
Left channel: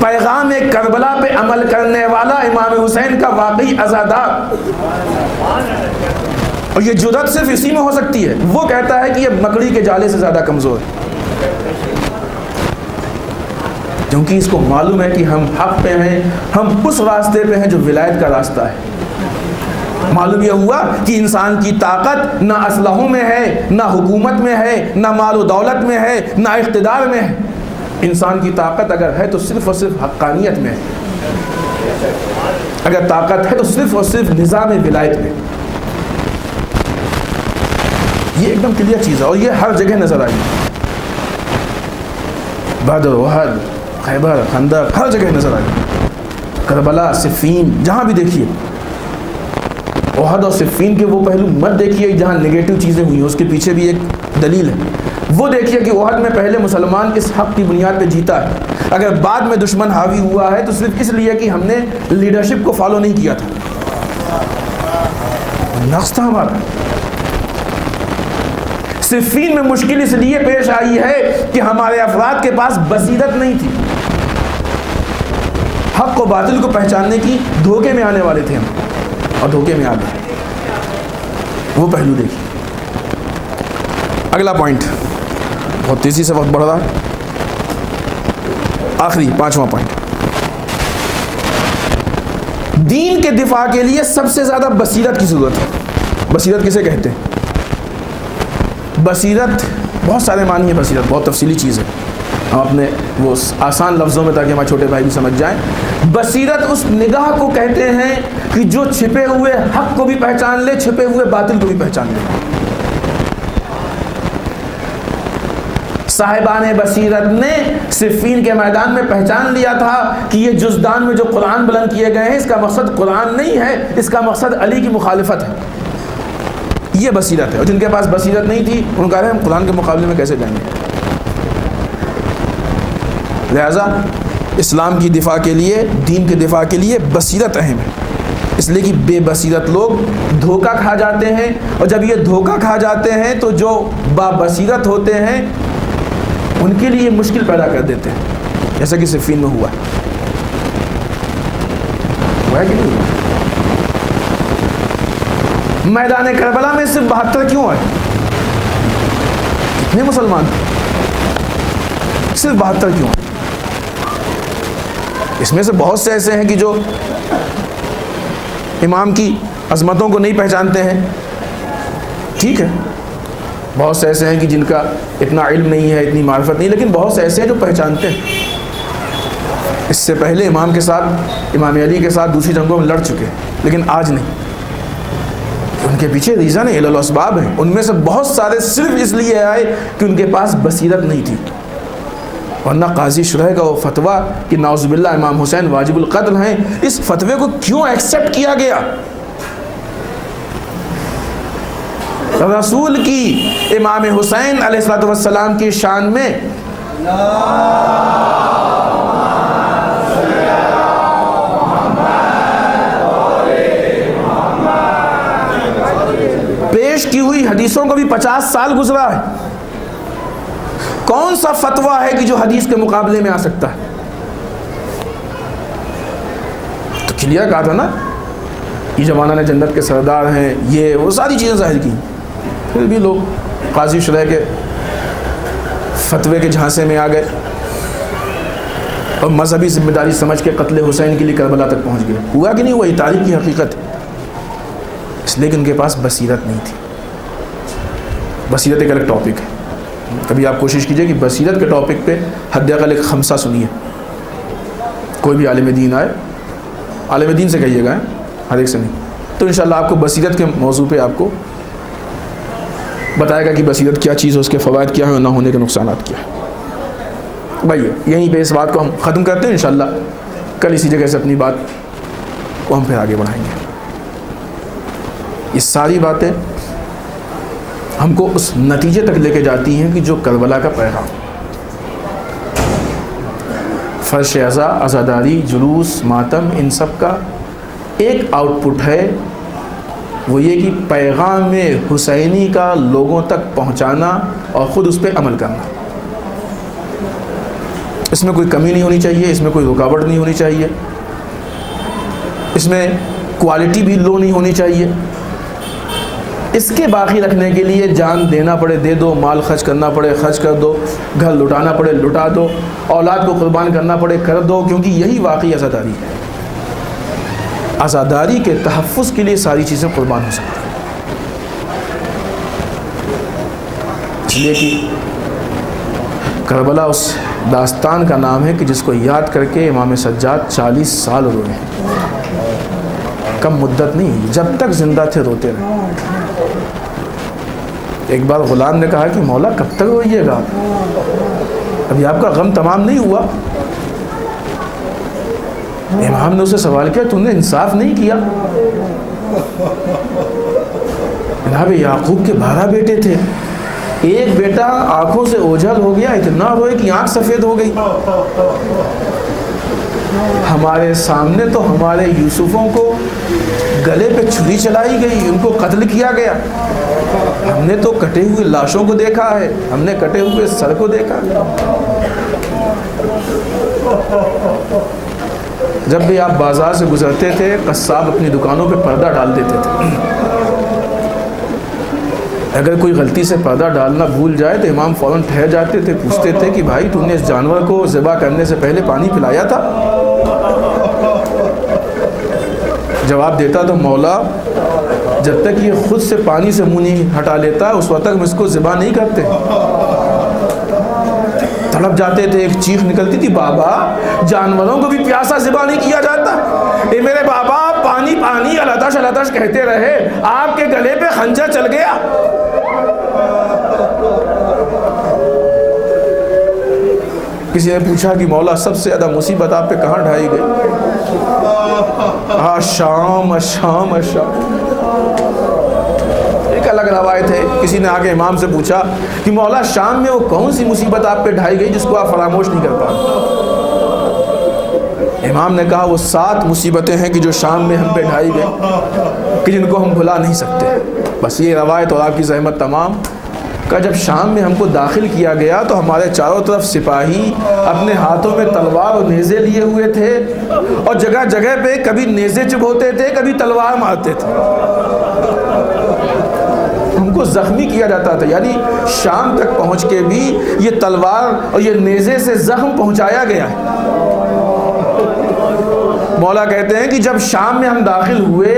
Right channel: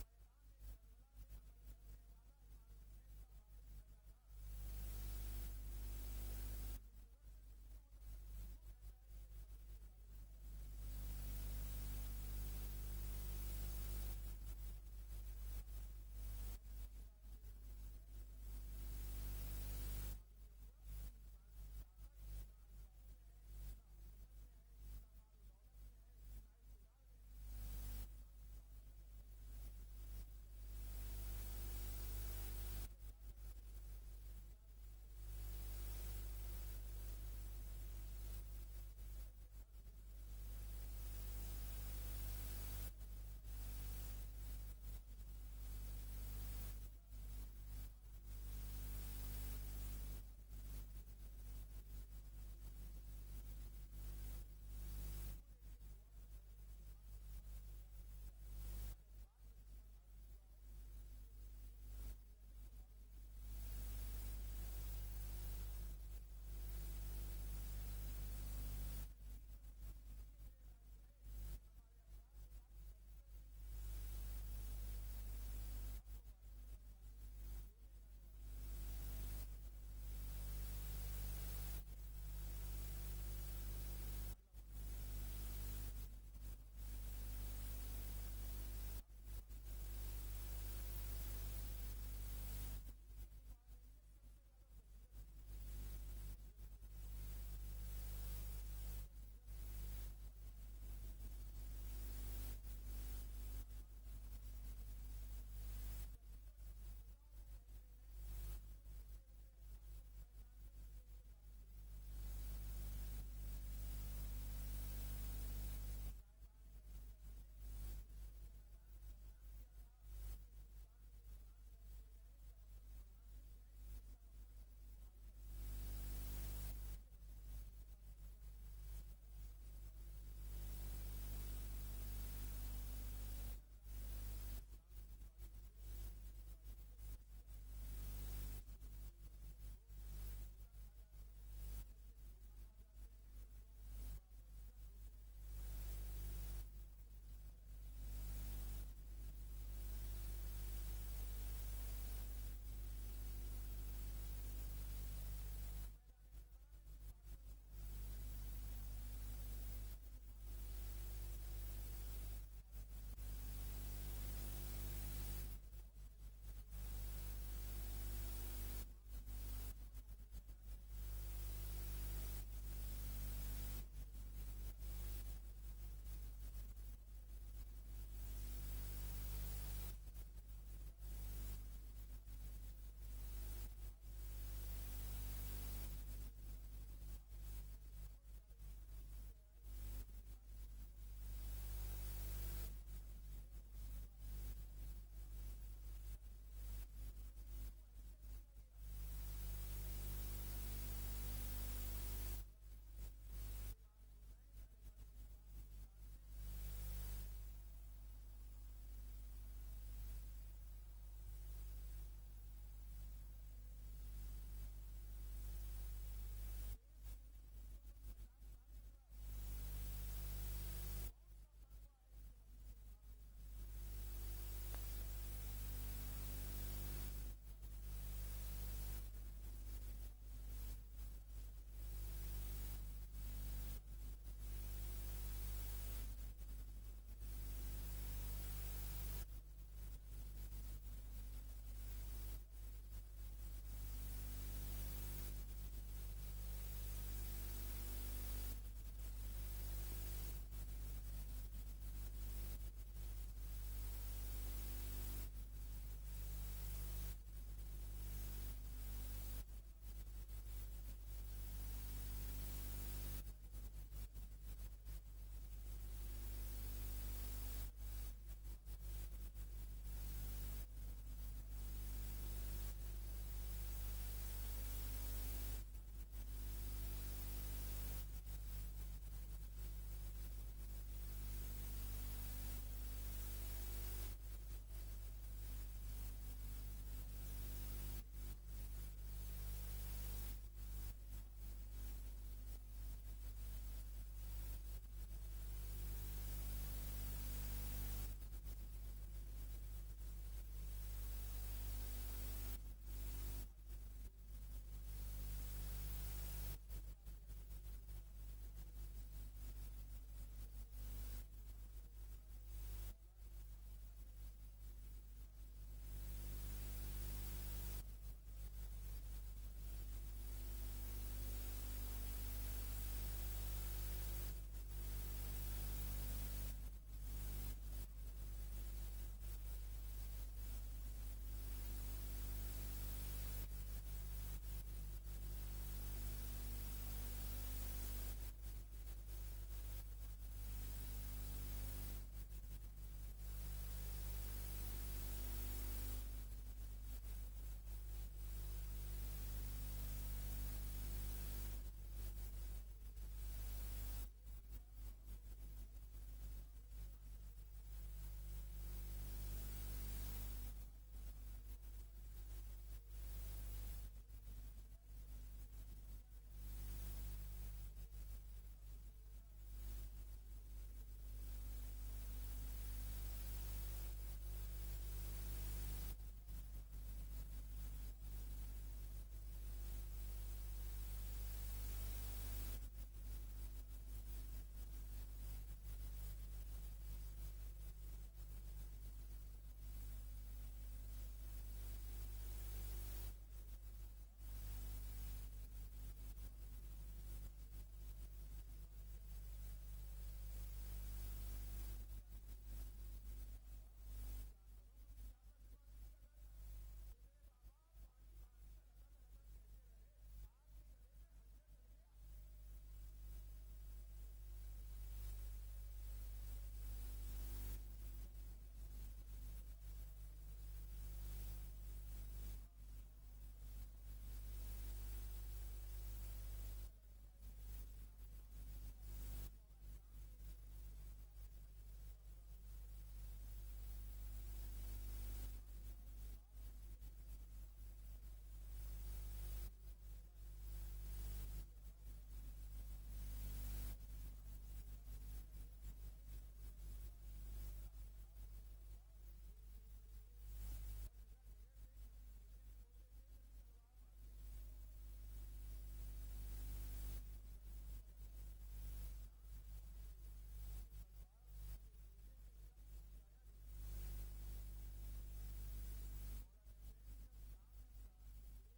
پیغام کربلا پہ عمل کرنے والا امام حسین کا واقعی عزادار، اور یہ جرأت صرف اسی میں ہو سکتی ہے. وہ کہتا ہے کہ یہ مکڑی کے جالے سے زیادہ کمزور ہے. کیونکہ اس کو معلوم ہے کہ ہم حق پہ ہیں، ہم اس راستے پہ ہیں جو ولایت کا راستہ ہے۔ معلوم یہ ہوا کہ انسان کی طاقت نہ اسلحوں میں ہے، نہ حکومت میں ہے، نہ مال و دولت میں ہے، نہ اقتدار میں ہے۔ انسان کی طاقت اگر ہے تو صرف اور صرف حقانیت میں ہے، اگر طاقت ہے تو صرف اور صرف نظام ولایت میں۔ یہ ایک دم کلیئر چیز ہے اور یہ ہر جگہ نظر آئی، بدر، احد، خیبر، خندق، ہر جگہ نظر آئی، کربلا، صفین، جہاں بھی دیکھیے۔ احد اور صفین کے وہ پہلو مت دیکھیے جہاں نگیٹو چیزیں ہوئی ہیں، اس کے پیچھے بھی ایک دلیل ہے۔ وہ دیکھیے کہ احد میں پہلے مسلمان اس حق کی بنیاد پہ جیتا ہے، اگر بعد میں دشمن حاوی ہوا ہے تو صرف اس لیے کہ ہم نے لیڈرشپ کو فالو نہیں کیا تھا، نقص تھا ہمارا۔ صفین میں مشکل اس لیے پیش آئی ہے کہ ہمارے افراد کے پاس بصیرت نہیں تھی، حق و باطل کو پہچاننے کی دھوکے میں آنے والے تھے ہم، اور دھوکے میں آ گئے۔ وہ پہلو دیکھیے۔ اگلا پوائنٹ، بہت تیزی سے وقت بڑھ رہا ہے، آخری 5واں پوائنٹ، دین کے دفاع کے لیے سب سے زیادہ بصیرت کی ضرورت ہے۔ بصیرت کسے کہتے ہیں؟ بصیرت بہت سارے معنی ہے، بصیرت بہت تفصیلی چیز ہے، ہم اپنے وہ آسان لفظوں میں تاکہ ہمارے چھوٹے بھائی بھی سمجھ جائیں۔ بصیرت اس نگاہ کو کہتے ہیں کہ جو چھپے ہوئے حق کو بھی پہچان لے، چھپے ہوئے باطل کو بھی پہچان لے۔ صاحبان بصیرت نے صفین کے میدان میں پہچان لیا تھا کہ یہ جزدان میں جو قرآن بلند کیے گئے ہیں اس کا مقصد قرآن نہیں ہے، اس کا مقصد علی کی مخالفت ہے۔ یہ بصیرت ہے، اور جن کے پاس بصیرت نہیں تھی ان کا ہم قرآن کے مقابلے میں کیسے جائیں گے؟ لہذا اسلام کی دفاع کے لیے، دین کے دفاع کے لیے بصیرت اہم ہے، اس لیے کہ بے بصیرت لوگ دھوکہ کھا جاتے ہیں، اور جب یہ دھوکہ کھا جاتے ہیں تو جو با بصیرت ہوتے ہیں ان کے لیے مشکل پیدا کر دیتے ہیں، جیسا کہ صفین میں ہوا ہے کہ نہیں؟ میدان کربلا میں صرف 72 کیوں آئے؟ کتنے مسلمان تھے؟ صرف 72 کیوں آئے؟ اس میں سے بہت سے ایسے ہیں کہ جو امام کی عظمتوں کو نہیں پہچانتے ہیں، ٹھیک ہے، بہت سے ایسے ہیں کہ جن کا اتنا علم نہیں ہے، اتنی معرفت نہیں، لیکن بہت سے ایسے ہیں جو پہچانتے ہیں۔ اس سے پہلے امام کے ساتھ، امام علی کے ساتھ دوسری جنگوں میں لڑ چکے، لیکن آج نہیں۔ ان کے پیچھے ریزن ہے، علل و اسباب ہیں، ان میں سے بہت سارے صرف اس لیے آئے کہ ان کے پاس بصیرت نہیں تھی، ورنہ قاضی شرح کا وہ فتویٰ کہ نعوذ باللہ امام حسین واجب القتل ہیں، اس فتوے کو کیوں ایکسیپٹ کیا گیا؟ رسول کی امام حسین علیہ السلام کی شان میں پیش کی ہوئی حدیثوں کو بھی 50 سال گزرا ہے، کون سا فتویٰ ہے کہ جو حدیث کے مقابلے میں آ سکتا ہے؟ تو کلیئر کہا تھا نا، یہ زمانہ نے جنت کے سردار ہیں، یہ وہ ساری چیزیں ظاہر کی، پھر بھی لوگ قاضی شرح کے فتوے کے جھانسے میں آ گئے اور مذہبی ذمہ داری سمجھ کے قتل حسین کے لیے کربلا تک پہنچ گئے۔ ہوا کہ نہیں ہوا؟ یہ تاریخ کی حقیقت ہے، اس لیے کہ ان کے پاس بصیرت نہیں تھی۔ بصیرت ایک الگ ٹاپک ہے، کبھی آپ کوشش کیجئے کہ بصیرت کے ٹاپک پہ حد اقل ایک خمسہ سنیے، کوئی بھی عالم دین آئے، عالم دین سے کہیے گا، ہر ایک سے نہیں، تو انشاءاللہ آپ کو بصیرت کے موضوع پہ آپ کو بتائے گا کہ بصیرت کیا چیز ہے، اس کے فوائد کیا ہیں اور نہ ہونے کے نقصانات کیا ہیں۔ بھائی یہیں پہ اس بات کو ہم ختم کرتے ہیں، انشاءاللہ کل اسی جگہ سے اپنی بات کو ہم پھر آگے بڑھائیں گے۔ یہ ساری باتیں ہم کو اس نتیجے تک لے کے جاتی ہیں کہ جو کربلا کا پیغام، فرش عزا، عزاداری، جلوس، ماتم، ان سب کا ایک آؤٹ پٹ ہے، وہ یہ کہ پیغام حسینی کا لوگوں تک پہنچانا اور خود اس پہ عمل کرنا۔ اس میں کوئی کمی نہیں ہونی چاہیے، اس میں کوئی رکاوٹ نہیں ہونی چاہیے، اس میں کوالٹی بھی لو نہیں ہونی چاہیے، اس کے باقی رکھنے کے لیے جان دینا پڑے دے دو، مال خرچ کرنا پڑے خرچ کر دو، گھر لٹانا پڑے لٹا دو، اولاد کو قربان کرنا پڑے کر دو، کیونکہ یہی واقعی عزاداری ہے۔ عزاداری کے تحفظ کے لیے ساری چیزیں قربان ہو سکتی ہیں، اس لیے کہ کربلا اس داستان کا نام ہے کہ جس کو یاد کر کے امام سجاد 40 سال روئے، کم مدت نہیں، جب تک زندہ تھے روتے رہے۔ ایک بار غلام نے کہا کہ مولا کب تک روئیے گا، ابھی آپ کا غم تمام نہیں ہوا؟ امام نے اسے سوال کیا تم نے انصاف نہیں کیا؟ جناب یعقوب کے 12 بیٹے تھے، ایک بیٹا آنکھوں سے اوجھل ہو گیا، اتنا روئے کہ آنکھ سفید ہو گئی۔ ہمارے سامنے تو ہمارے یوسفوں کو گلے پہ چھری چلائی گئی، ان کو قتل کیا گیا، ہم نے تو کٹے ہوئے لاشوں کو دیکھا ہے، ہم نے کٹے ہوئے سر کو دیکھا ہے۔ جب بھی آپ بازار سے گزرتے تھے قصاب اپنی دکانوں پہ پردہ ڈال دیتے تھے، اگر کوئی غلطی سے پردہ ڈالنا بھول جائے تو امام فوراً ٹھہر جاتے تھے، پوچھتے تھے کہ بھائی تم نے اس جانور کو ذبح کرنے سے پہلے پانی پلایا تھا؟ جواب دیتا تو مولا جب تک یہ خود سے پانی سے منہ نہیں ہٹا لیتا اس وقت تک ہم اس کو ذبح نہیں کرتے۔ تڑپ جاتے تھے، ایک چیخ نکلتی تھی، بابا جانوروں کو بھی پیاسا ذبح نہیں کیا جاتا؟ اے میرے بابا پانی پانی الاتش الاتش کہتے رہے، آپ کے گلے پہ خنجر چل گیا۔ کسی نے پوچھا کہ مولا سب سے زیادہ مصیبت آپ پہ کہاں ڈھائی گئی؟ شام شام شام۔ ایک الگ روایت ہے، کسی نے آگے امام سے پوچھا کہ مولا شام میں وہ کون سی مصیبت آپ پہ ڈھائی گئی جس کو آپ فراموش نہیں کر پاتے؟ امام نے کہا وہ 7 مصیبتیں ہیں کہ جو شام میں ہم پہ ڈھائی گئی کہ جن کو ہم بھلا نہیں سکتے۔ بس یہ روایت اور آپ کی زحمت تمام کہ جب شام میں ہم کو داخل کیا گیا تو ہمارے چاروں طرف سپاہی اپنے ہاتھوں میں تلوار اور نیزے لیے ہوئے تھے، اور جگہ جگہ پہ کبھی نیزے چبھوتے تھے کبھی تلوار مارتے تھے، ہم کو زخمی کیا جاتا تھا، یعنی شام تک پہنچ کے بھی یہ تلوار اور یہ نیزے سے زخم پہنچایا گیا ہے۔ مولا کہتے ہیں کہ جب شام میں ہم داخل ہوئے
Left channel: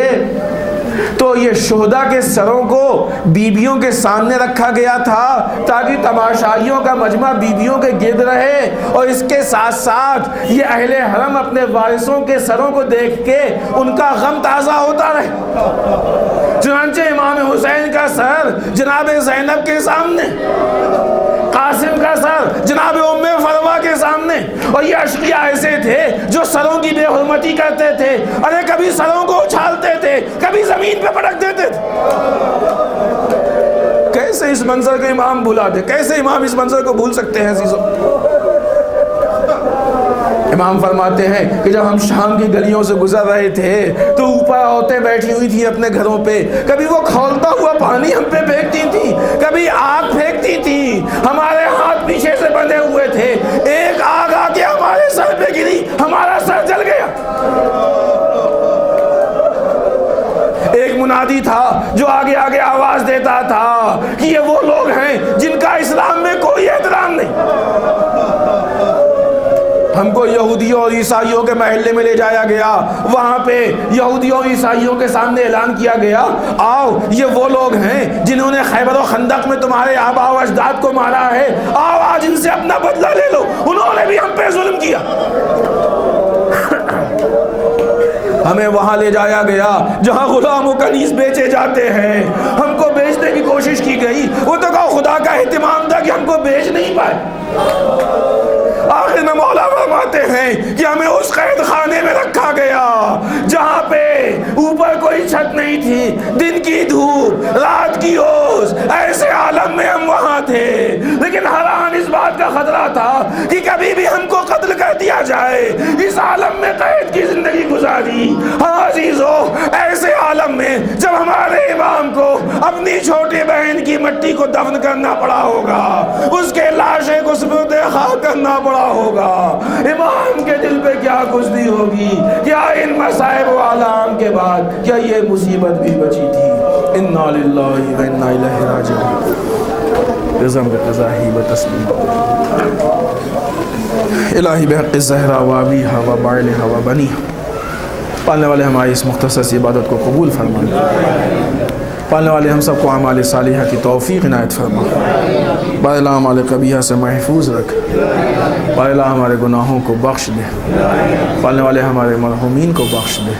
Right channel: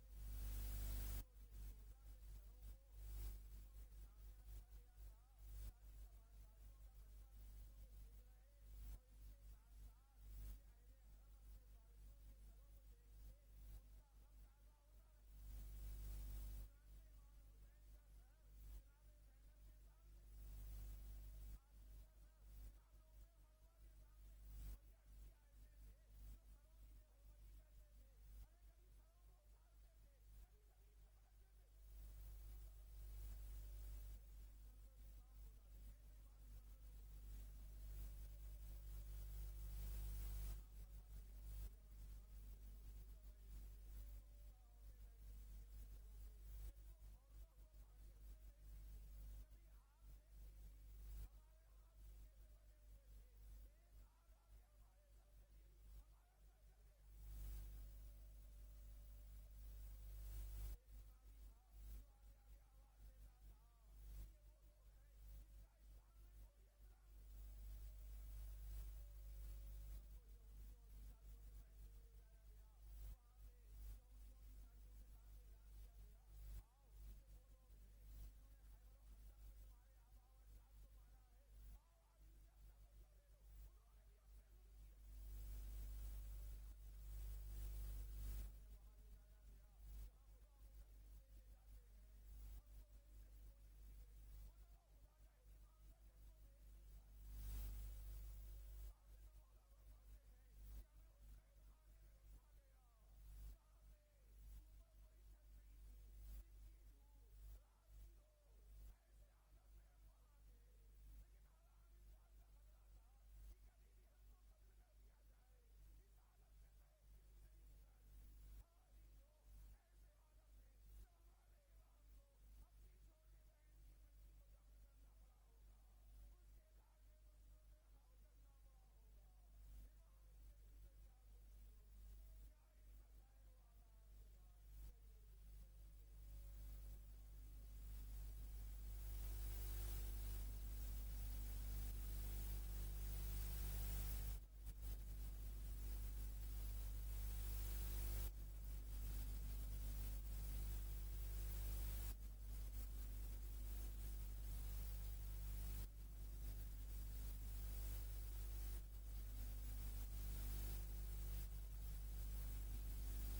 تو یہ شہداء کے سروں کو بیبیوں کے سامنے رکھا گیا تھا تاکہ تماشائیوں کا مجمع بیبیوں کے گرد رہے، اور اس کے ساتھ ساتھ یہ اہل حرم اپنے وارثوں کے سروں کو دیکھ کے ان کا غم تازہ ہوتا رہے۔ چنانچہ امام حسین کا سر جناب زینب کے سامنے، قاسم کا سر جناب ام فروا کے سامنے، اور یہ اشقیاء ایسے تھے جو سروں کی بے حرمتی کرتے تھے، ارے کبھی سروں کو اچھالتے تھے کبھی زمین پہ پٹک دیتے تھے۔ کیسے اس منظر کو امام بھلا دے، کیسے امام اس منظر کو بھول سکتے ہیں عزیزو؟ امام فرماتے ہیں کہ جب ہم شام کی گلیوں سے گزر رہے تھے تو اوپر عورتیں بیٹھی ہوئی تھی اپنے گھروں پہ، کبھی وہ کھولتا ہوا پانی ہم پہ پھینکتی تھی، کبھی آگ پھینکتی تھی، ہمارے ہاتھ پیچھے سے بندھے ہوئے تھے، ایک آگ آ کے ہمارے سر پہ گری، ہمارا سر جل گیا۔ ایک منادی تھا جو آگے آگے آواز دیتا تھا کہ یہ وہ لوگ ہیں جن کا اسلام میں کوئی احترام نہیں۔ ہم کو یہودیوں اور عیسائیوں کے محلے میں لے جایا گیا، وہاں پہ یہودیوں اور عیسائیوں کے سامنے اعلان کیا گیا، آؤ یہ وہ لوگ ہیں جنہوں نے خیبر و خندق میں تمہارے آبا و اجداد کو مارا ہے، آؤ آج ان سے اپنا بدلہ لے لو، انہوں نے بھی ہم پہ ظلم کیا۔ ہمیں وہاں لے جایا گیا جہاں غلام و کنیز بیچے جاتے ہیں، ہم کو بیچنے کی کوشش کی گئی، وہ تو کہا خدا کا اہتمام تھا کہ ہم کو بیچ نہیں پائے۔ آخر میں مولا فرماتے ہیں کہ ہمیں اس قید خانے میں رکھا گیا جہاں پہ اوپر کوئی چھت نہیں تھی، دن کی دھوپ رات کی اوس، ایسے عالم میں ہم وہاں تھے، لیکن حیران اس بات کا کا خطرہ تھا کہ کبھی بھی ہم کو قتل کر دیا جائے، اس عالم میں قید کی زندگی گزاری۔ ہاں عزیزو، ایسے عالم میں جب ہمارے امام کو اپنی چھوٹی بہن کی مٹی کو دفن کرنا پڑا ہوگا، اس کے لاشیں کو سپرد خاک کرنا پڑا ہوگا، امام کے دل پہ کیا گزری ہوگی؟ کیا ان مصائب و آلام کے بعد کیا یہ مصیبت بھی بچی تھی؟ انا للہ و انا الیہ راجعون۔ رضا بقضاہی و تسلیم الہی بحق الزہرا و ابیہا و بعلہا و بنیہا۔ پالنے والے ہماری اس مختصر سی عبادت کو قبول فرما، پالنے والے ہم سب کو اعمال صالحہ کی توفیق عنایت فرما، بار اللہ اعمال قبیحہ سے محفوظ رکھ، بار اللہ ہمارے گناہوں کو بخش دے، پالنے والے ہمارے مرحومین کو بخش دے،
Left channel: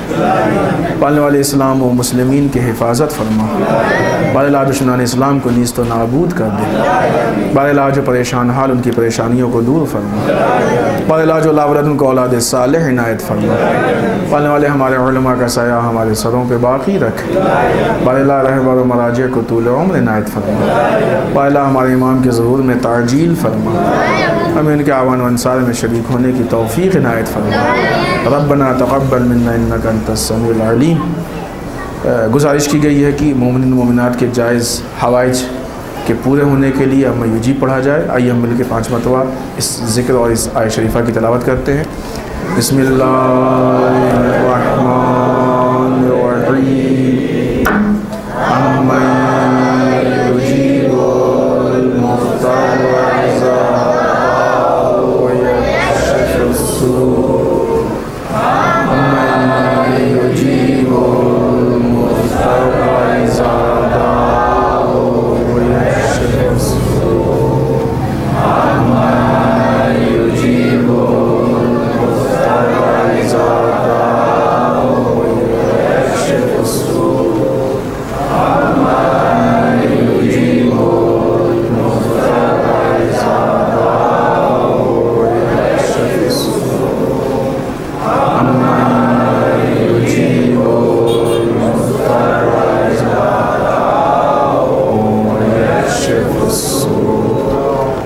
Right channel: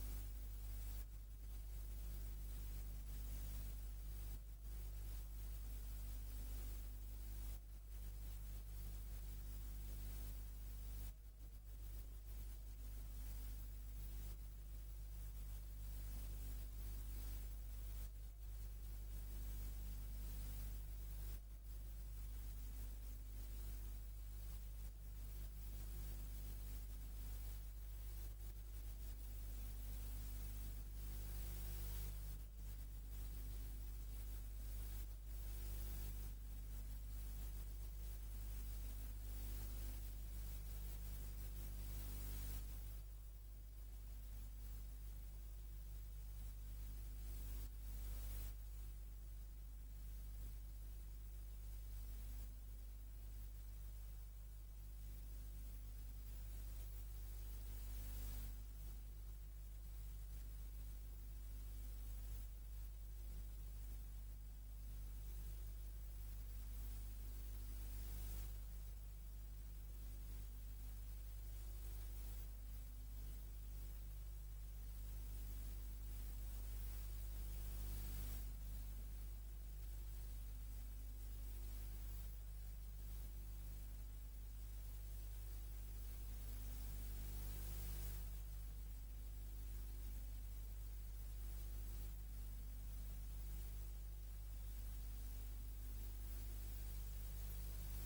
پالنے والے اسلام و مسلمین کی حفاظت فرما، بار اللہ دشمنان اسلام کو نیست و نابود کر دے، بار اللہ جو پریشان حال ان کی پریشانیوں کو دور فرما، بار اللہ جو لاولد ان کو اولاد صالح عنایت فرما، پالنے والے ہمارے علماء کا سایہ ہمارے سروں پہ باقی رکھ، بار اللہ رہبر و مراجع کو طول عمر عنایت فرما، بار اللہ ہمارے امام کے ظہور میں تعجیل فرما، ہمیں ان کے اعوان و انصار میں شریک ہونے کی توفیق عنایت فرما۔ ربنا تقبل منا انک انت السمیع العلیم۔ گزارش کی گئی ہے کہ مومنین و مومنات کے جائز حوائج کے پورے ہونے کے لیے اما یوجی پڑھا جائے۔ آئیے ہم مل کے 5 مرتبہ اس ذکر اور اس آیت شریفہ کی تلاوت کرتے ہیں۔ بسم اللہ الرحمن الرحیم، امن یجیب المضطر اذا دعاہ ویکشف السوء، امن یجیب المضطر اذا دعاہ ویکشف السوء، امن یجیب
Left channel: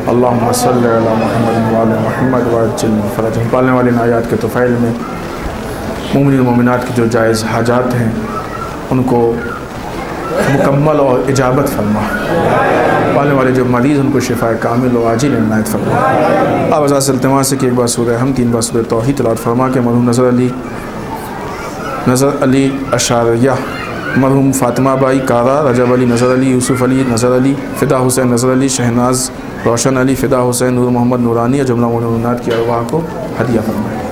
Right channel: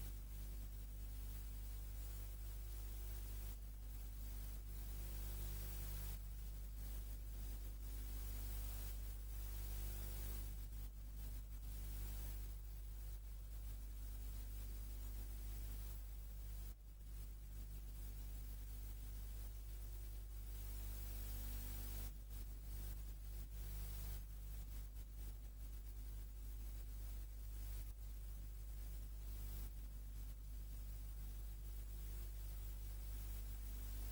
اللہم صلی علی محمد وعلی محمد وعجل فرجہم۔ پالنے والے ان آیات کے طفیل میں مومنین و مومنات کی جو جائز حاجات ہیں ان کو مکمل اور اجابت فرما، پالنے والے جو مریض ان کو شفاء کامل و عاجل عنایت فرما۔ آپ ازاز سے التماس ہے کہ ایک بار سورہ ہم 3 بار سورہ توحید تلاوت فرما کے مرحوم نظر علی اشاریہ، مرحوم فاطمہ بائی کارا، رجب علی نظر علی، یوسف علی نظر علی، فدا حسین نظر علی، شہناز روشن علی، فدا حسین، نور محمد نورانی اور جملہ مومنات کی ارواح کو ہدیہ فرمائے۔